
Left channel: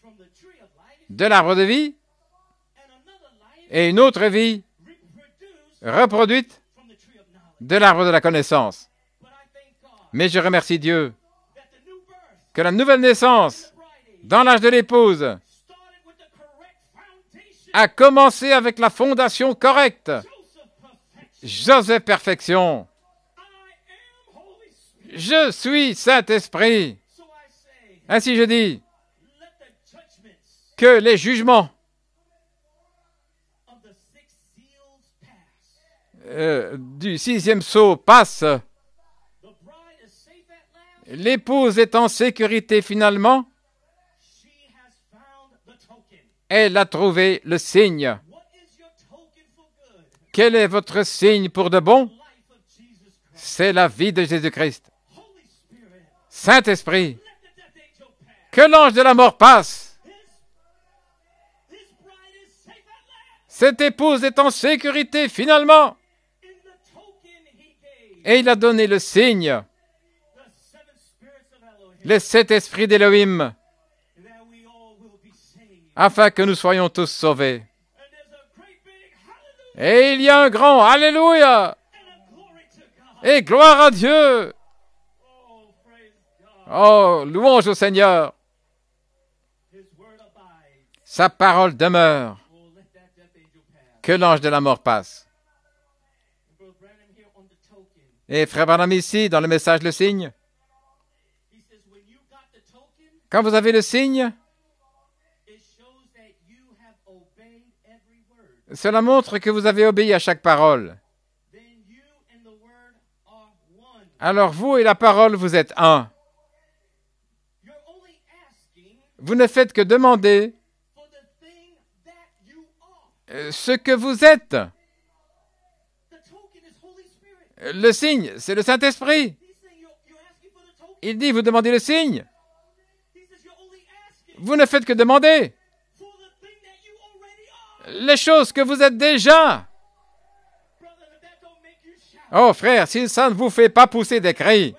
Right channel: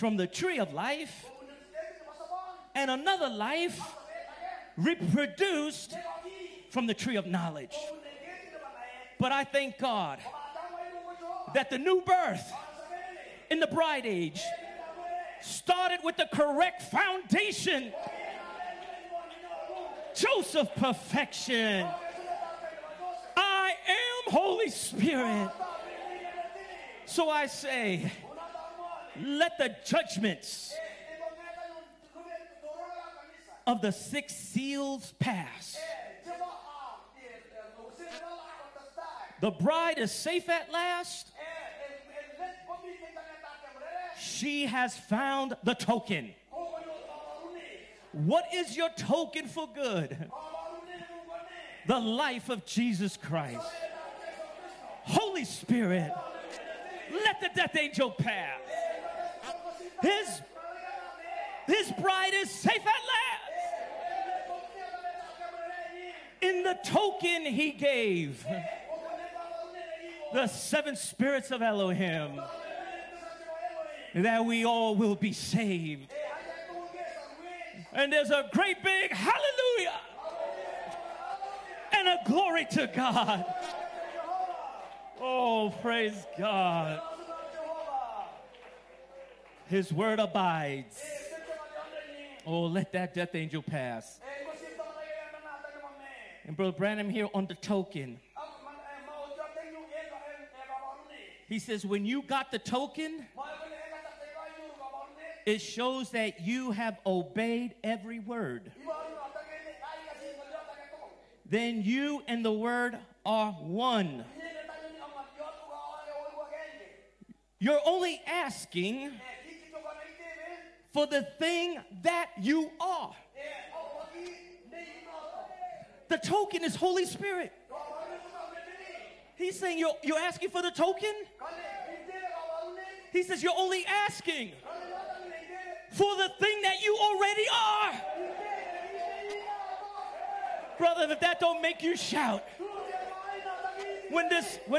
de l'arbre de vie et une autre vie reproduite de l'arbre de la connaissance. Mais je remercie Dieu que la nouvelle naissance dans l'âge de l'épouse a commencé avec la fondation correcte. Joseph Perfection. Je suis Saint-Esprit. Ainsi je dis que les jugements du 6e sceau passent. L'épouse est en sécurité finalement. Elle a trouvé le signe. Quel est votre signe pour de bon? C'est la vie de Jésus-Christ. Saint-Esprit, que l'ange de la mort passe. Cette épouse est en sécurité finalement. Et il a donné le signe, les 7 esprits d'Élohim, afin que nous soyons tous sauvés. Et il y a un grand Alléluia et gloire à Dieu. Oh, louange au Seigneur. Sa parole demeure. Que l'ange de la mort passe. Et Frère Branham ici, dans le message, le signe, quand vous avez le signe, cela montre que vous avez obéi à chaque parole. Alors vous et la parole, vous êtes un. Vous ne faites que demander ce que vous êtes. Le signe, c'est le Saint-Esprit. Il dit, vous demandez le signe. Vous ne faites que demander les choses que vous êtes déjà. Oh frère, si ça ne vous fait pas pousser des cris,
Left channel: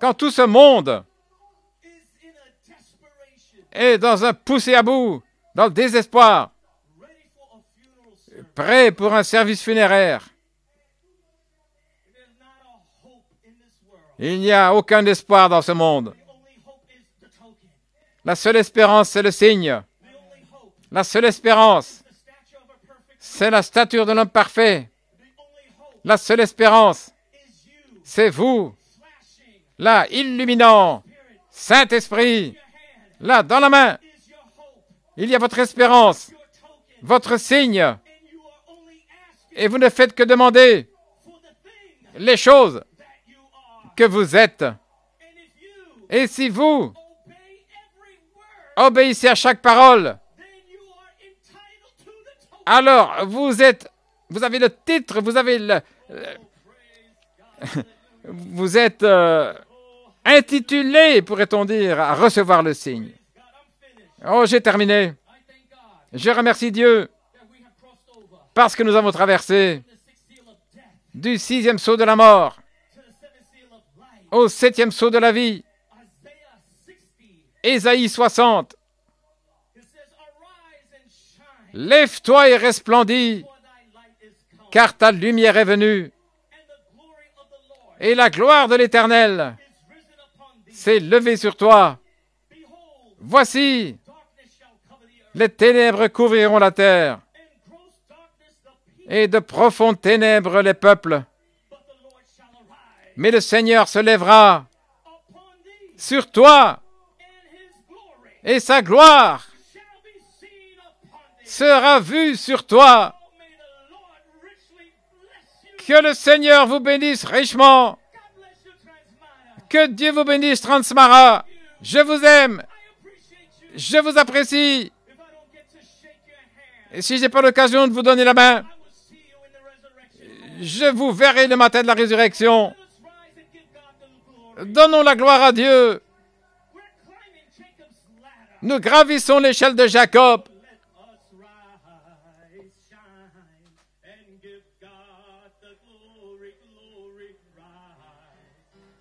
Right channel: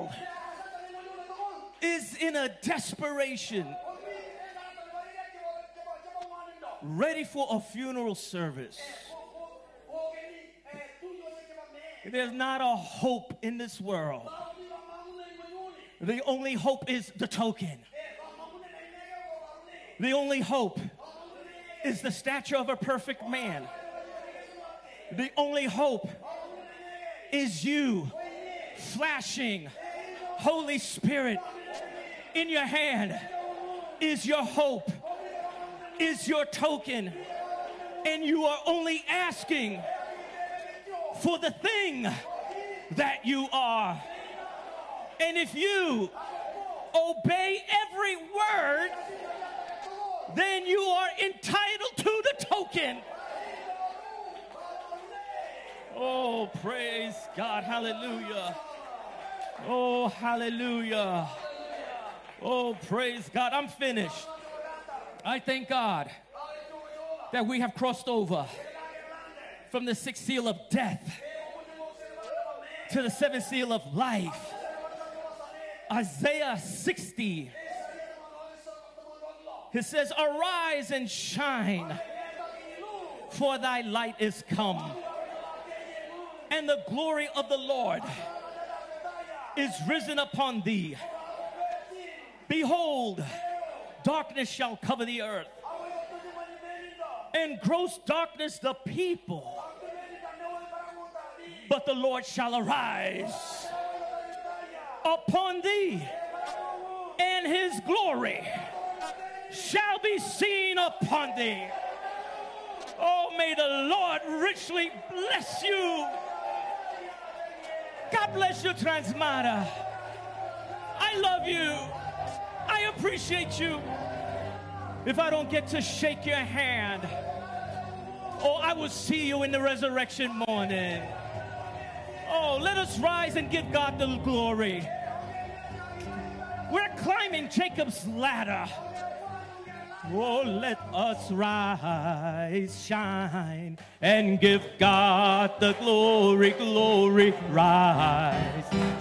quand tout ce monde est dans un poussé à bout, dans le désespoir, prêt pour un service funéraire, il n'y a aucun espoir dans ce monde. La seule espérance, c'est le signe. La seule espérance, c'est la stature de l'homme parfait. La seule espérance, c'est vous, là, illuminant, Saint-Esprit, là, dans la main. Il y a votre espérance, votre signe, et vous ne faites que demander les choses que vous êtes. Et si vous obéissez à chaque parole, alors vous avez le titre, vous avez vous êtes intitulé, pourrait-on dire, à recevoir le signe. Oh, j'ai terminé. Je remercie Dieu parce que nous avons traversé du 6e sceau de la mort au 7e sceau de la vie. Ésaïe 60. Lève-toi et resplendis, car ta lumière est venue, et la gloire de l'Éternel s'est levée sur toi. Voici, les ténèbres couvriront la terre, et de profondes ténèbres les peuples. Mais le Seigneur se lèvera sur toi, et sa gloire sera vue sur toi. Que le Seigneur vous bénisse richement. Que Dieu vous bénisse, Transmara. Je vous aime. Je vous apprécie. Et si je n'ai pas l'occasion de vous donner la main, je vous verrai le matin de la résurrection. Donnons la gloire à Dieu. Nous gravissons l'échelle de Jacob. Oh, let us rise, shine, and give God the glory, glory, rise,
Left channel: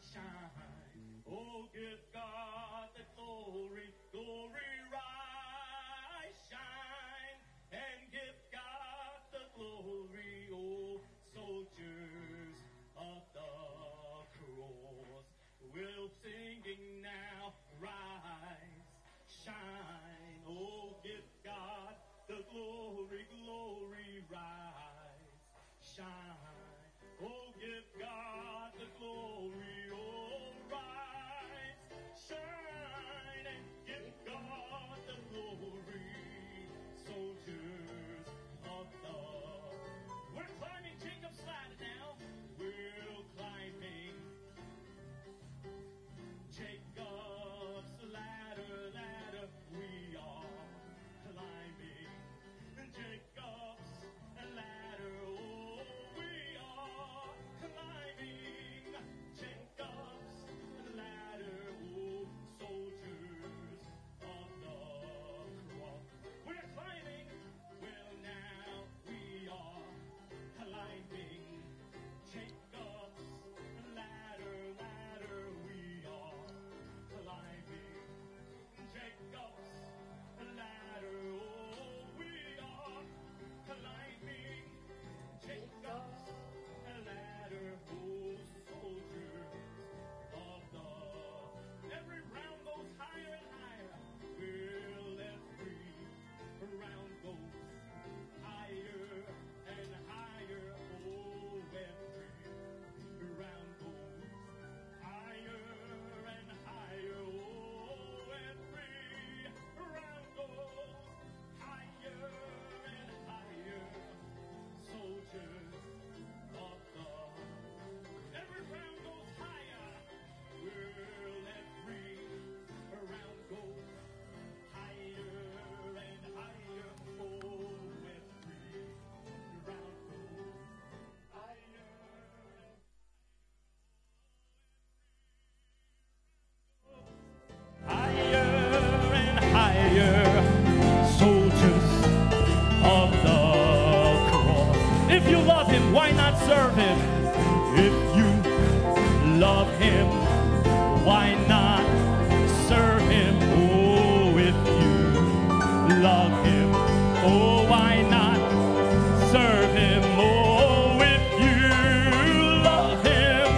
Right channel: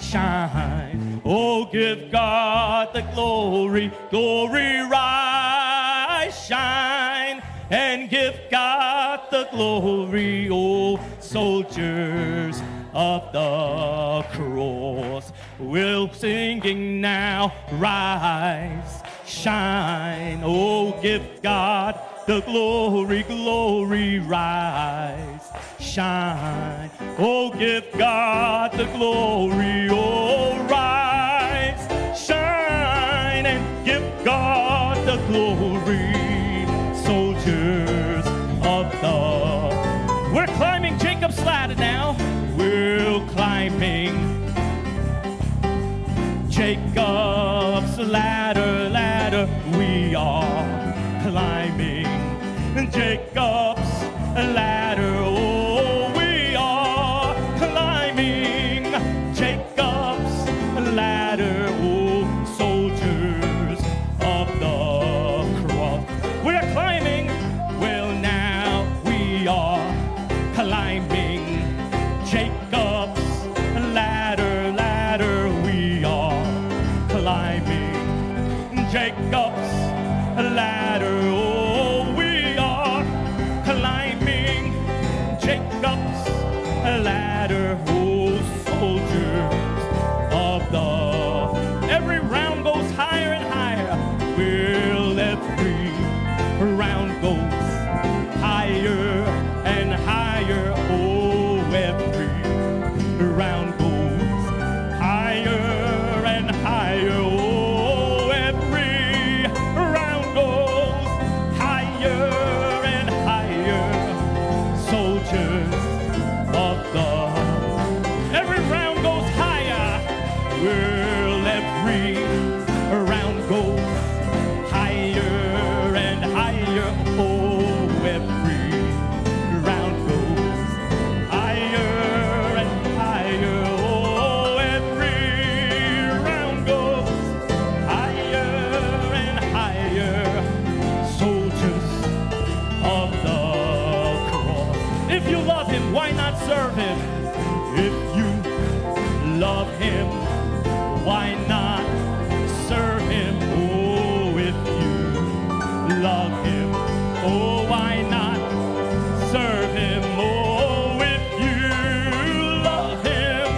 shine. Oh, give God the glory, glory, rise, shine, and give God the glory, oh, soldiers of the cross. We're singing now, rise, shine, oh, give God the glory, glory, rise, shine, oh, give God the glory, oh, rise, shine, and give God the glory, soldiers of the... We're climbing Jacob's ladder now. We're climbing Jacob's ladder, ladder. We are climbing Jacob's ladder. Oh, we are climbing Jacob's ladder. Oh, soldiers of the cross. We're climbing. Well, now we are climbing Jacob's ladder, ladder. We are climbing Jacob's ladder. Oh, we are climbing Jacob's ladder. Oh, soldiers of the... Every round goes higher and higher. Well, every round goes higher and higher. Oh, every round goes higher and higher. Oh, every round goes higher and higher. Soldiers of the... Every round goes higher. Well, every round goes higher and higher. Oh, every round goes higher and higher. Oh, every round goes higher and higher. Soldiers of the cross. If you love him, why not serve him? If you love him, why not serve him? Oh, if you love him, oh, why not serve him? Oh, if you love him,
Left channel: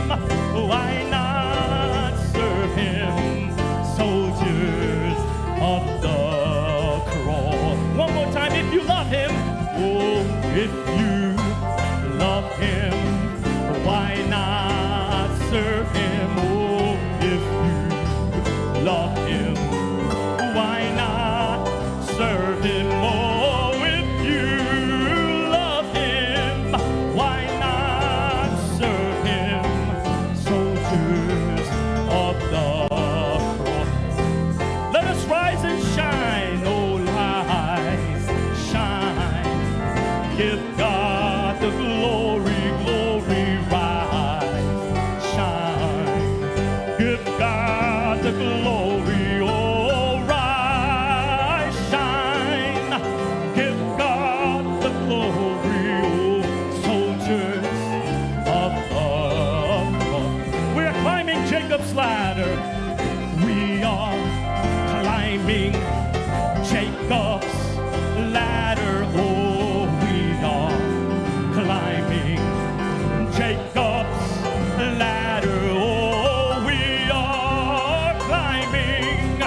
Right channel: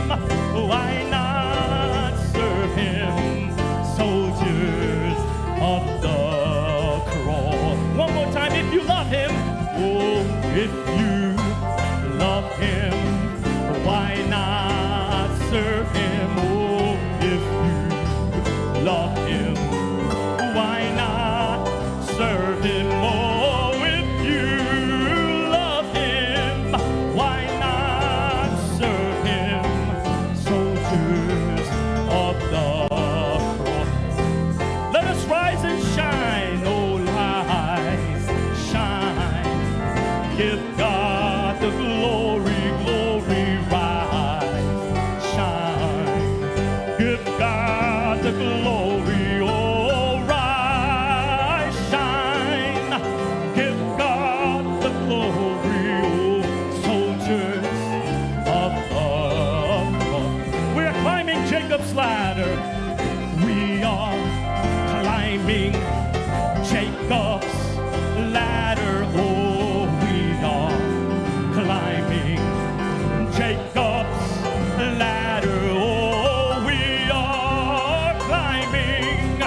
why not serve him? Soldiers of the cross. One more time, if you love him, oh, if you love him, why not serve him? Oh, if you love him, why not serve him? Oh, if you love him, why not serve him? Soldiers of the cross. Let us rise and shine. Give God the glory, oh, rise, shine. Give God the glory, oh, soldiers of love. We're climbing Jacob's ladder. We are climbing Jacob's ladder, oh, we are climbing Jacob's ladder, oh, we are climbing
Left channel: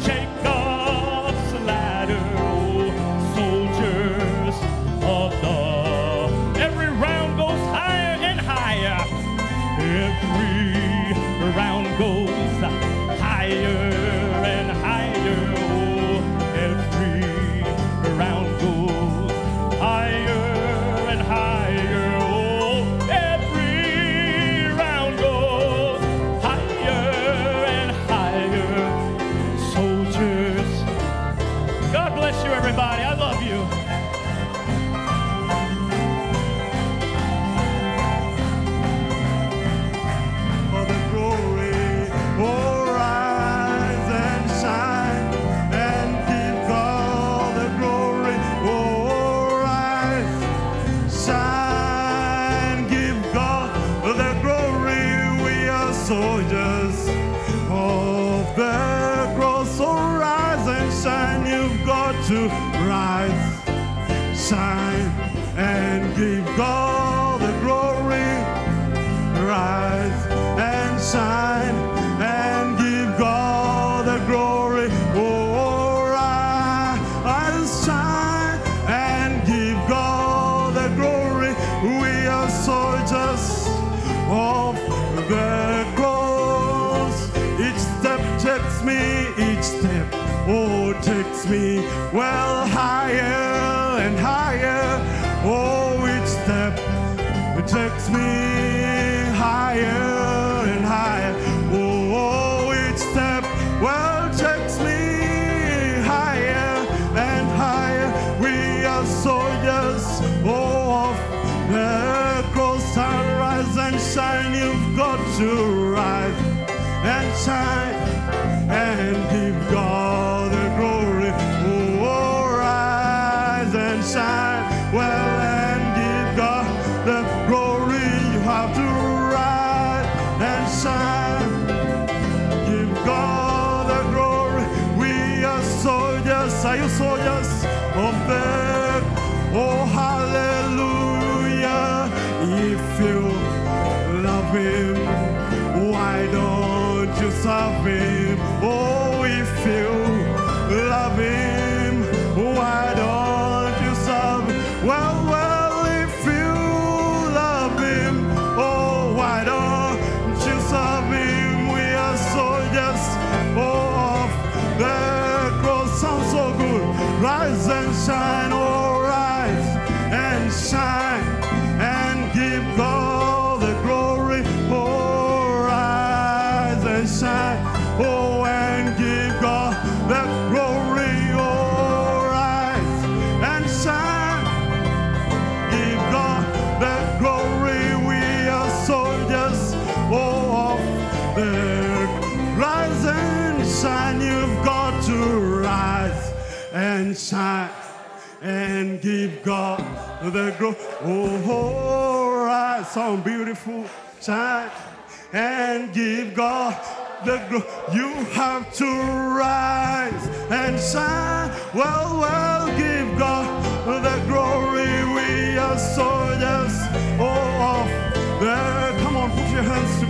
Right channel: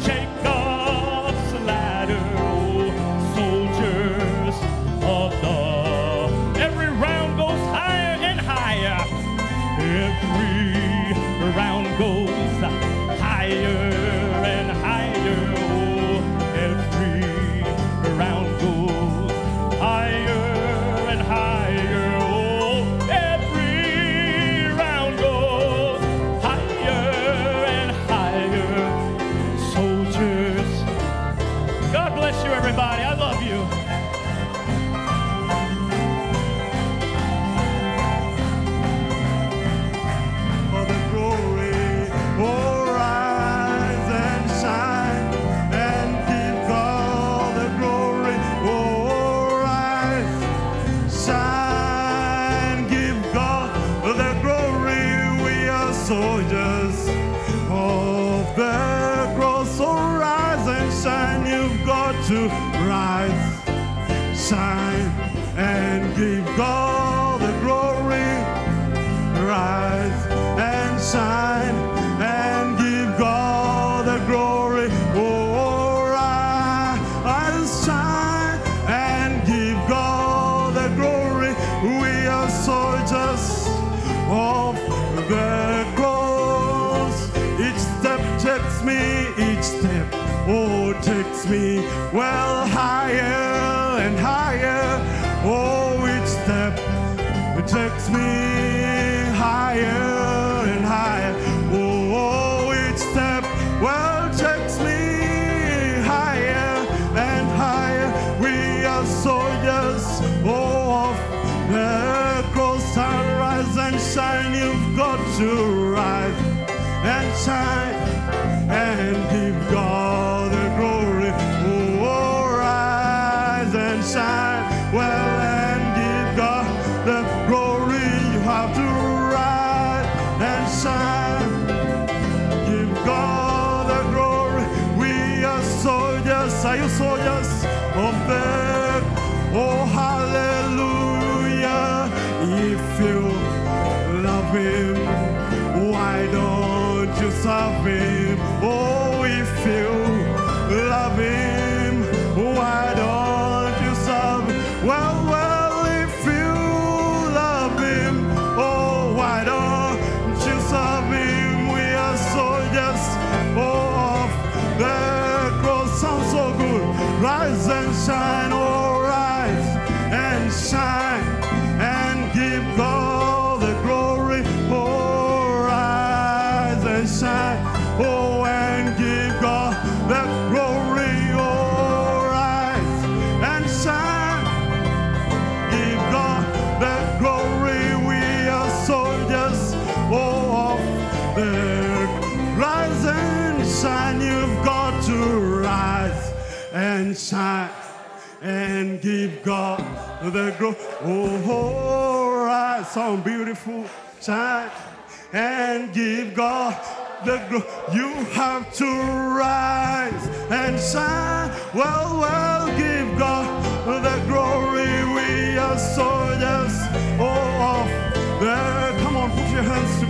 Jacob's ladder, oh, soldiers of love. Every round goes higher and higher. Every round goes higher and higher, oh, every round goes higher and higher, oh, every round goes higher and higher. Soldiers, God bless you, everybody. I love you. For the glory, oh, rise and shine and give God the glory. Oh, rise, shine, give God the glory. We are soldiers of the cross. So rise and shine. You've got to rise, shine, and give God the glory. Rise and shine and give God the glory. Oh, rise, shine and give God the glory. We are soldiers of the cross. Each step takes me, each step, oh, takes me well higher and higher. Oh, each step it takes me higher and higher. Oh, each step, well, takes me higher and higher. We are soldiers, oh, of the cross. And rise and shine. You've got to rise and shine and give God the glory. Oh, rise and shine. Well, and give God the glory. You have to rise and shine. Give God the glory. We are soldiers. Are you soldiers of the? Oh, hallelujah. If you love Him, why don't you serve Him? Oh, if you love Him, why don't you serve Him? Well, if you love Him, oh, why don't you serve Him? We are soldiers, oh, of the cross. Sounds so good. Rise and shine, oh, rise and shine and give God the glory. Oh, rise and shine, oh, and give God the glory. Oh, rise and shine, give God the glory. We are soldiers, oh, of the rise and shine. You've got to rise and shine and give God the glory. Oh, rise, sound beautiful. Shine and give God the glory. You have to rise and shine. Well, give God the glory. We are soldiers, oh, of the. Come on, put your hands together.